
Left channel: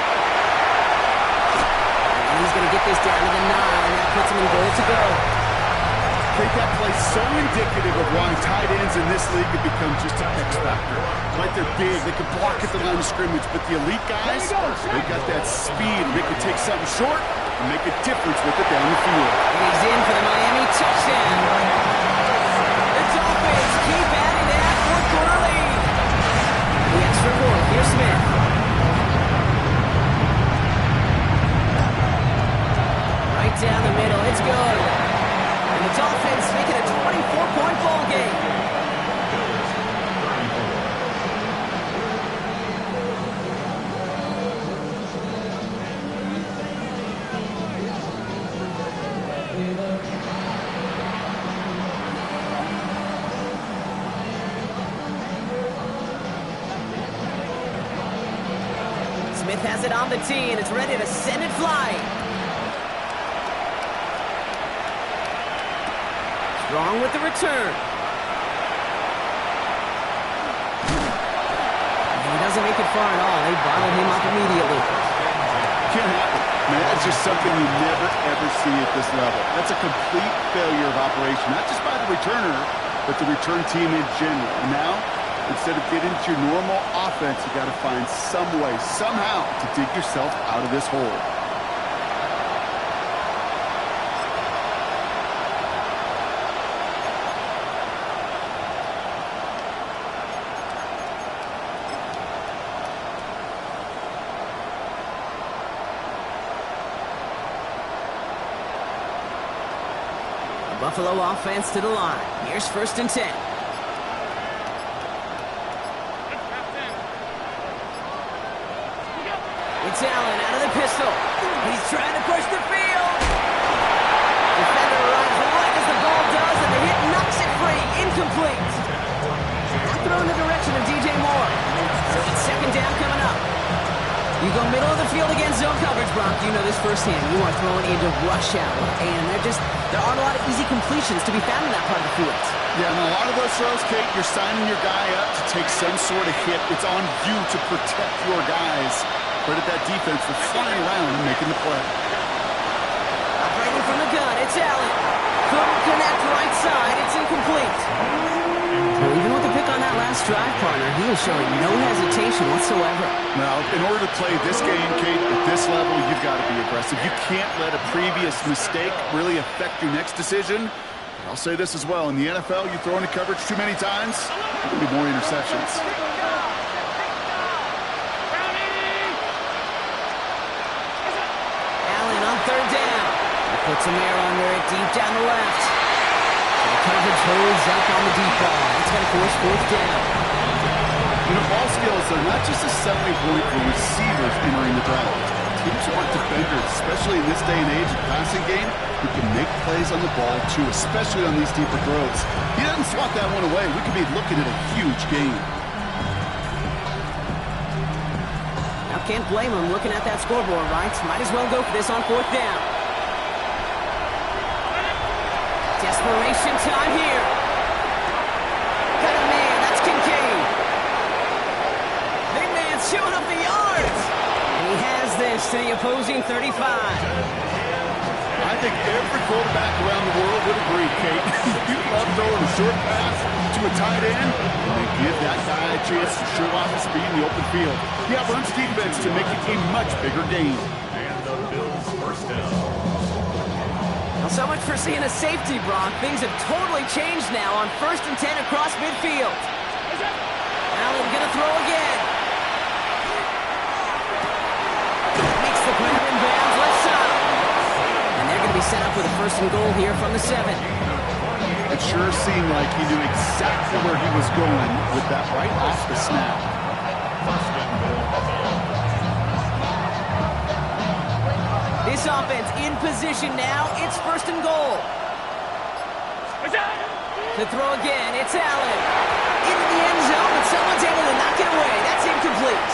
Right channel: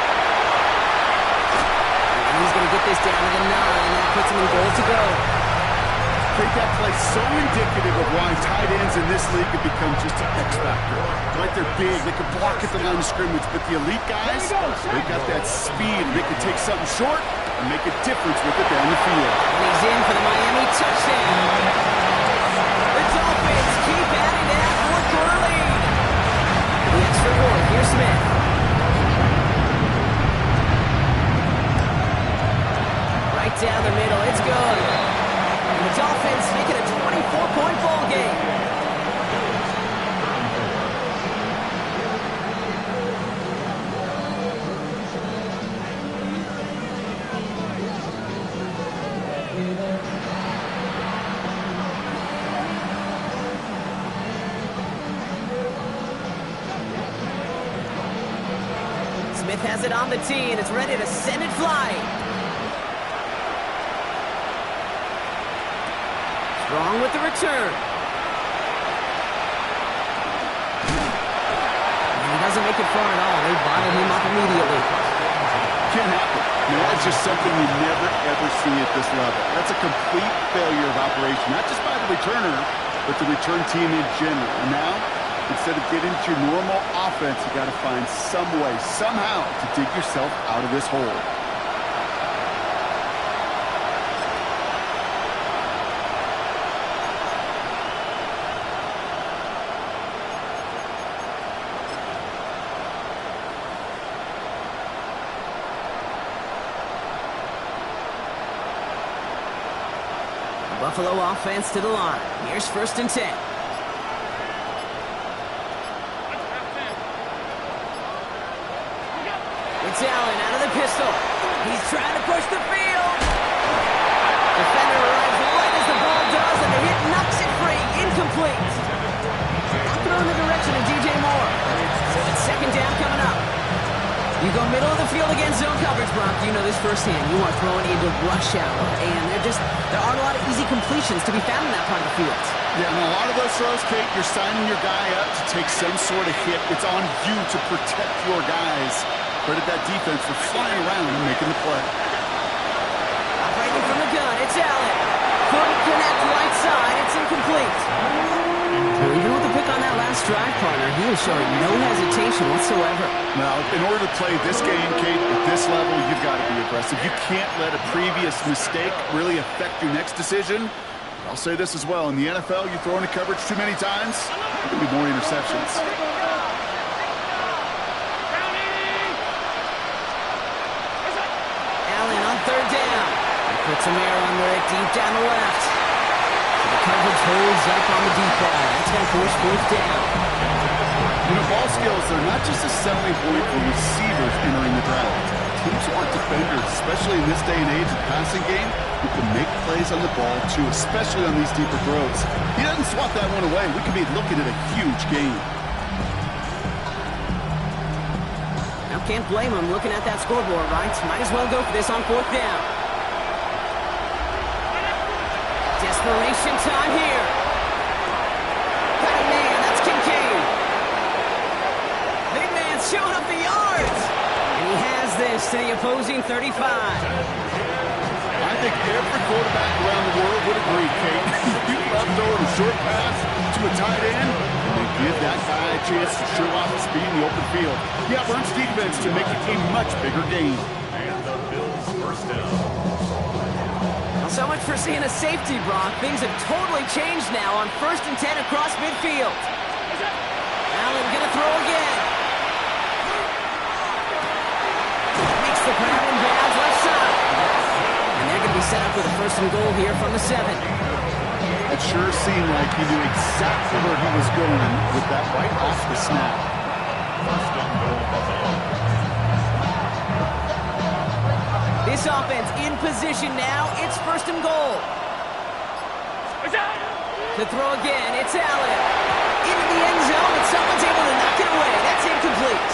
And he's going to get this down to the 9. That puts him in goal to go. Take that play so indicative of why tight ends in this league have become just an X factor. Like they're big, they can block at the line of scrimmage, but the elite guys, they've got that speed. They can take something short and make a difference with it down the field. And he's in for the Miami touchdown. The Dolphins keep adding to that 4th-quarter lead. The extra point. Here's Smith. Right down the middle. It's good. And the Dolphins make it a 24-point ball game. Smith has it on the tee and it's ready to send it flying. Strong with the return. And he doesn't make it far at all. They bottled him up immediately. Can't happen. I mean, that's just something you never, ever see at this level. That's a complete failure of operation, not just by the returner, but the return team in general. And now, instead of getting to your normal offense, you got to find some way, somehow, to dig yourself out of this hole. Buffalo offense to the line. Here's 1st and 10. It's Allen out of the pistol. He's trying to push the field. Defender arrives right as the ball does, and the hit knocks it free. Incomplete. Now throw in the direction of DJ Moore. So it's 2nd down coming up. You go middle of the field against zone coverage, Brock. You know this firsthand. You are throwing into rush hour, and there aren't a lot of easy completions to be found in that part of the field. Yeah, and a lot of those throws, Kate, you're signing your guy up to take some sort of hit. It's on you to protect your guys. Credit that defense for flying around and making the play. Operating from the gun, it's Allen. Couldn't connect right side. It's incomplete. Well, even with the pick on that last drive, partner, he is showing no hesitation whatsoever. Now, in order to play this game, Kate, at this level, you've got to be aggressive. You can't let a previous mistake really affect your next decision. I'll say this as well. In the NFL, you throw into coverage too many times, there'll be more interceptions. Allen on 3rd down. He puts some air under it deep down the left. So the coverage holds up on the deep ball. That's going to force 4th down. You know, ball skills, they're not just a selling point for receivers entering the draft. Teams want defenders, especially in this day and age of the passing game, who can make plays on the ball, too, especially on these deeper throws. He doesn't swat that one away. We could be looking at a huge game. Now, can't blame him looking at that scoreboard, right? Might as well go for this on 4th down. Desperation time here. Got a man, that's Kincaid. Big man showing up the yards. And he has this to the opposing 35. I think every quarterback around the world would agree, Kate. You love throwing a short pass to a tight end, and they give that guy a chance to show off his speed in the open field. Yeah, Burns defense to make it a much bigger game. And the Bills' 1st down. Well, so much for seeing a safety, Brock. Things have totally changed now on 1st and 10 across midfield. Allen gonna throw again. Makes the grab in bounds left side. And they're going to be set up with a 1st and goal here from the 7. It sure seemed like he knew exactly where he was going with that right off the snap. 1st and goal, Buffalo. This offense in position now. It's 1st and goal. To throw again, it's Allen. Into the end zone, but someone's able to knock it away. That's incomplete.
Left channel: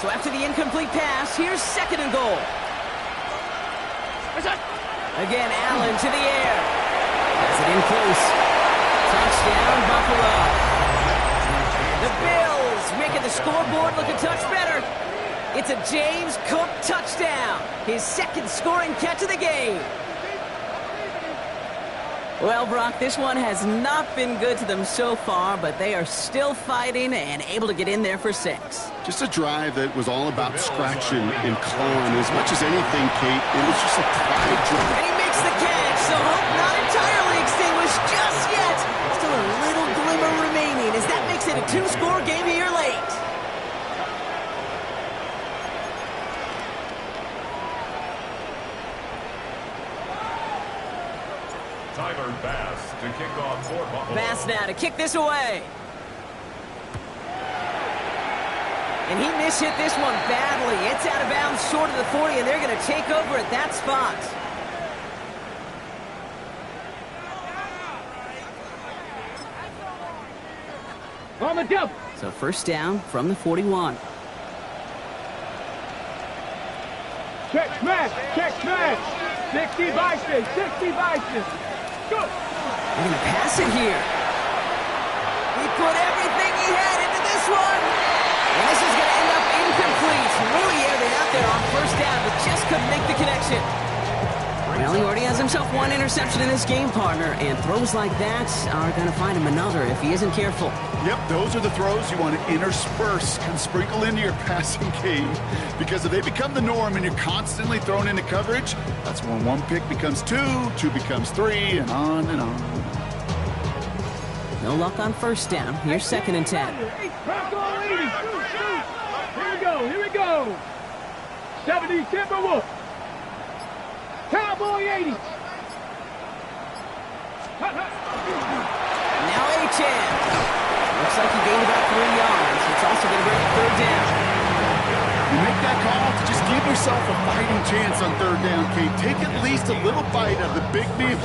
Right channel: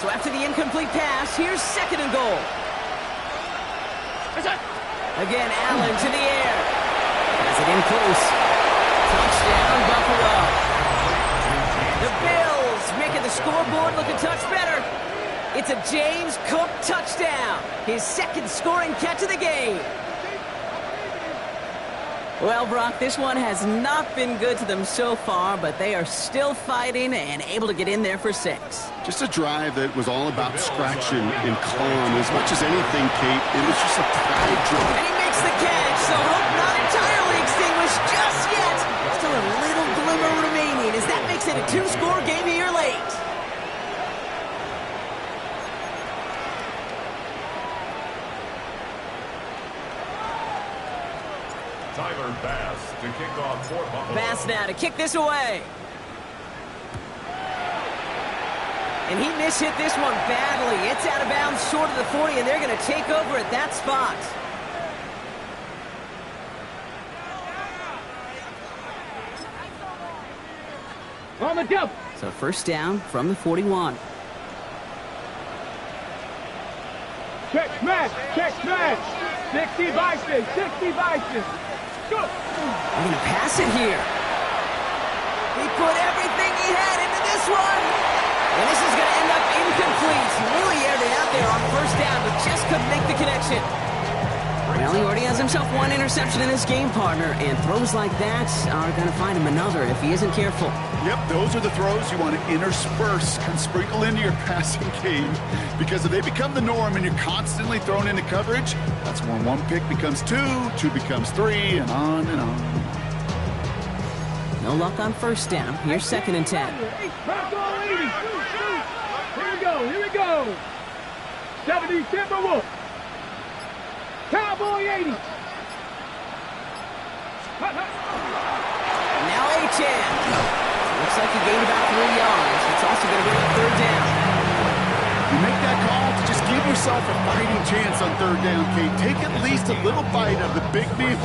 So after the incomplete pass, here's 2nd and goal. Again, Allen to the air. Has it in close. Touchdown, Buffalo. The Bills making the scoreboard look a touch better. It's a James Cook touchdown. His 2nd scoring catch of the game. Well, Brock, this one has not been good to them so far, but they are still fighting and able to get in there for 6. Just a drive that was all about scratching and clawing. As much as anything, Kate, it was just a pride drive. And he makes the catch, so hope not entirely extinguished just yet. Still a little glimmer remaining as that makes it a 2-score game here late. Tyler Bass to kick off for Buffalo. Bass now to kick this away. And he mishit this one badly. It's out of bounds short of the 40, and they're going to take over at that spot. On the double. So 1st down from the 41. Check smash. Check smash. 60 Bison. 60 Bison. Go. They're going to pass it here. He put everything he had into this one. And this is going to end up incomplete. Really aired it out there on 1st down, but just couldn't make the connection. Well, he already has himself one interception in this game, partner, and throws like that are going to find him another if he isn't careful. Yep, those are the throws you want to intersperse and sprinkle into your passing game, because if they become the norm and you're constantly thrown into coverage, that's when one pick becomes two, two becomes three, and on and on. No luck on first down. Here's 2nd and 10. Bronco 80. Here we go. 70 Timberwolf. Cowboy 80. Now Achane. Looks like he gained about 3 yards. It's also going to bring up 3rd down. You make that call to just give yourself a fighting chance on 3rd down, Kate. Take at least a little bite of the big meal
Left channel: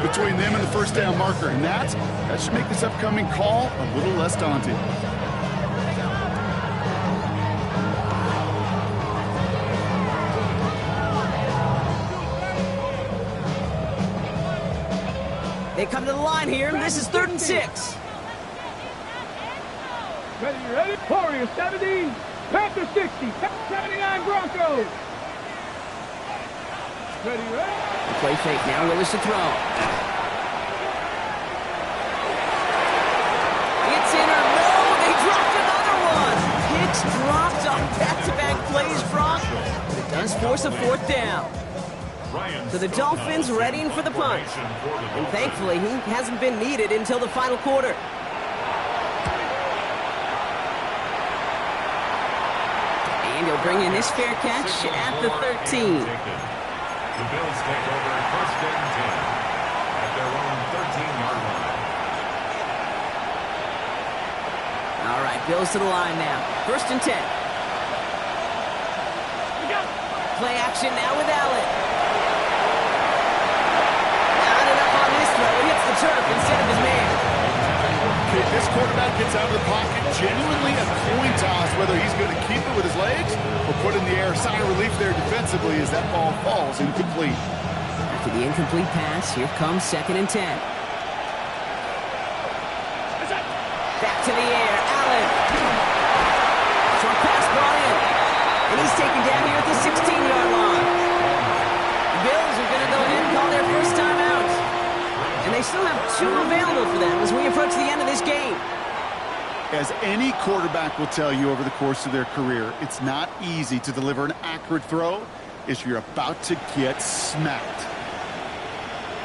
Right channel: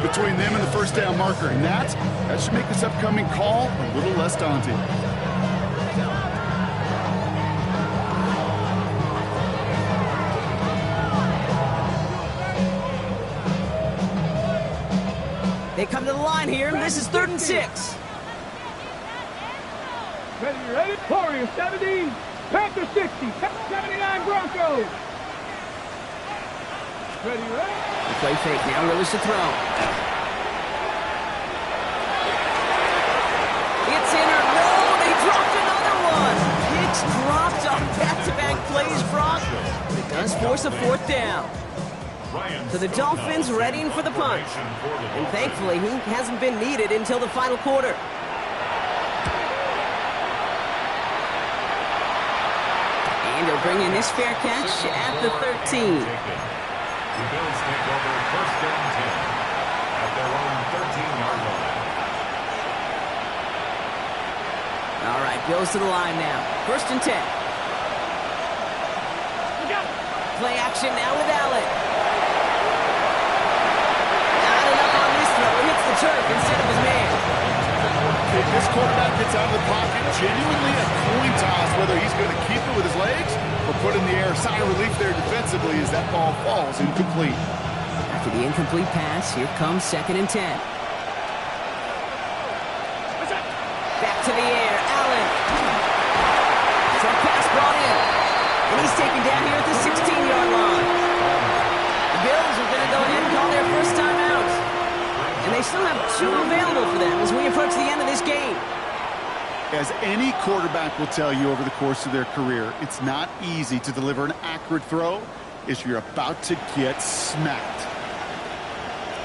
between them and the 1st down marker, and that should make this upcoming call a little less daunting. They come to the line here, and this is 3rd and 6. Ready? Warriors 70, Panther 60, 79 Broncos. Ready? The play fake now, Willis to throw. It's in or no, they dropped another one. Picks dropped on back-to-back plays, Brock, but it does force a 4th down. So the Dolphins readying for the punt. And thankfully, he hasn't been needed until the final quarter. And he'll bring in this fair catch at the 13. The Bills take over 1st and 10 at their own 13-yard line. All right, Bills to the line now. 1st and 10. Play action now with Allen. Not enough on this throw. It hits the turf instead of his man. Okay, this quarterback gets out of the pocket, genuinely a coin toss whether he's going to keep it with his legs or put it in the air. Sigh of relief there defensively as that ball falls incomplete. After the incomplete pass, here comes 2nd and 10. Back to the air, Allen. Short pass brought in. And he's taken down here at the 16-yard line. The Bills are going to go ahead and call their first time out. And they still have 2 available for them as we approach the end of this game. As any quarterback will tell you over the course of their career, it's not easy to deliver an accurate throw if you're about to get smacked.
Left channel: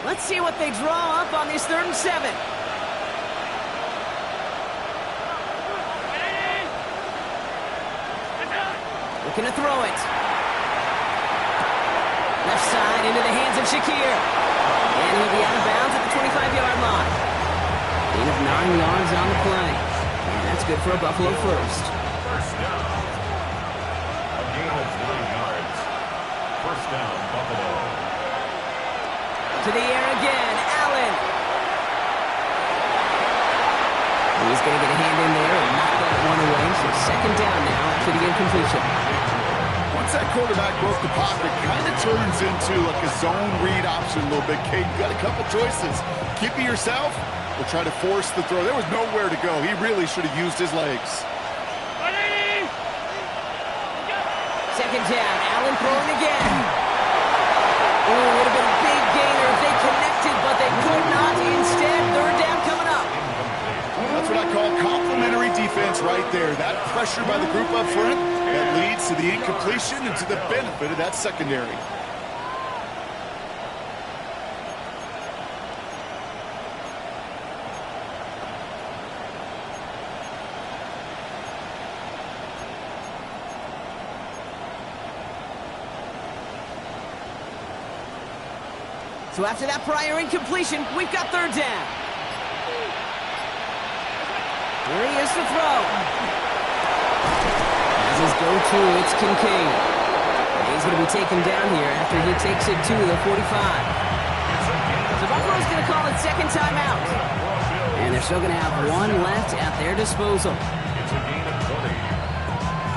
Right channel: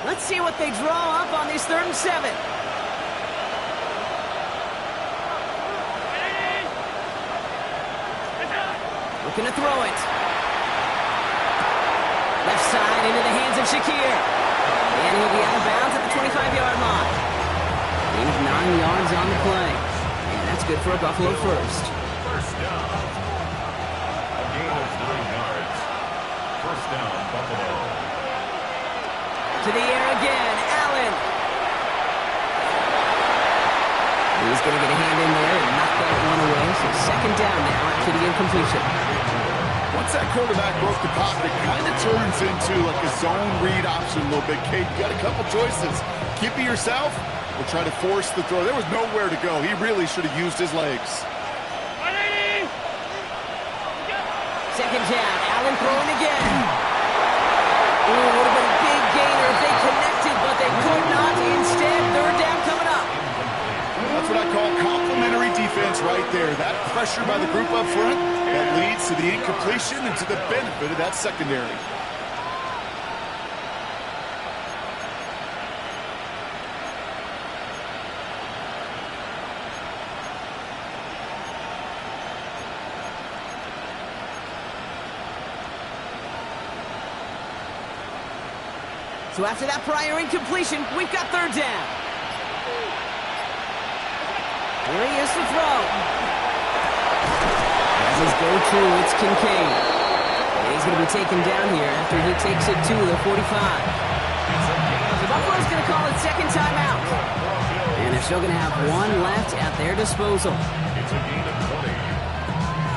Let's see what they draw up on this 3rd and 7. Looking to throw it. Left side into the hands of Shakir. And he'll be out of bounds at the 25-yard line. Gain of 9 yards on the play. And that's good for a Buffalo first. First down. A gain of 9 yards. First down, Buffalo. To the air again, Allen. He's going to get a hand in there and knock that one away. So 2nd down now after the incompletion. Once that quarterback broke the pocket, it kind of turns into like a zone read option a little bit, Kate. You got a couple choices. Keep it yourself or try to force the throw. There was nowhere to go. He really should have used his legs. 2nd down, Allen throwing again. Oh, would have been a big gainer if they connected, but they could not. Instead, 3rd down coming up. That's what I call complimentary defense right there. That pressure by the group up front that leads to the incompletion and to the benefit of that secondary. So after that prior incompletion, we've got 3rd down. Here he is to throw. As his go-to, it's Kincaid. And he's going to be taken down here after he takes it to the 45. So Buffalo's going to call it 2nd timeout. And they're still going to have 1 left at their disposal. It's a gain of 20.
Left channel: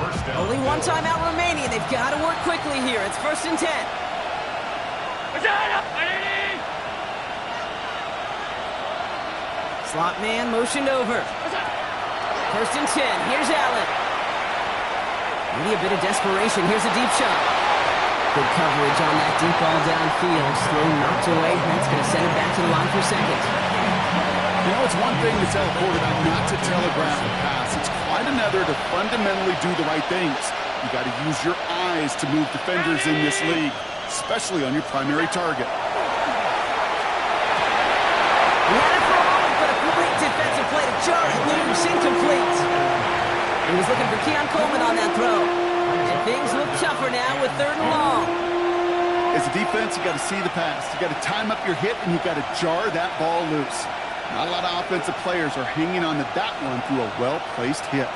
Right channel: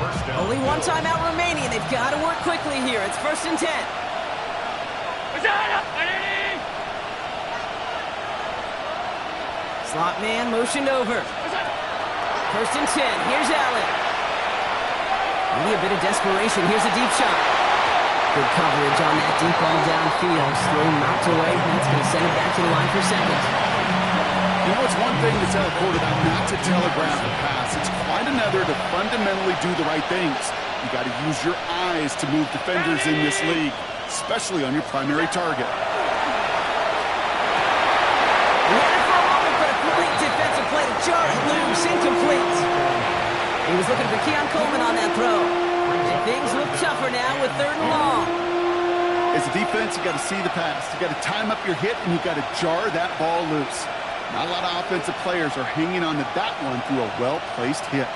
First down. Only 1 timeout remaining. They've got to work quickly here. It's 1st and 10. Slot man motioned over. 1st and 10. Here's Allen. Maybe a bit of desperation. Here's a deep shot. Good coverage on that deep ball downfield. Throw knocked away, and that's going to send it back to the line for second. You know, it's one thing to tell a quarterback not to telegraph a pass. It's quite another to fundamentally do the right things. You got to use your eyes to move defenders in this league, especially on your primary target. He had it for a moment, but a complete defensive play to jar it loose, incomplete. He was looking for Keon Coleman on that throw. And things look tougher now with 3rd and long. As a defense, you got to see the pass. You got to time up your hit, and you got to jar that ball loose. Not a lot of offensive players are hanging on to that one through a well-placed hit.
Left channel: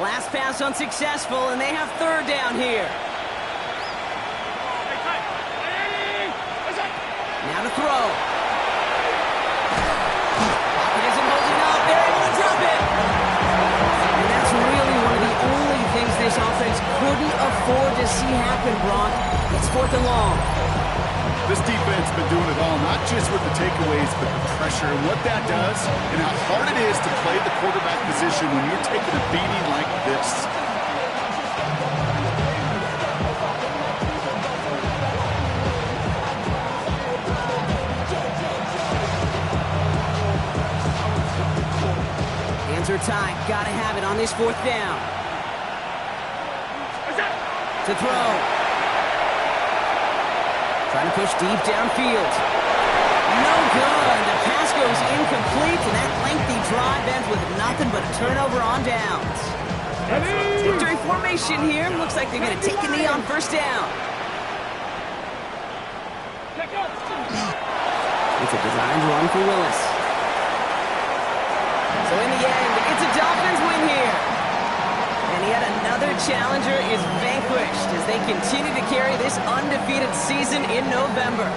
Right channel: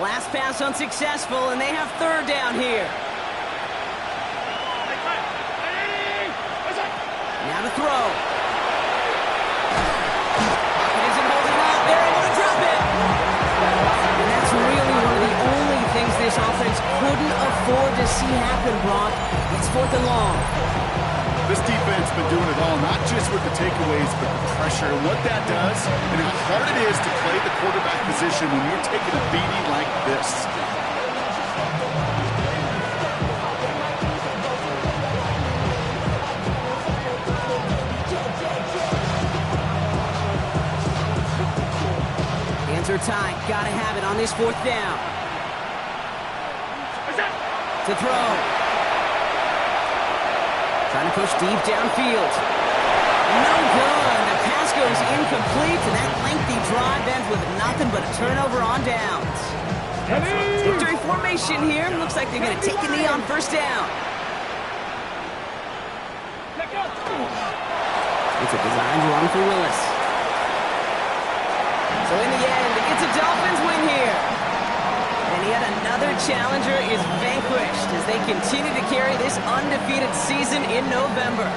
Last pass unsuccessful, and they have 3rd down here. Now to throw. Pocket isn't holding up. They're able to drop it. And that's really one of the only things this offense couldn't afford to see happen, Brock. It's 4th and long. This defense has been doing it all, not just with the takeaways, but the pressure and what that does and how hard it is to play the quarterback position when you're taking a beating like this. Hands are tied. Gotta have it on this 4th down. To throw. Trying to push deep downfield. No good. The pass goes incomplete, and that lengthy drive ends with nothing but a turnover on downs. Victory formation here. Looks like they're going to take a knee on 1st down. It's a designed run for Willis. So in the end, it's a Dolphins win here. And yet another challenger is vanquished as they continue to carry this undefeated season in November.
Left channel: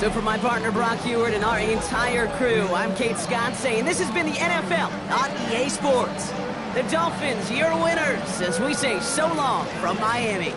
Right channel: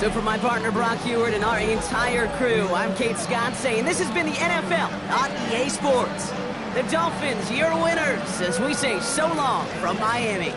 So for my partner Brock Heward and our entire crew, I'm Kate Scott saying this has been the NFL on EA Sports. The Dolphins, your winners, as we say so long from Miami.